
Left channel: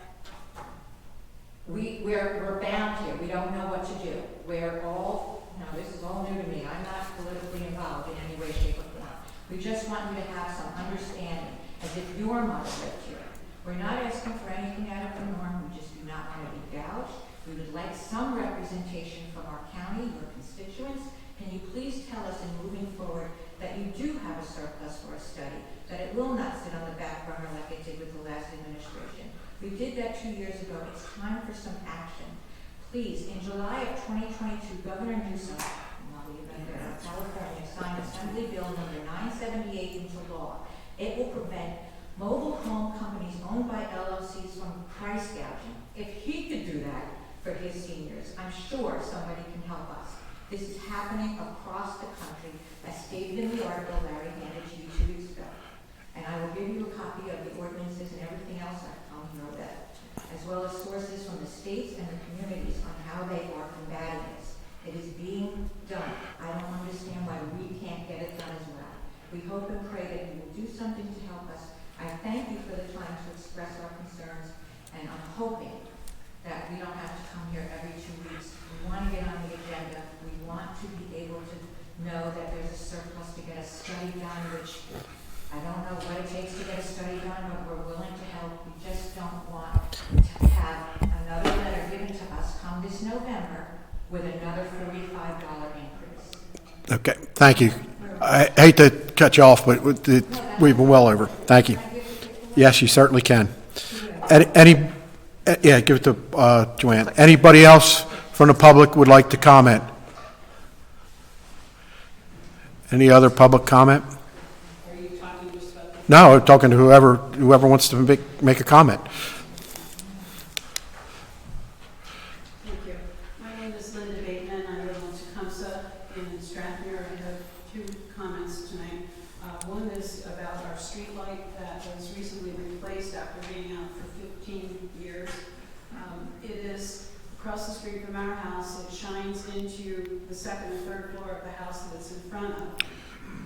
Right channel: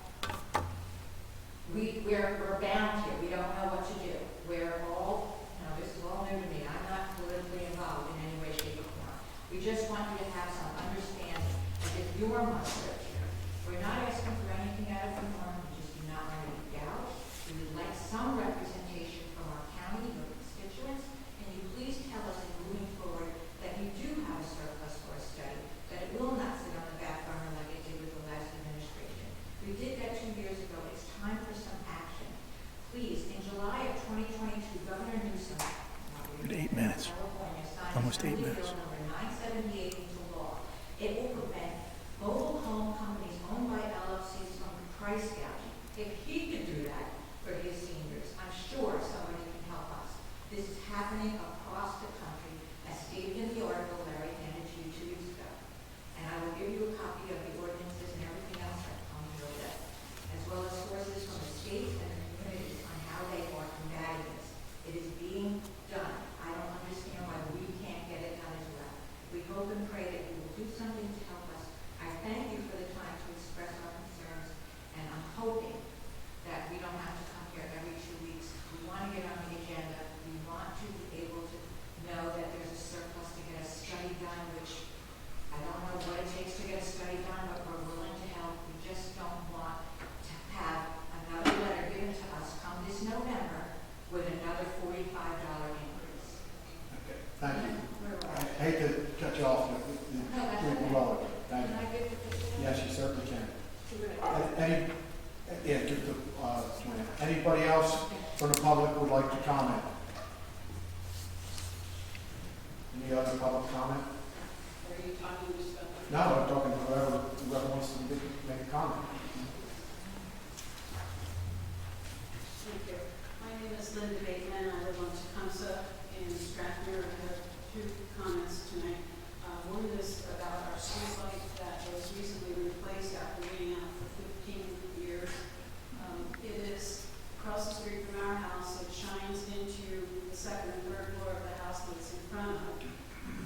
we're bound here. We don't know what to do. We're all, this is all new to me. I'm not politically involved in any way, shape, or form. We just want you to have some understanding as if your mother lived here. We're not asking for anything out of the norm. We just do not want to be gouged. We would like some representation from our county, your constituents. Can you please tell us in moving forward that you do have a surplus for a study, that it will not sit on the back burner like it did with the last administration? We did that 2 years ago. It's time for some action. Please, in July of 2022, Governor Newsom, California, signed Assembly Bill number 978 into law. It will prevent mobile home companies owned by LLCs from price gouging. If he could do that for his seniors, I'm sure somebody can help us. This is happening across the country, as stated in the article Larry handed to you 2 weeks ago. And I will give you a copy of the ordinances and everything else that come your way, as well as sources from the states and the communities on how they are combating this. It is being done. I don't understand why we can't get it done as well. We hope and pray that you will do something to help us. I thank you for the time to express our concerns, and I'm hoping that we don't have to come here every 2 weeks. We want to get on the agenda. We want to be able to know that there's a surplus to get a study done, which I don't know what it takes to get a study done, but we're willing to help. We just don't want to have another letter given to us come this November with another $45 increase. Okay, thank you. I hate to cut you off, but we've been well over. Thank you. Yes, you certainly can. Yeah, give it to Joanne. Anybody else from the public would like to comment? Any other public comment? Are you talking just about No, I'm talking to whoever wants to make a comment. Thank you. My name is Linda Bateman. I live on Tecumseh in Strathmere. I have 2 comments tonight. One is about our street light that was recently replaced after being out for 15 years. It is across the street from our house. It shines into the 2nd and 3rd floor of the house that it's in front of.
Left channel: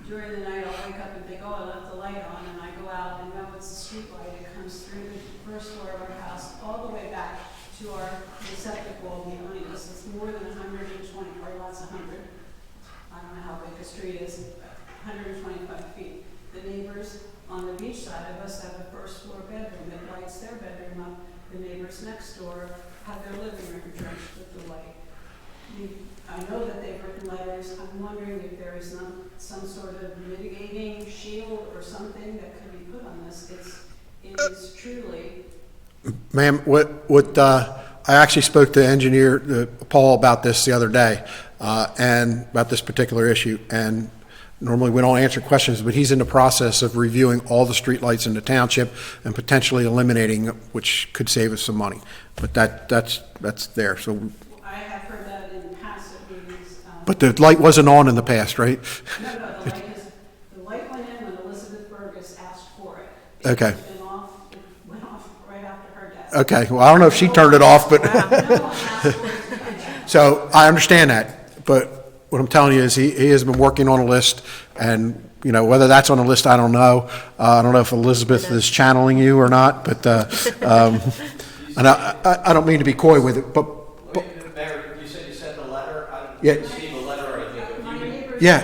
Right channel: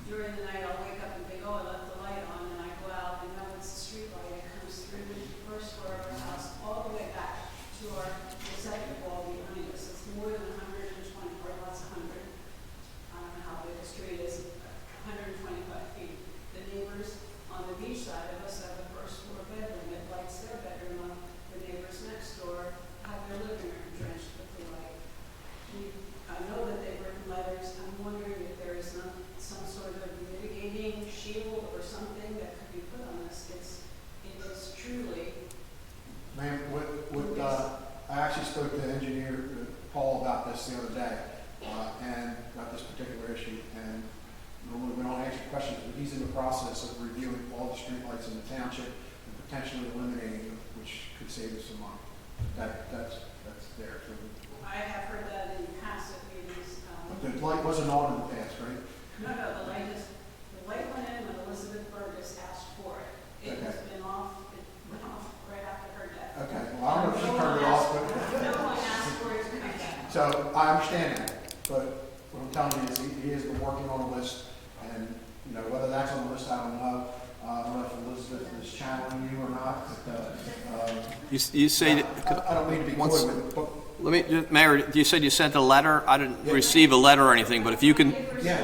During the night, I'll wake up and think, oh, I left the light on, and I go out and know it's a street light. It comes through the 1st floor of our house all the way back to our receptacle behind us. It's more than 120, or lots of 100. I don't know how big the street is, 125 feet. The neighbors on the beach side of us have a 1st floor bedroom. It lights their bedroom up. The neighbors next door have their living room drenched with the light. I know that they've written letters. I'm wondering if there is some sort of mitigating shield or something that could be put on this. It is truly. Ma'am, I actually spoke to engineer Paul about this the other day, and about this particular issue. And normally we don't answer questions, but he's in the process of reviewing all the streetlights in the township and potentially eliminating them, which could save us some money. But that's there. So. I have heard that in past meetings. But the light wasn't on in the past, right? No, the light went in when Elizabeth Burgess asked for it. Okay. It went off right after her death. Okay. Well, I don't know if she turned it off, but. No one asked for it to So I understand that, but what I'm telling you is he has been working on a list, and, you know, whether that's on the list, I don't know. I don't know if Elizabeth is channeling you or not, but, You and I don't mean to be coy with it, but, Mayor, you said you sent a letter. I didn't Yeah. receive a letter or anything, but if you can, yeah.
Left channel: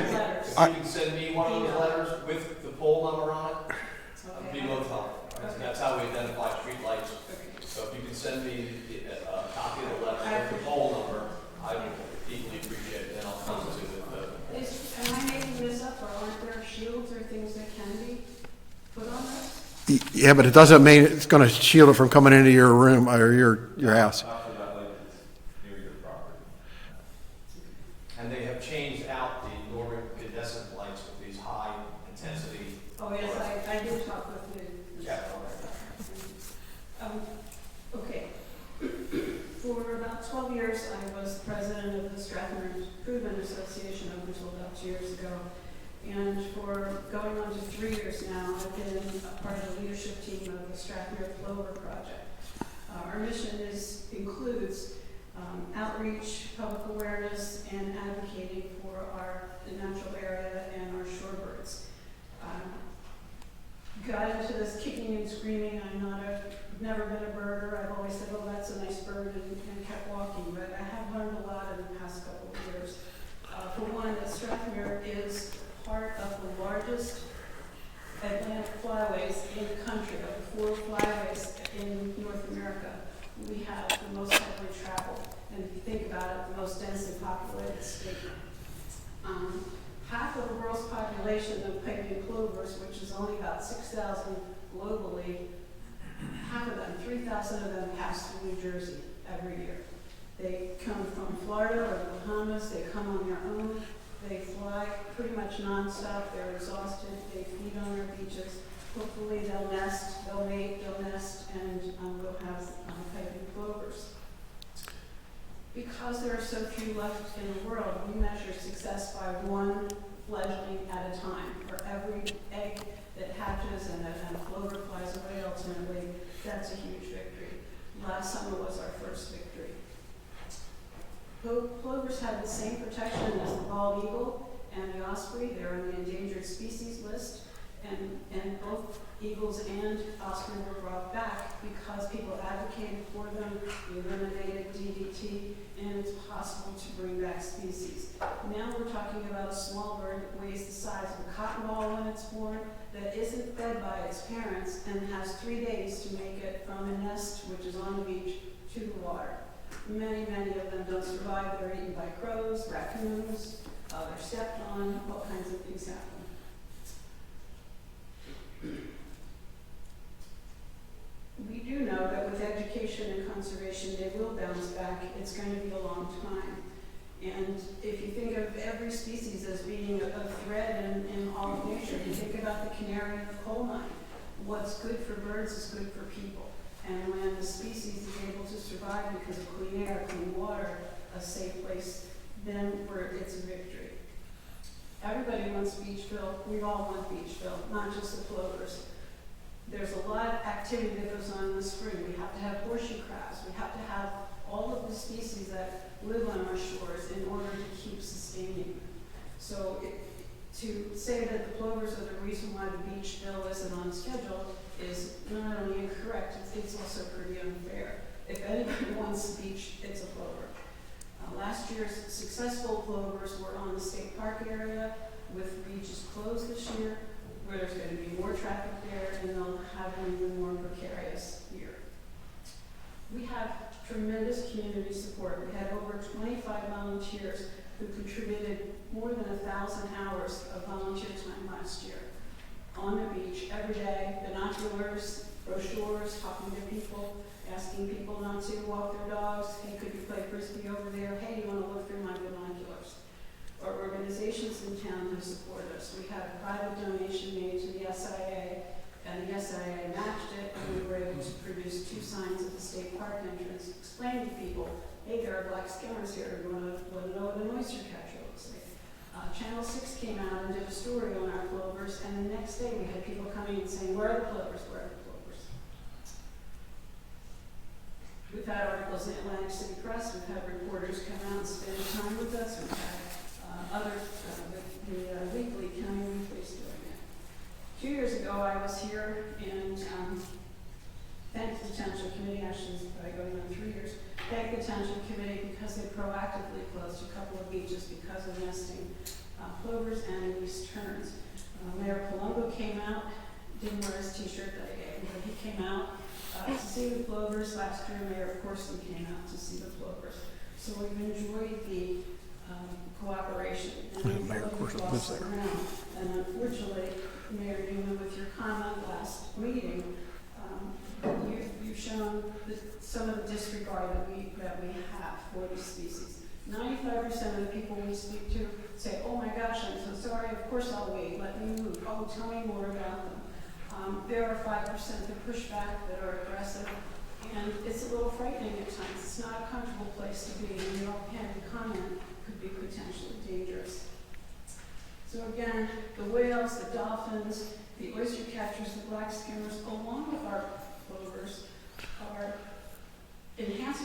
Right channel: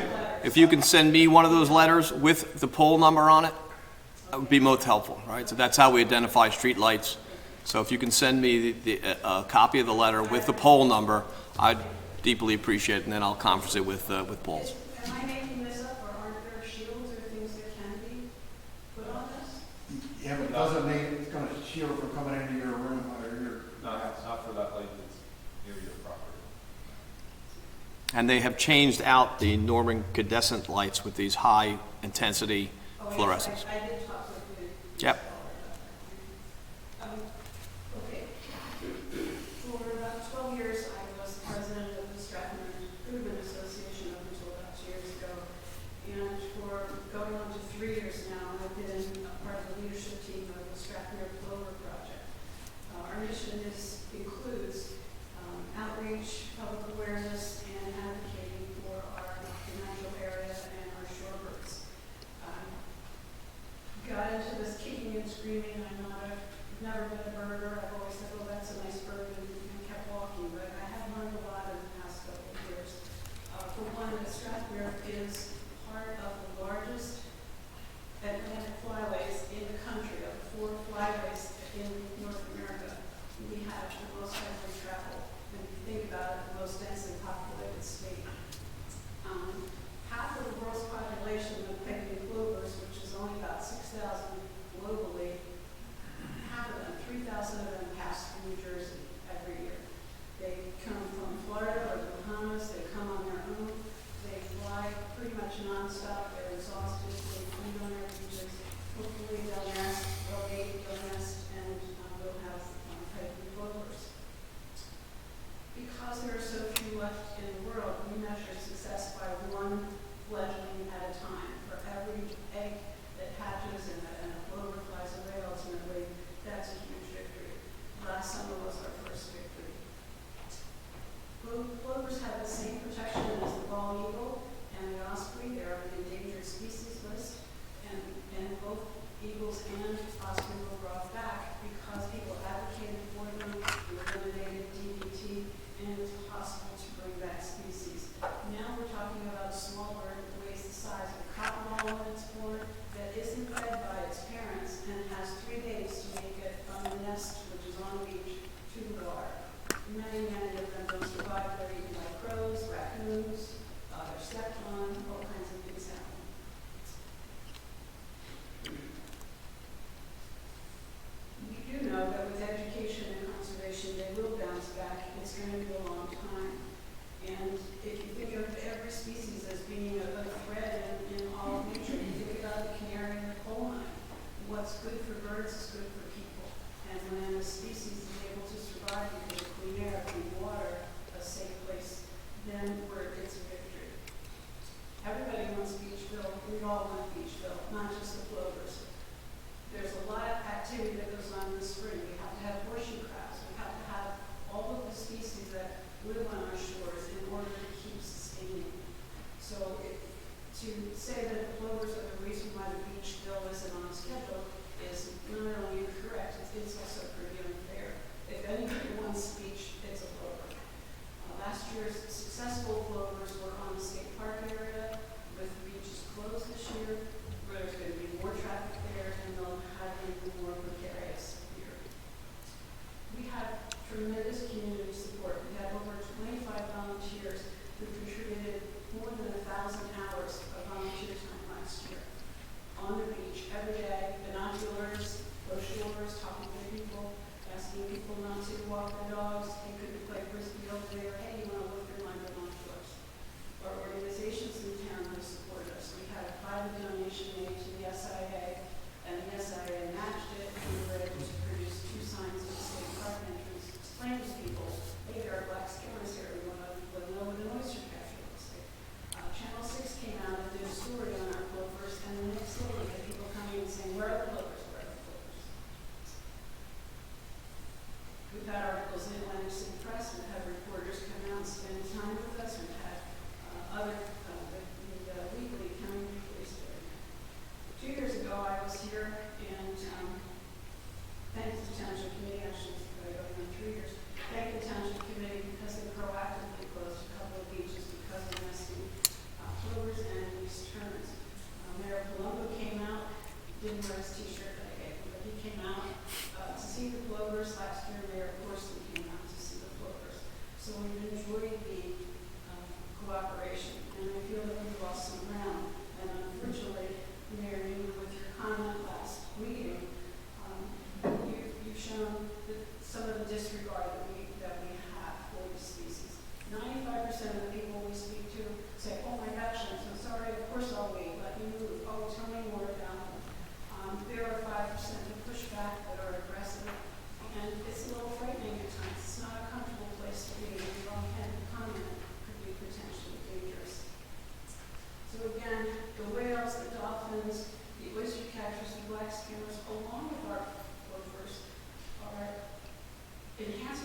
send me one of those letters with the poll number on it, that would be most helpful, right? So that's how we identify streetlights. So if you can send me a copy of the letter with the poll number, I'd deeply appreciate it, and then I'll conference it with Paul. Am I making this up, or aren't there shields or things that can be put on this? Yeah, but it doesn't mean it's going to shield it from coming into your room or your house. After that light, it's near your property. And they have changed out the Norman incandescent lights with these high-intensity fluorescents. I did talk with you. Yep. Okay. For about 12 years, I was president of the Strathmore Improvement Association, I was told about 2 years ago. And for going on to 3 years now, I've been a part of the leadership team of the Strathmore Clover Project. Our mission includes outreach, public awareness, and advocating for our natural area and our shorebirds. Got into this kicking and screaming. Never been a birder. I've always said, oh, that's a nice bird, and kept walking. But I have learned a lot in the past couple of years. For one, Strathmore is part of the largest Atlantic flyways in the country. Of the 4 flyways in North America, we have the most heavily traveled. And if you think about it, the most densely populated state. Half of the world's population of pygmy plovers, which is only about 6,000 globally, half of them, 3,000 of them pass through New Jersey every year. They come from Florida or the Bahamas. They come on their own. They fly pretty much nonstop. They're exhausted. They feed on our beaches. Hopefully they'll nest, they'll mate, they'll nest, and we'll have pygmy plovers. Because there are so few left in the world, we measure success by one fledgling at a time. For every egg that hatches and a plover flies away ultimately, that's a huge victory. Last summer was our first victory. Plovers have the same protection as the bald eagle and the osprey. They're on the endangered species list, and both eagles and osprey were brought back because people advocated for them. We eliminated DDT, and it's possible to bring back species. Now we're talking about a small bird that weighs the size of a cotton ball when it's born, that isn't fed by its parents, and has 3 days to make it from the nest, which is on the beach, to the water. Many of them don't survive. They're eaten by crows, raccoons, they're stepped on, all kinds of things happen. We do know that with education and conservation, they will bounce back. It's going to be a long time. And if you think of every species as being a thread in all of nature, you think about the canary in the coal mine. What's good for birds is good for people. And when the species is able to survive because of clean air, clean water, a safe place, then it's a victory. Everybody wants Beachville. We all want Beachville, not just the plovers. There's a lot of activity that goes on in the spring. We have to have horseshoe crabs. We have to have all of the species that live on our shores in order to keep sustaining. So to say that the plovers are the reason why the Beachville isn't on schedule is not only incorrect, it's also pretty unfair. If anybody wants the beach, it's a plover. Last year's successful plovers were on the state park area, with the beaches closed this year, where there's going to be more traffic there, and they'll have an even more precarious year. We have tremendous community support. We have over 25 volunteers who contributed more than 1,000 hours of volunteer time last year on the beach every day, binoculars, brochures, talking to people, asking people not to walk their dogs. Hey, could you play frisbee over there? Hey, you want to look through my binoculars? Our organizations in town have supported us. We had a private donation made to the SIA, and the SIA matched it, and we were able to produce 2 signs at the state park entrance, explain to people, hey, there are black skimmers here. We want to know what an oyster catcher looks like. Channel 6 came out and did a story on our plovers, and the next day we had people coming and saying, where are the plovers? Where are the plovers? We've had articles in Atlantic City Press. We've had reporters come out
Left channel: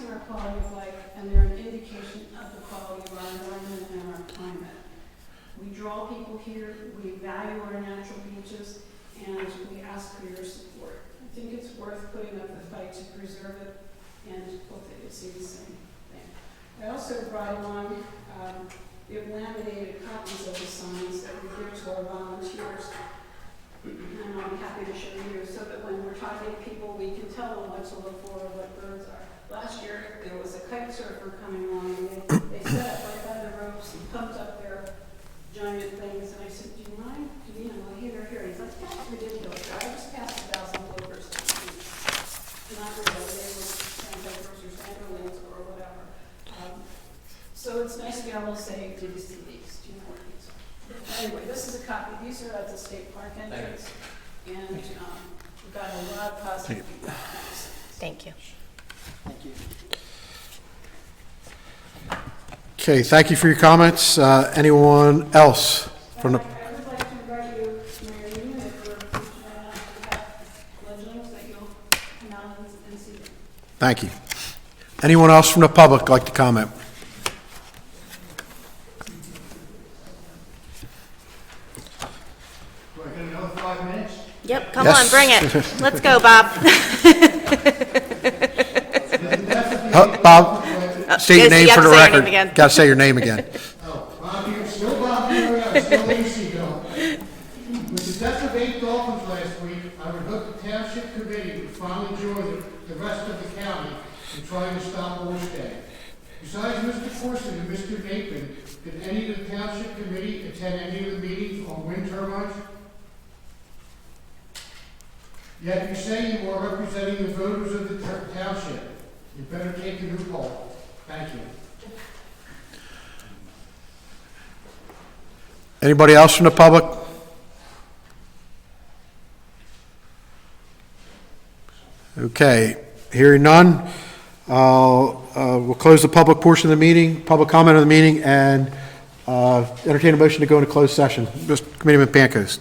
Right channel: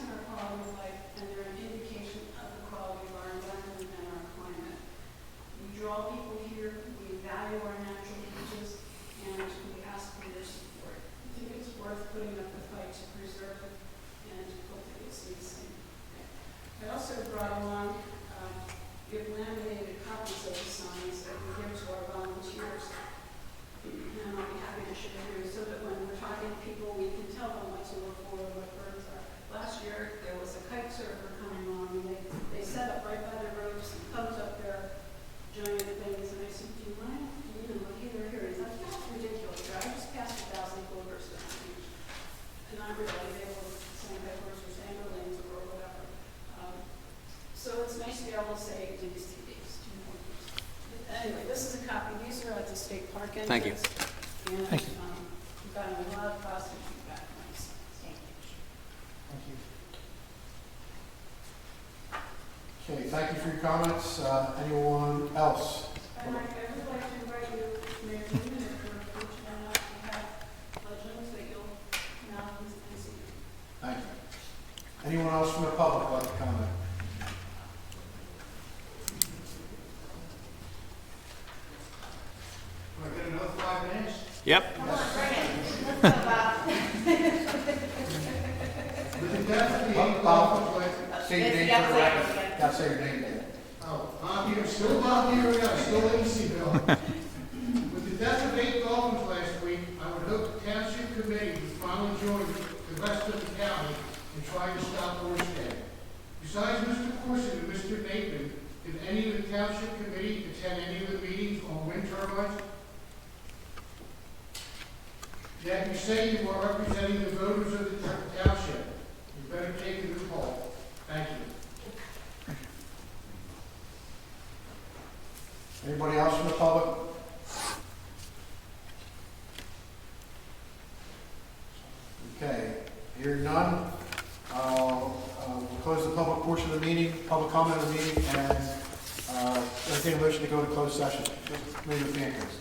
enhancing our quality of life, and they're an indication of the quality of our environment and our climate. We draw people here, we value our natural beaches, and we ask for your support. I think it's worth putting up the fight to preserve it, and hope that you see the same thing. I also brought along, we have laminated copies of the signs that we give to our volunteers, and I'll be happy to show you, so that when we're talking to people, we can tell them what to look for, what birds are. Last year, there was a kite surfer coming on, and they set up right by the ropes and pumped up their giant things, and I said, do you mind? You know, here. He's like, yeah, it's ridiculous. I just passed 1,000 bluebirds down the beach. Not really, they were sandpipers or sanderlings or whatever. So it's nice to be able to say, did you see these? Do you know what these are? Anyway, this is a copy. These are at the state park entrance. Thank you. And we've got a lot of positive feedback. Thank you. Okay, thank you for your comments. Anyone else from the, I would like to invite you, Mayor Newman, if you're we have legends that you'll come out and see. thank you. Anyone else from the public like to comment? Yep. Come Yes. on, bring it. Let's go, Bob. Bob, state your yes, name you for have the to say your record. name again. Got to say your name again. Oh, Bob here, still Bob here, I'm still AC going. With the death of 8 dolphins last week, I would hope the township committee would finally join the rest of the county in trying to stop Boystead. Besides Mr. Corson and Mr. Napeman, did any of the township committee attend any of the meetings on wind turbines? Yet you say you are representing the voters of the township. You better take a new poll. Thank you. Anybody else from the public? Okay, hearing none, we'll close the public portion of the meeting, public comment on the meeting, and entertain a motion to go into closed session. Mr. Committeeman Pancoast.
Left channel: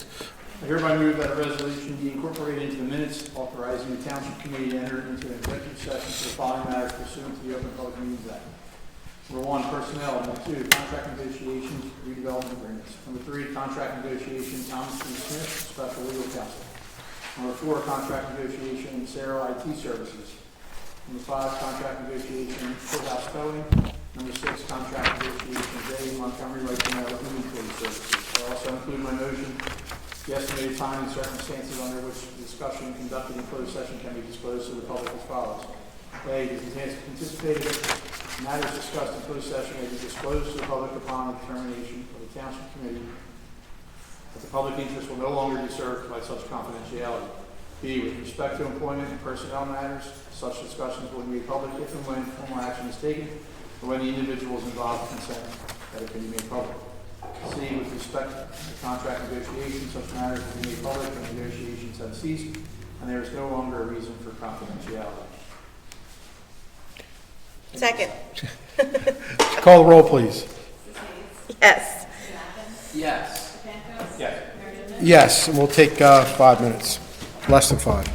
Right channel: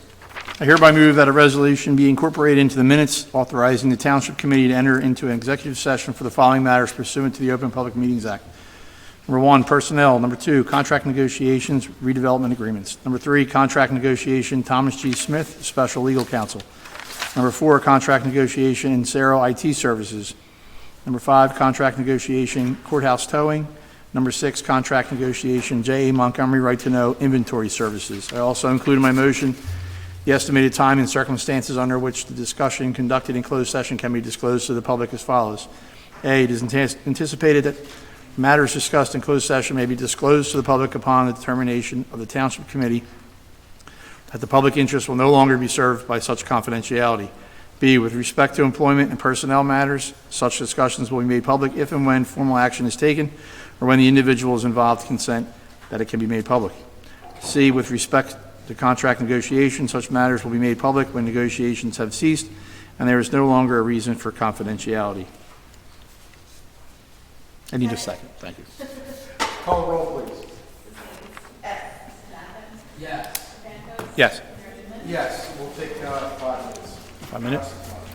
I hereby move that a resolution be incorporated into the minutes authorizing the Township Committee to enter into an executive session for the following matters pursuant to the Open Public Meetings Act. Number 1, personnel. Number 2, contract negotiations, redevelopment agreements. Number 3, contract negotiation, Thomas G. Smith, Special Legal Counsel. Number 4, contract negotiation, Insero IT Services. Number 5, contract negotiation, courthouse towing. Number 6, contract negotiation, J.A. Montgomery Right to Know Inventory Services. I also include in my motion the estimated time and circumstances under which the discussion conducted in closed session can be disclosed to the public as follows. A, it is anticipated that matters discussed in closed session may be disclosed to the public upon the determination of the Township Committee that the public interest will no longer be served by such confidentiality. B, with respect to employment and personnel matters, such discussions will be made public if and when formal action is taken or when the individuals involved consent that it can be made public. C, with respect to contract negotiations, such matters will be made public when negotiations have ceased and there is no longer a reason for confidentiality. I need a Second. Call the roll, please. Yes. Yes. Yes. Yes, and we'll take 5 minutes, less than 5.